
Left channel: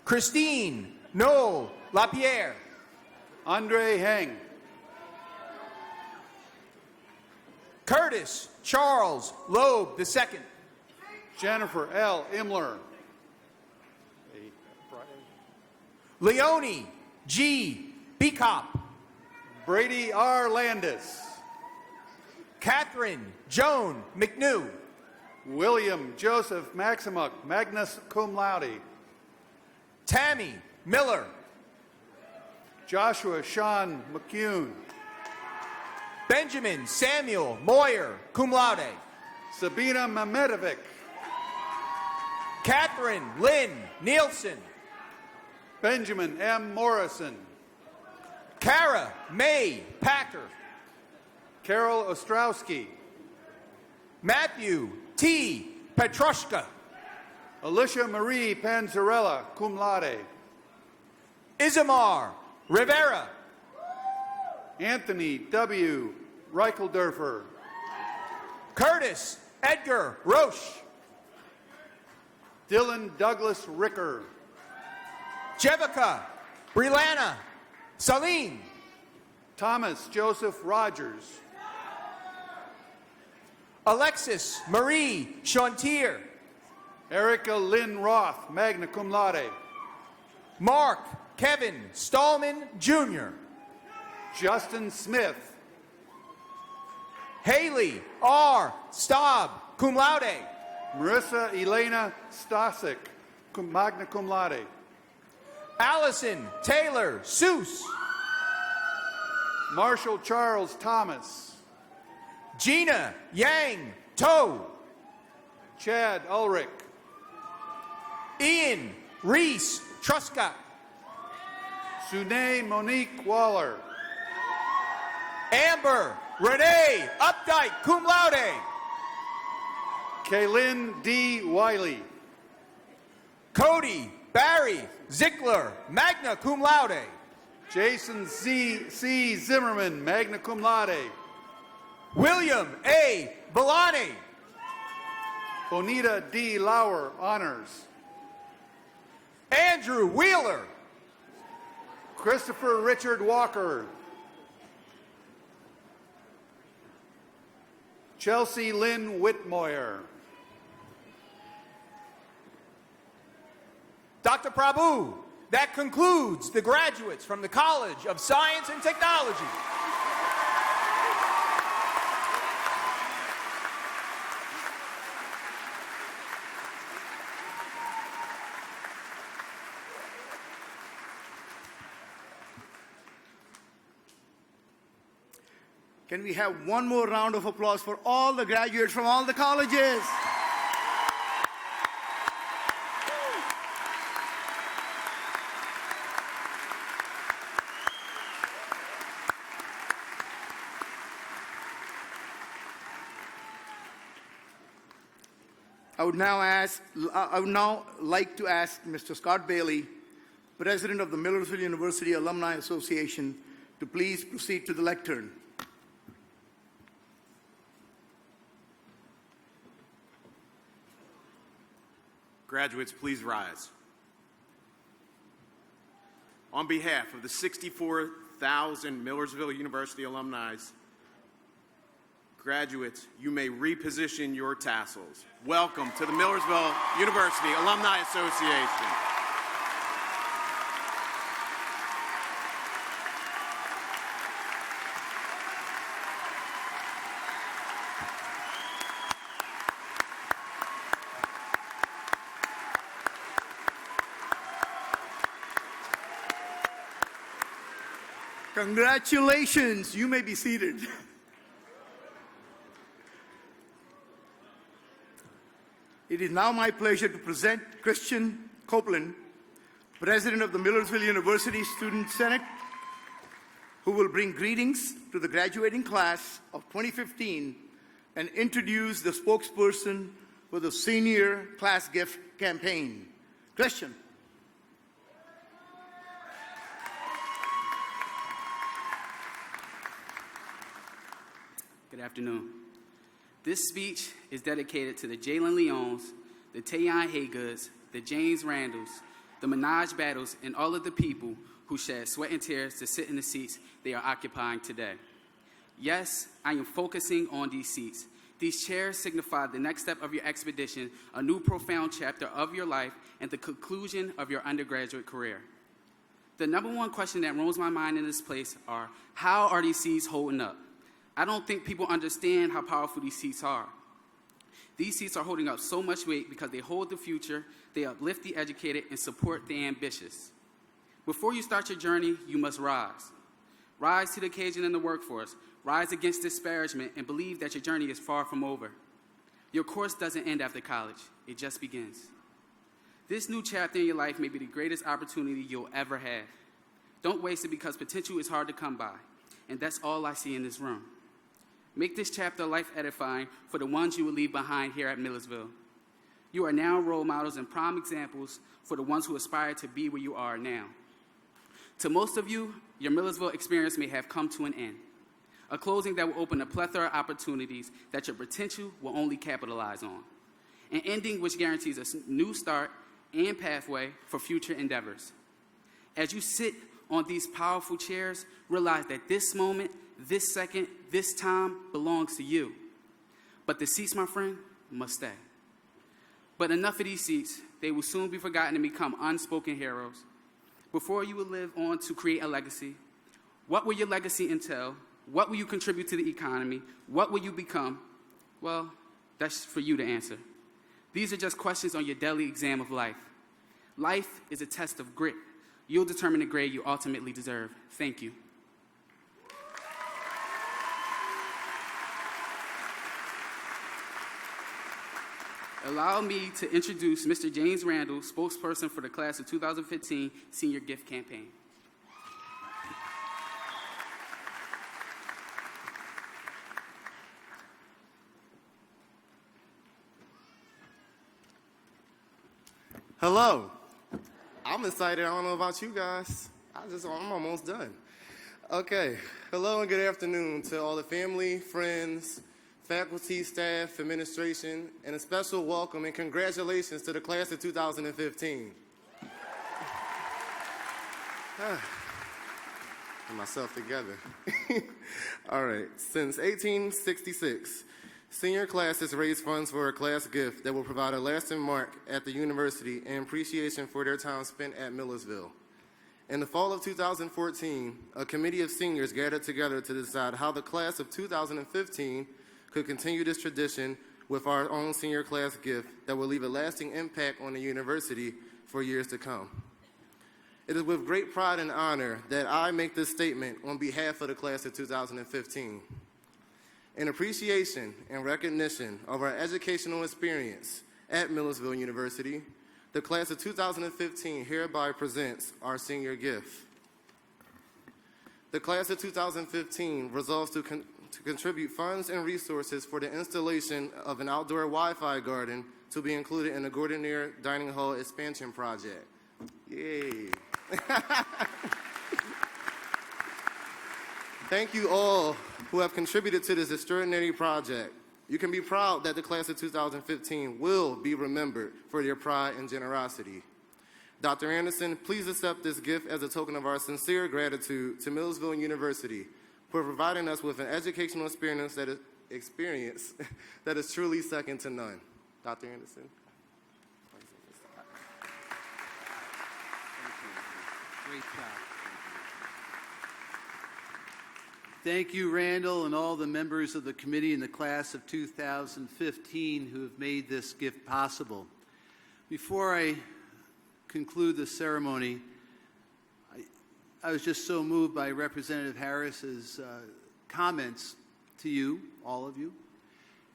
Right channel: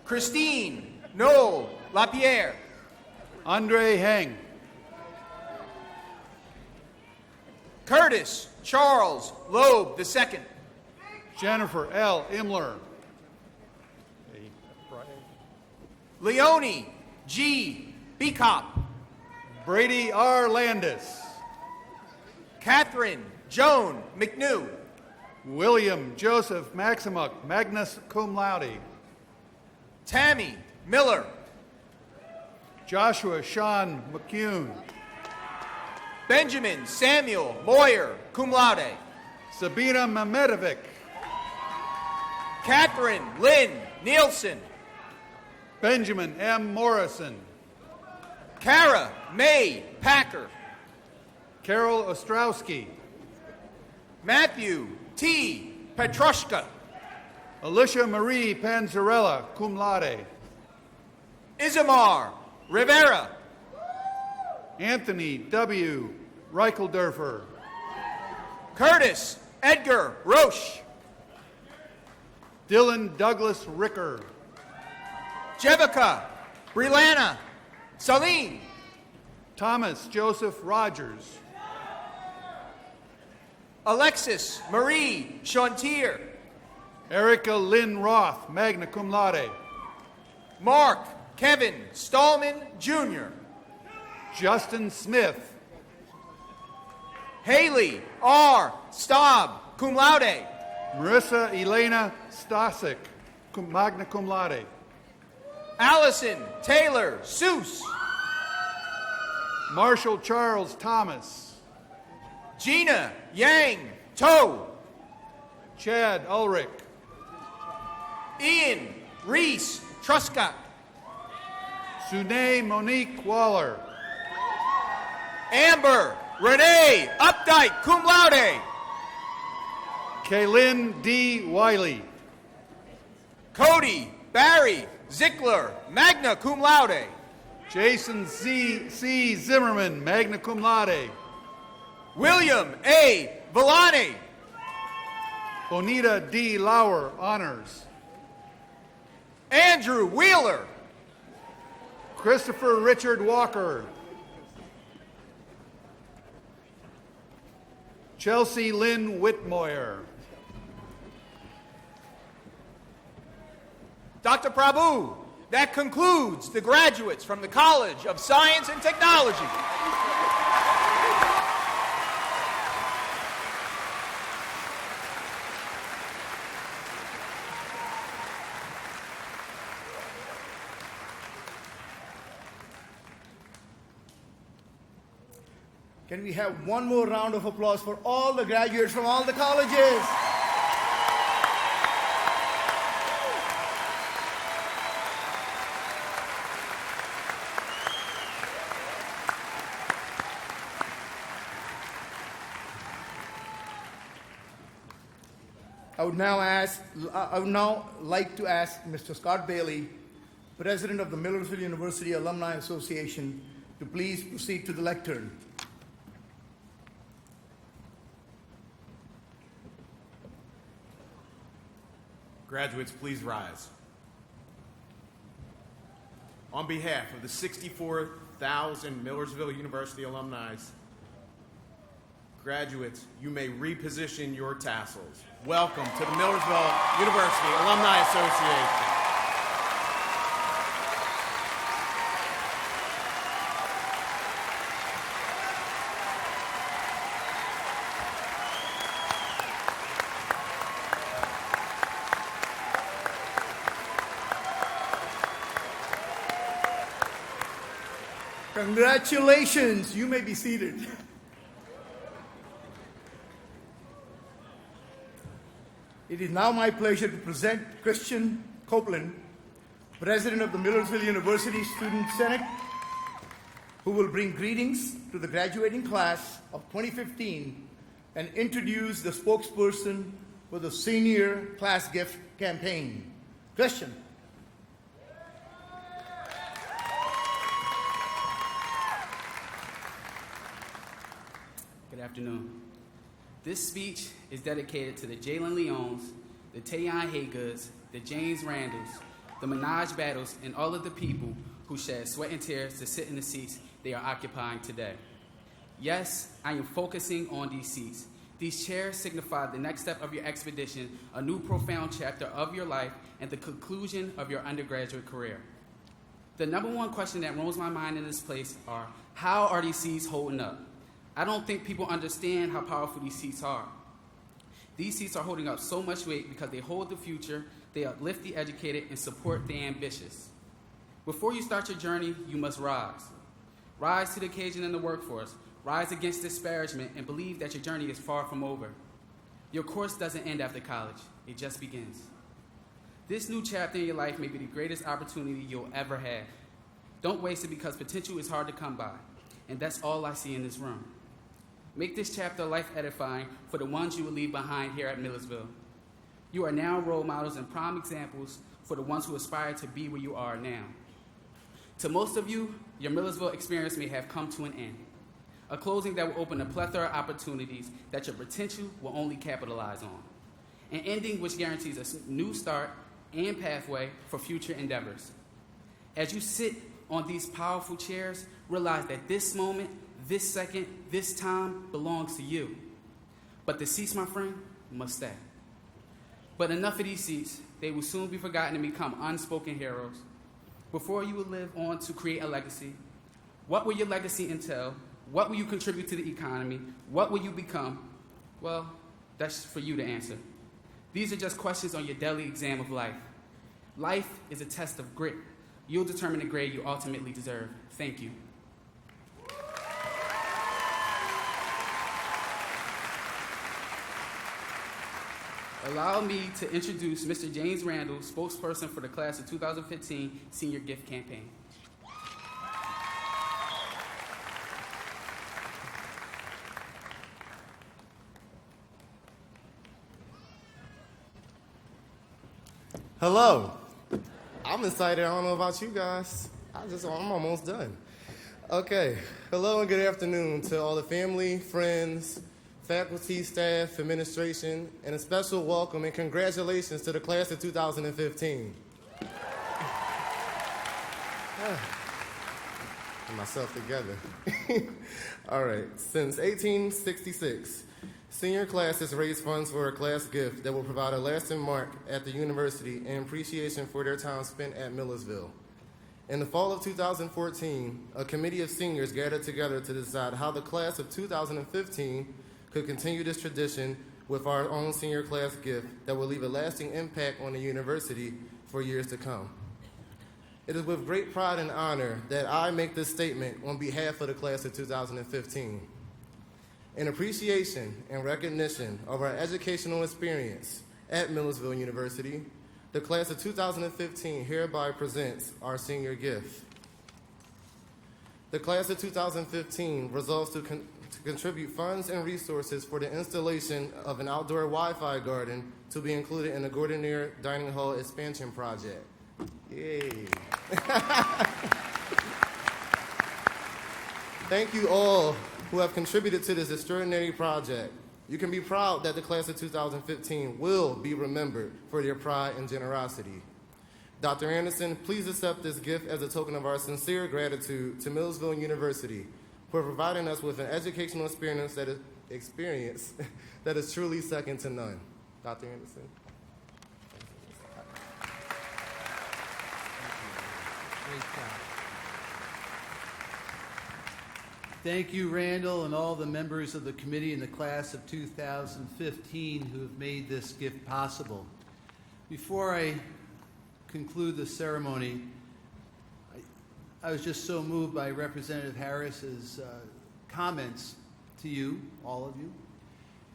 Christine Noel LaPierre. Andre Heng. Curtis Charles Loeb II. Jennifer L. Imler. Leonie G. Beekop. Brady R. Landis. Catherine Joan McNew. William Joseph Maximuk, Magnus Cum Laude. Tammy Miller. Joshua Sean McCune. Benjamin Samuel Moyer, cum laude. Sabina Mamedovic. Catherine Lynn Nielsen. Benjamin M. Morrison. Kara May Packer. Carol Ostrowski. Matthew T. Petrushka. Alicia Marie Panzarella, cum laude. Isamar Rivera. Anthony W. Reichelderfer. Curtis Edgar Roche. Dylan Douglas Ricker. Jevica Brilana Salim. Thomas Joseph Rogers. Alexis Marie Chantier. Erica Lynn Roth, magna cum laude. Mark Kevin Stallman Jr. Justin Smith. Haley R. Staub, cum laude. Marissa Elena Stasik, magna cum laude. Allison Taylor Seuss. Marshall Charles Thomas. Gina Yang Toe. Chad Ulrich. Ian Reese Truscott. Sune Monique Waller. Amber Renee Updike, cum laude. Kaylin D. Wiley. Cody Barry Zickler, magna cum laude. Jason C. Zimmerman, magna cum laude. William A. Villani. Bonita D. Lauer, honors. Andrew Wheeler. Christopher Richard Walker. Chelsea Lynn Whitmoyer. Dr. Prabhu, that concludes the graduates from the College of Science and Technology. Can we have one more round of applause for all the graduates from all the colleges? I would now like to ask Mr. Scott Bailey, President of the Millersville University Alumni Association, to please proceed to the lectern. Graduates, please rise. On behalf of the 64,000 Millersville University alumni, graduates, you may reposition your tassels. Welcome to the Millersville University Alumni Association. Congratulations, you may be seated. It is now my pleasure to present Christian Copeland, President of the Millersville University Student Senate, who will bring greetings to the graduating class of 2015 and introduce the spokesperson for the Senior Class Gift Campaign. Christian. Good afternoon. This speech is dedicated to the Jalen Leons, the Tayon Haygoods, the James Randalls, the Minaj Battles, and all of the people who shed sweat and tears to sit in the seats they are occupying today. Yes, I am focusing on these seats. These chairs signify the next step of your expedition, a new profound chapter of your life, and the conclusion of your undergraduate career. The number one question that roams my mind in this place are, how are these seats holding up? I don't think people understand how powerful these seats are. These seats are holding up so much weight because they hold the future, they uplift the educated, and support the ambitious. Before you start your journey, you must rise. Rise to the occasion in the workforce. Rise against disparagement and believe that your journey is far from over. Your course doesn't end after college, it just begins. This new chapter in your life may be the greatest opportunity you'll ever have. Don't waste it because potential is hard to come by, and that's all I see in this room. Make this chapter life-edifying for the ones you will leave behind here at Millersville. You are now role models and prime examples for the ones who aspire to be where you are now. To most of you, your Millersville experience may have come to an end, a closing that will open a plethora of opportunities that your potential will only capitalize on, an ending which guarantees a new start and pathway for future endeavors. As you sit on these powerful chairs, realize that this moment, this second, this time belongs to you. But the seats, my friend, must stay. But enough of these seats. They will soon be forgotten and become unspoken heroes. Before you will live on to create a legacy, what will your legacy entail? What will you contribute to the economy? What will you become? Well, that's for you to answer. These are just questions on your daily exam of life. Life is a test of grit. You'll determine the grade you ultimately deserve. Thank you. Allow me to introduce Mr. James Randall, spokesperson for the class of 2015 Senior Gift Campaign. Hello. I'm excited. I don't know about you guys. I'm almost done. Okay. Hello and good afternoon to all the family, friends, faculty, staff, administration, and a special welcome and congratulations to the class of 2015. Get myself together. All right. Since 1866, Senior classes raise funds for a class gift that will provide a lasting mark at the university and appreciation for their time spent at Millersville. In the fall of 2014, a committee of seniors gathered together to decide how the class of 2015 could continue this tradition with our own senior class gift that will leave a lasting impact on the university for years to come. It is with great pride and honor that I make this statement on behalf of the class of 2015. In appreciation and recognition of our educational experience at Millersville University, the class of 2015 hereby presents our senior gift. The class of 2015 resolves to contribute funds and resources for the installation of an outdoor Wi-Fi garden to be included in the Gordonier Dining Hall expansion project. Yay. Thank you all who have contributed to this extraordinary project. You can be proud that the class of 2015 will be remembered for their pride and generosity. Dr. Anderson, please accept this gift as a token of our sincere gratitude to Millersville University for providing us with an educational experience that is truly second to none. Dr. Anderson. Thank you, Randall, and all the members of the committee in the class of 2015 who have made this gift possible. Before I conclude the ceremony, I was just so moved by Representative Harris's comments to you, all of you,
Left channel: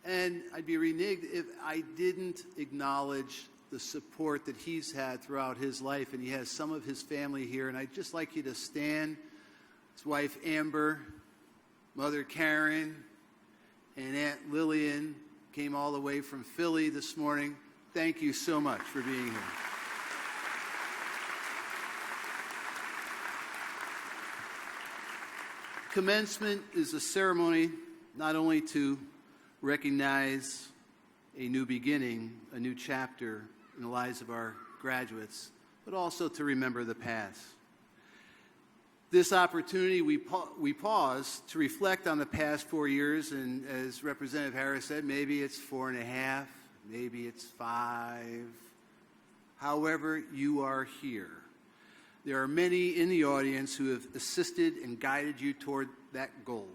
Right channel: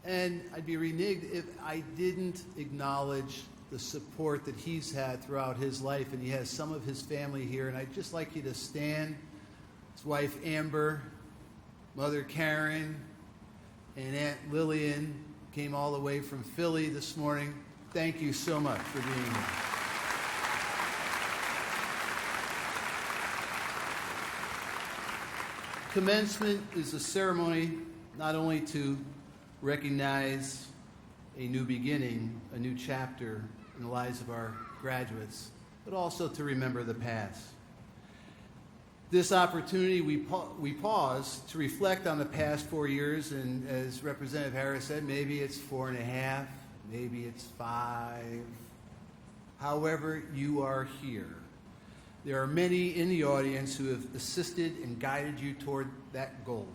and I'd be reneged if I didn't acknowledge the support that he's had throughout his life, and he has some of his family here, and I'd just like you to stand. His wife, Amber, Mother Karen, and Aunt Lillian came all the way from Philly this morning. Thank you so much for being here. Commencement is a ceremony not only to recognize a new beginning, a new chapter in the lives of our graduates, but also to remember the past. This opportunity, we pause to reflect on the past 4 years, and as Representative Harris said, maybe it's 4.5, maybe it's 5. However, you are here. There are many in the audience who have assisted and guided you toward that goal.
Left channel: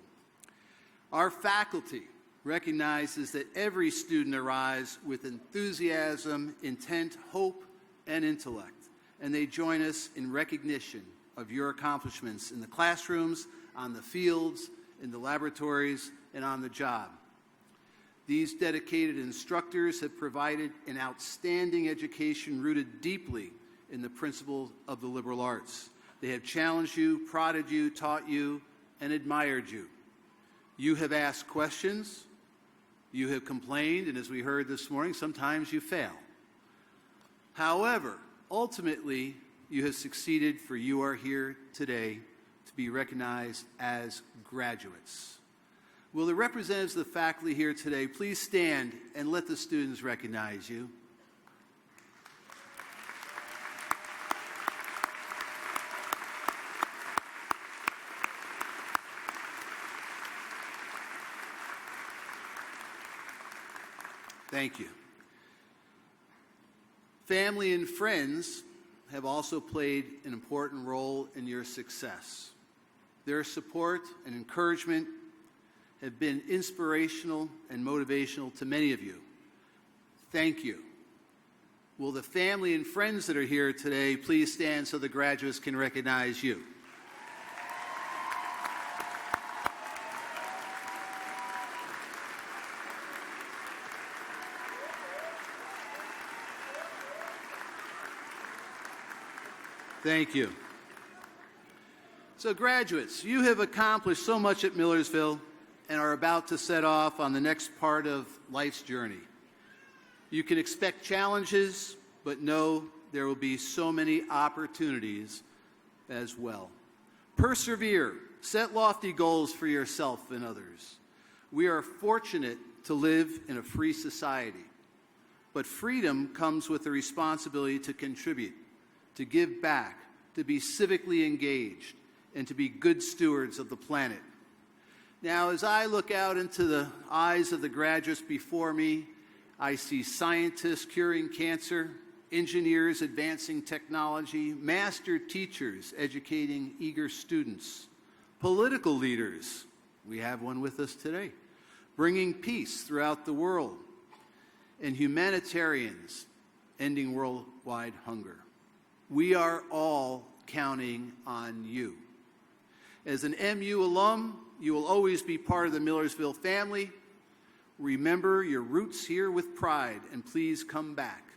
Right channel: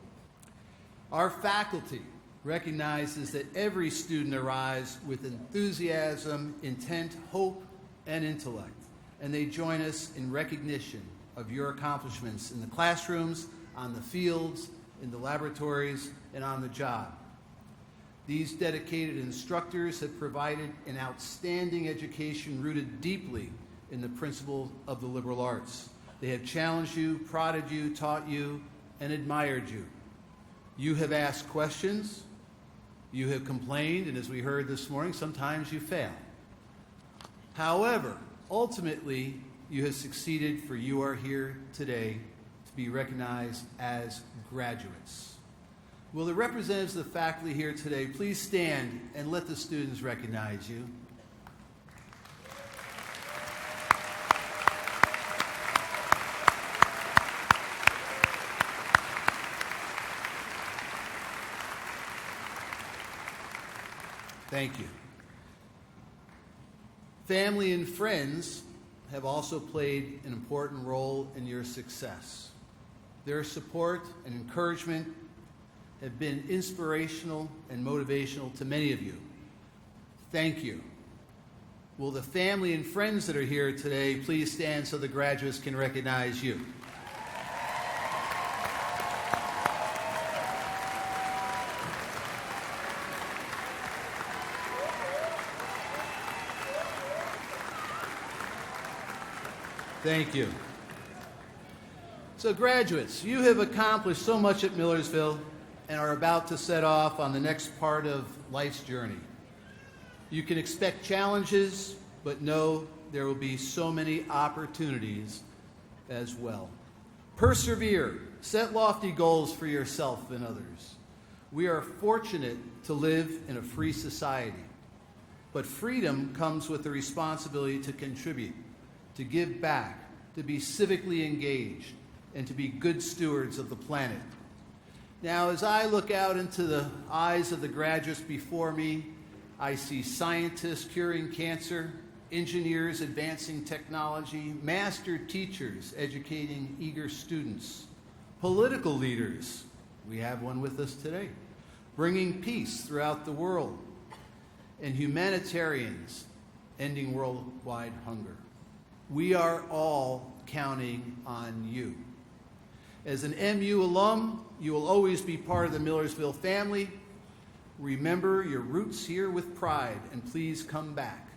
Our faculty recognizes that every student arrives with enthusiasm, intent, hope, and intellect, and they join us in recognition of your accomplishments in the classrooms, on the fields, in the laboratories, and on the job. These dedicated instructors have provided an outstanding education rooted deeply in the principles of the liberal arts. They have challenged you, prodded you, taught you, and admired you. You have asked questions, you have complained, and as we heard this morning, sometimes you fail. However, ultimately, you have succeeded, for you are here today to be recognized as graduates. Will the representatives of the faculty here today please stand and let the students recognize you? Thank you. Family and friends have also played an important role in your success. Their support and encouragement have been inspirational and motivational to many of you. Thank you. Will the family and friends that are here today please stand so the graduates can recognize you? Thank you. So graduates, you have accomplished so much at Millersville and are about to set off on the next part of life's journey. You can expect challenges, but know there will be so many opportunities as well. Persevere, set lofty goals for yourself and others. We are fortunate to live in a free society, but freedom comes with the responsibility to contribute, to give back, to be civically engaged, and to be good stewards of the planet. Now, as I look out into the eyes of the graduates before me, I see scientists curing cancer, engineers advancing technology, master teachers educating eager students, political leaders, we have one with us today, bringing peace throughout the world, and humanitarians ending worldwide hunger. We are all counting on you. As an MU alum, you will always be part of the Millersville family. Remember your roots here with pride, and please come back.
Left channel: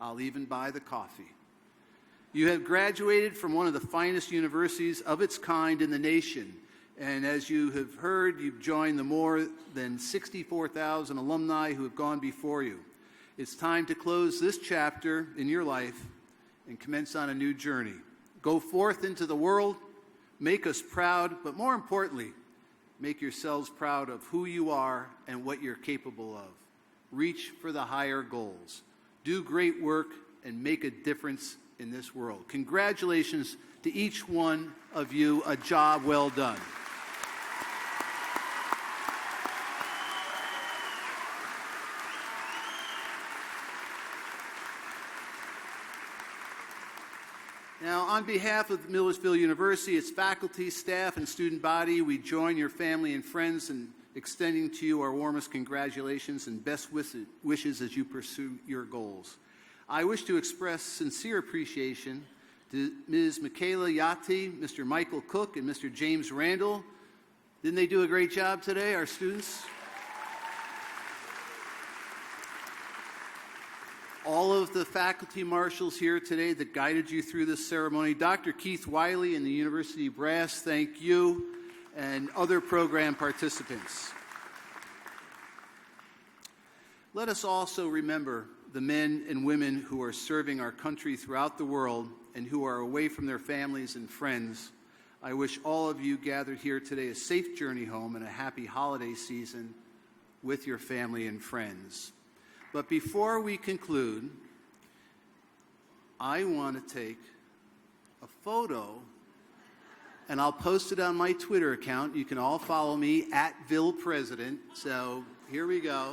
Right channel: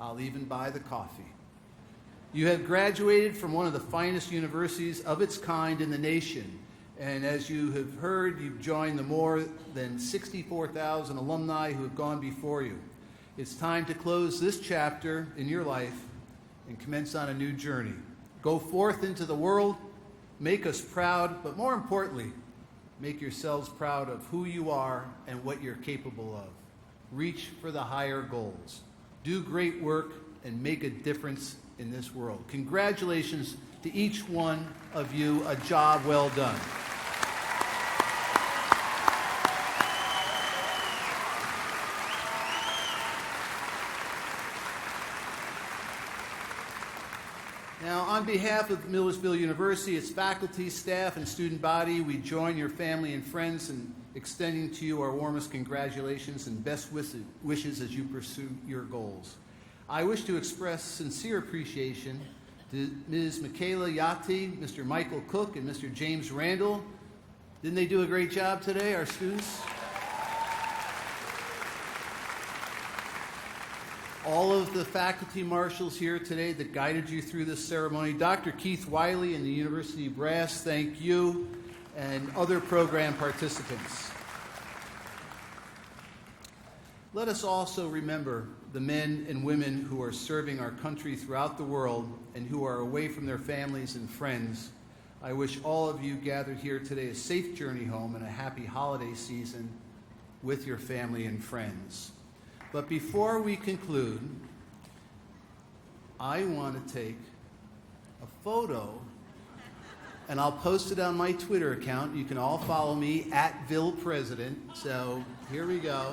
I'll even buy the coffee. You have graduated from one of the finest universities of its kind in the nation, and as you have heard, you've joined the more than 64,000 alumni who have gone before you. It's time to close this chapter in your life and commence on a new journey. Go forth into the world, make us proud, but more importantly, make yourselves proud of who you are and what you're capable of. Reach for the higher goals. Do great work and make a difference in this world. Congratulations to each one of you. A job well done. Now, on behalf of Millersville University, its faculty, staff, and student body, we join your family and friends in extending to you our warmest congratulations and best wishes as you pursue your goals. I wish to express sincere appreciation to Ms. Michaela Yati, Mr. Michael Cook, and Mr. James Randall. Didn't they do a great job today, our students? All of the faculty marshals here today that guided you through this ceremony, Dr. Keith Wiley and the University Brass, thank you, and other program participants. Let us also remember the men and women who are serving our country throughout the world and who are away from their families and friends. I wish all of you gathered here today a safe journey home and a happy holiday season with your family and friends. But before we conclude, I want to take a photo, and I'll post it on my Twitter account. You can all follow me at VillePresident. So here we go.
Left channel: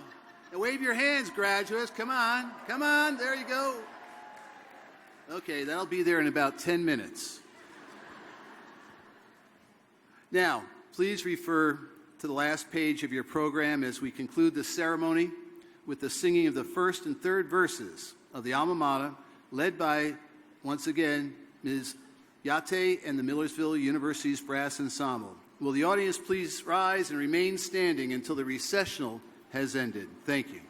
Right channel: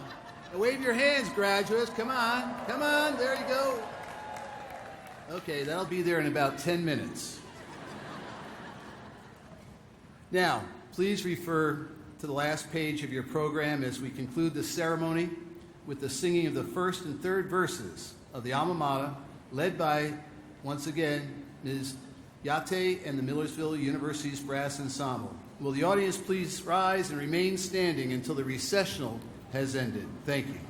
And wave your hands, graduates. Come on. Come on. There you go. Okay, that'll be there in about 10 minutes. Now, please refer to the last page of your program as we conclude the ceremony with the singing of the first and third verses of the Alma Mater, led by, once again, Ms. Yate and the Millersville University's Brass Ensemble. Will the audience please rise and remain standing until the recessional has ended? Thank you.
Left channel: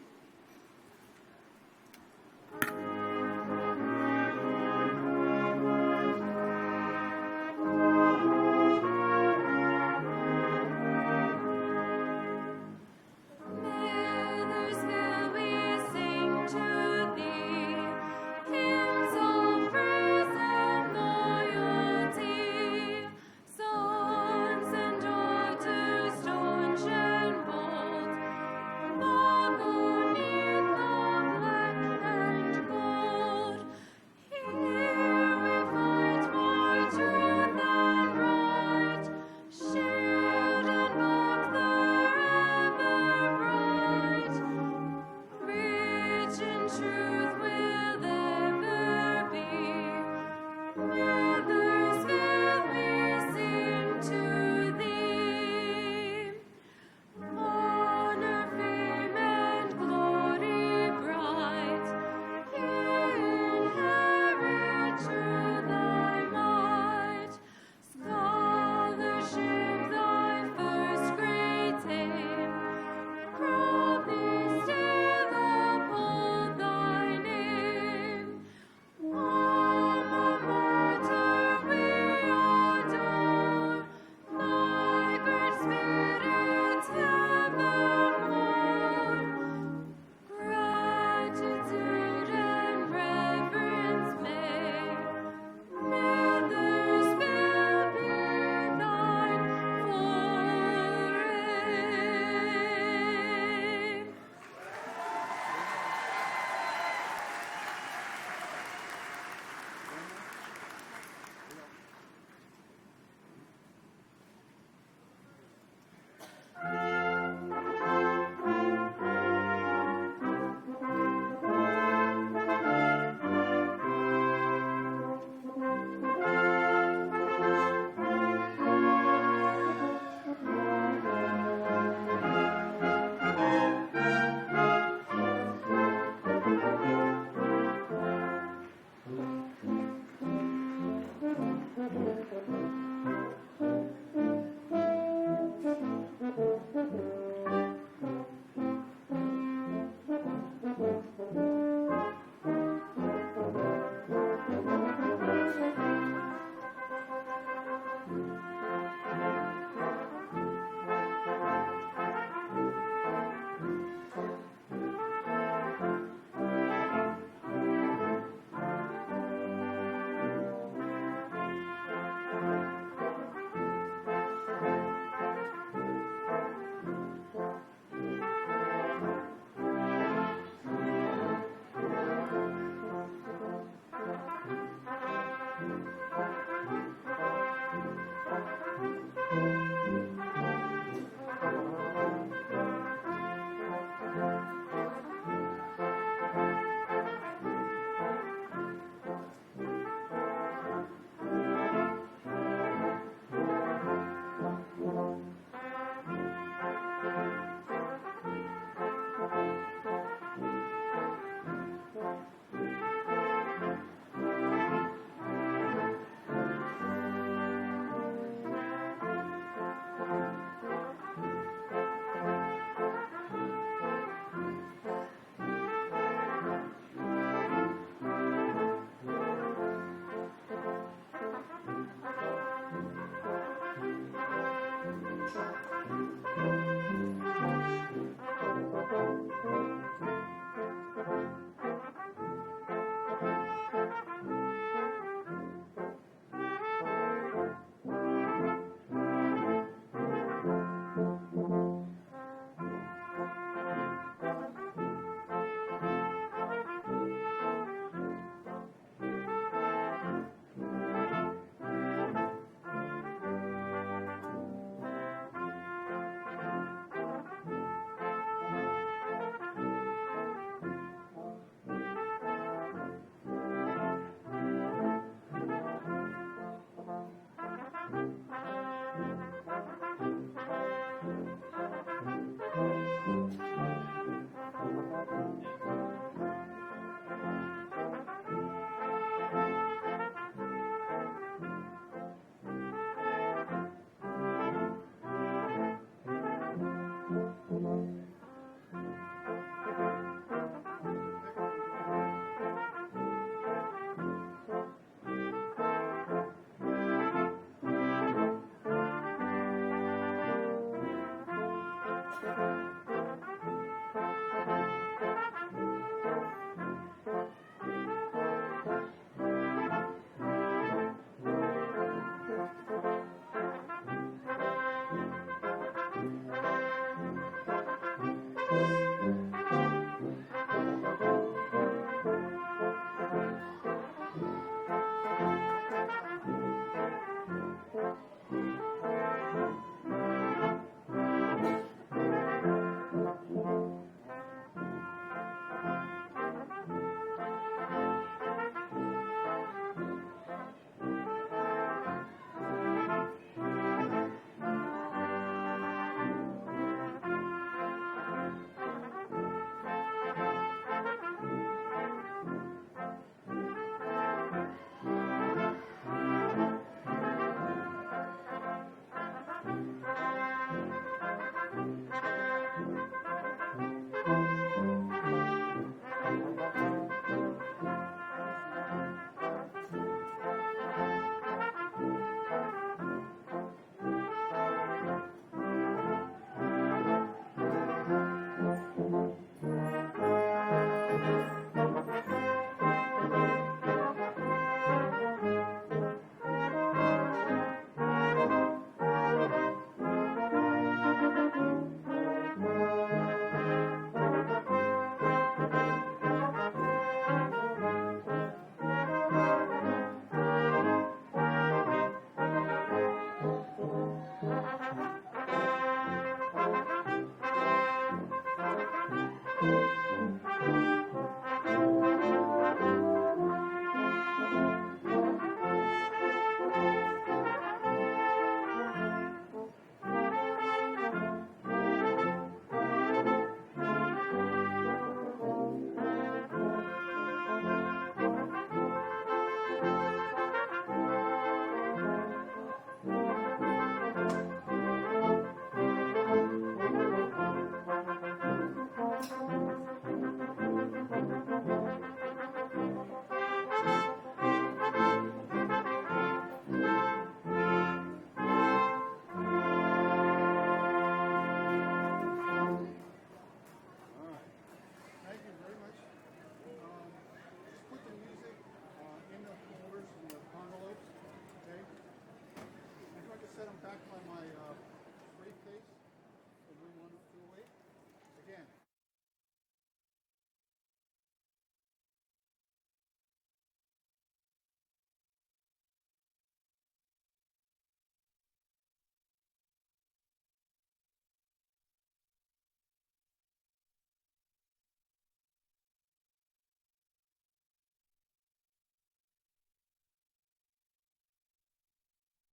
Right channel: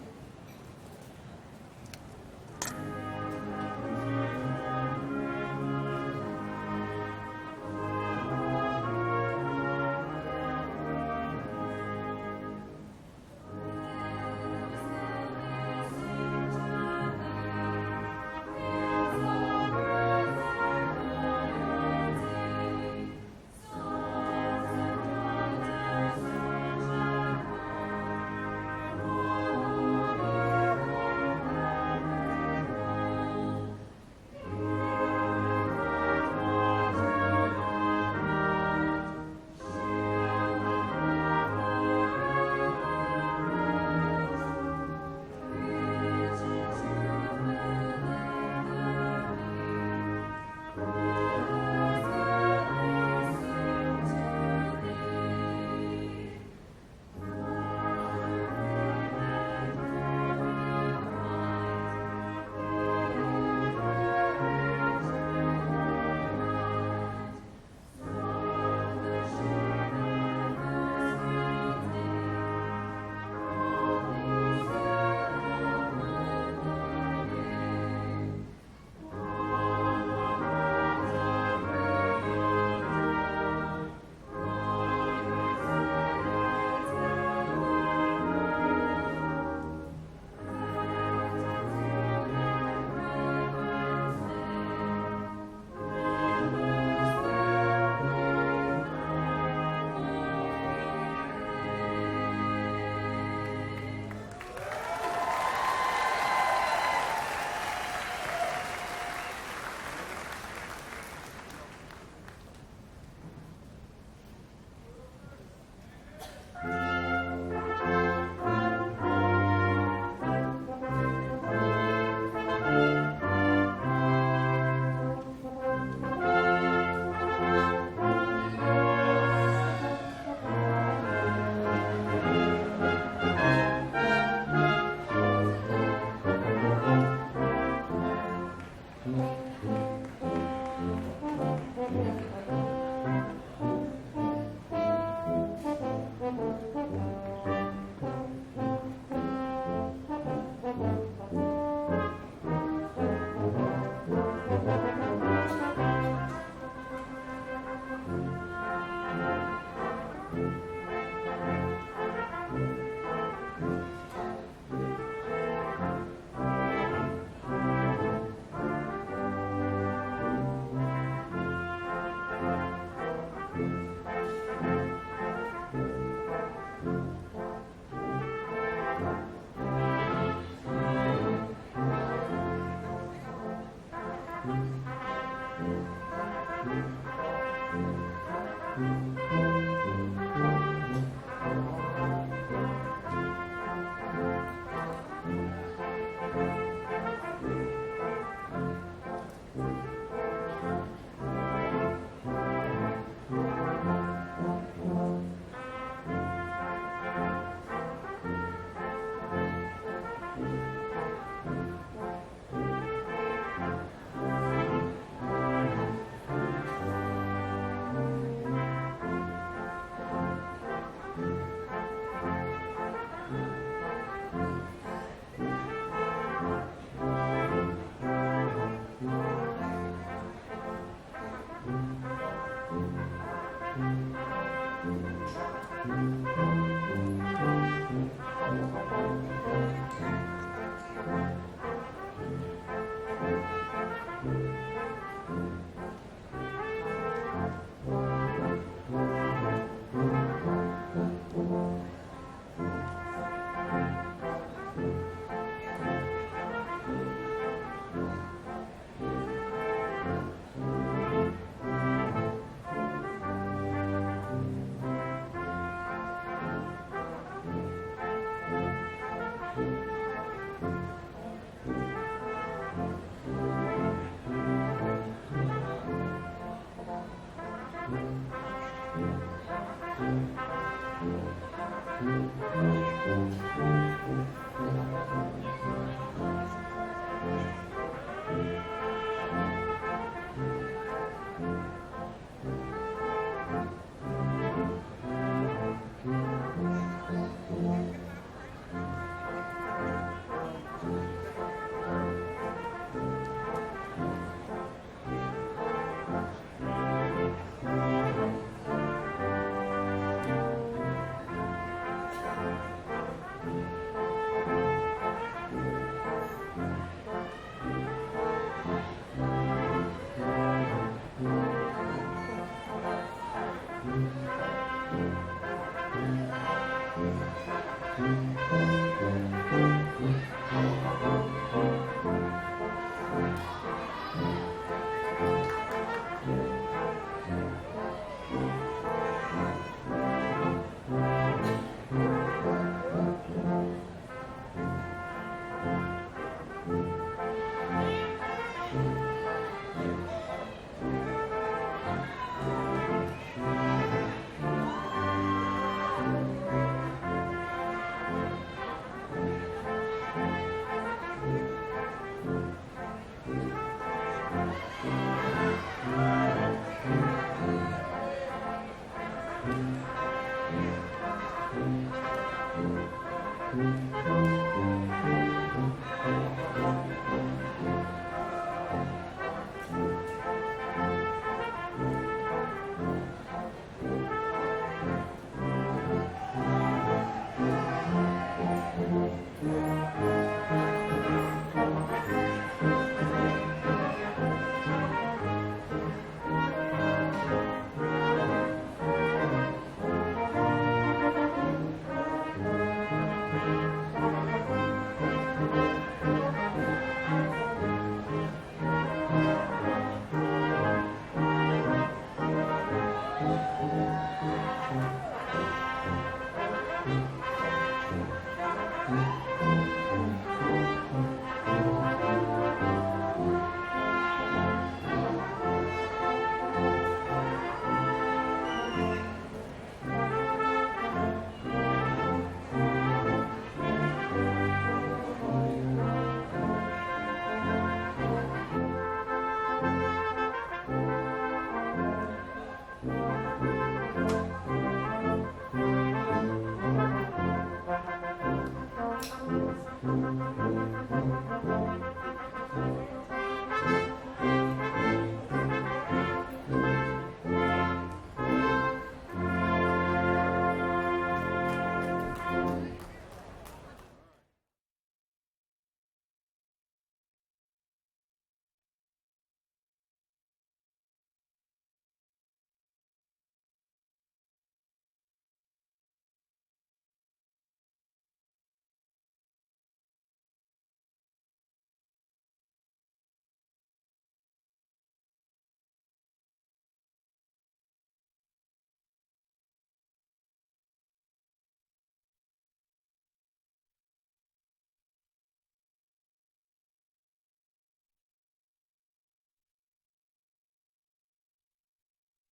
Lord,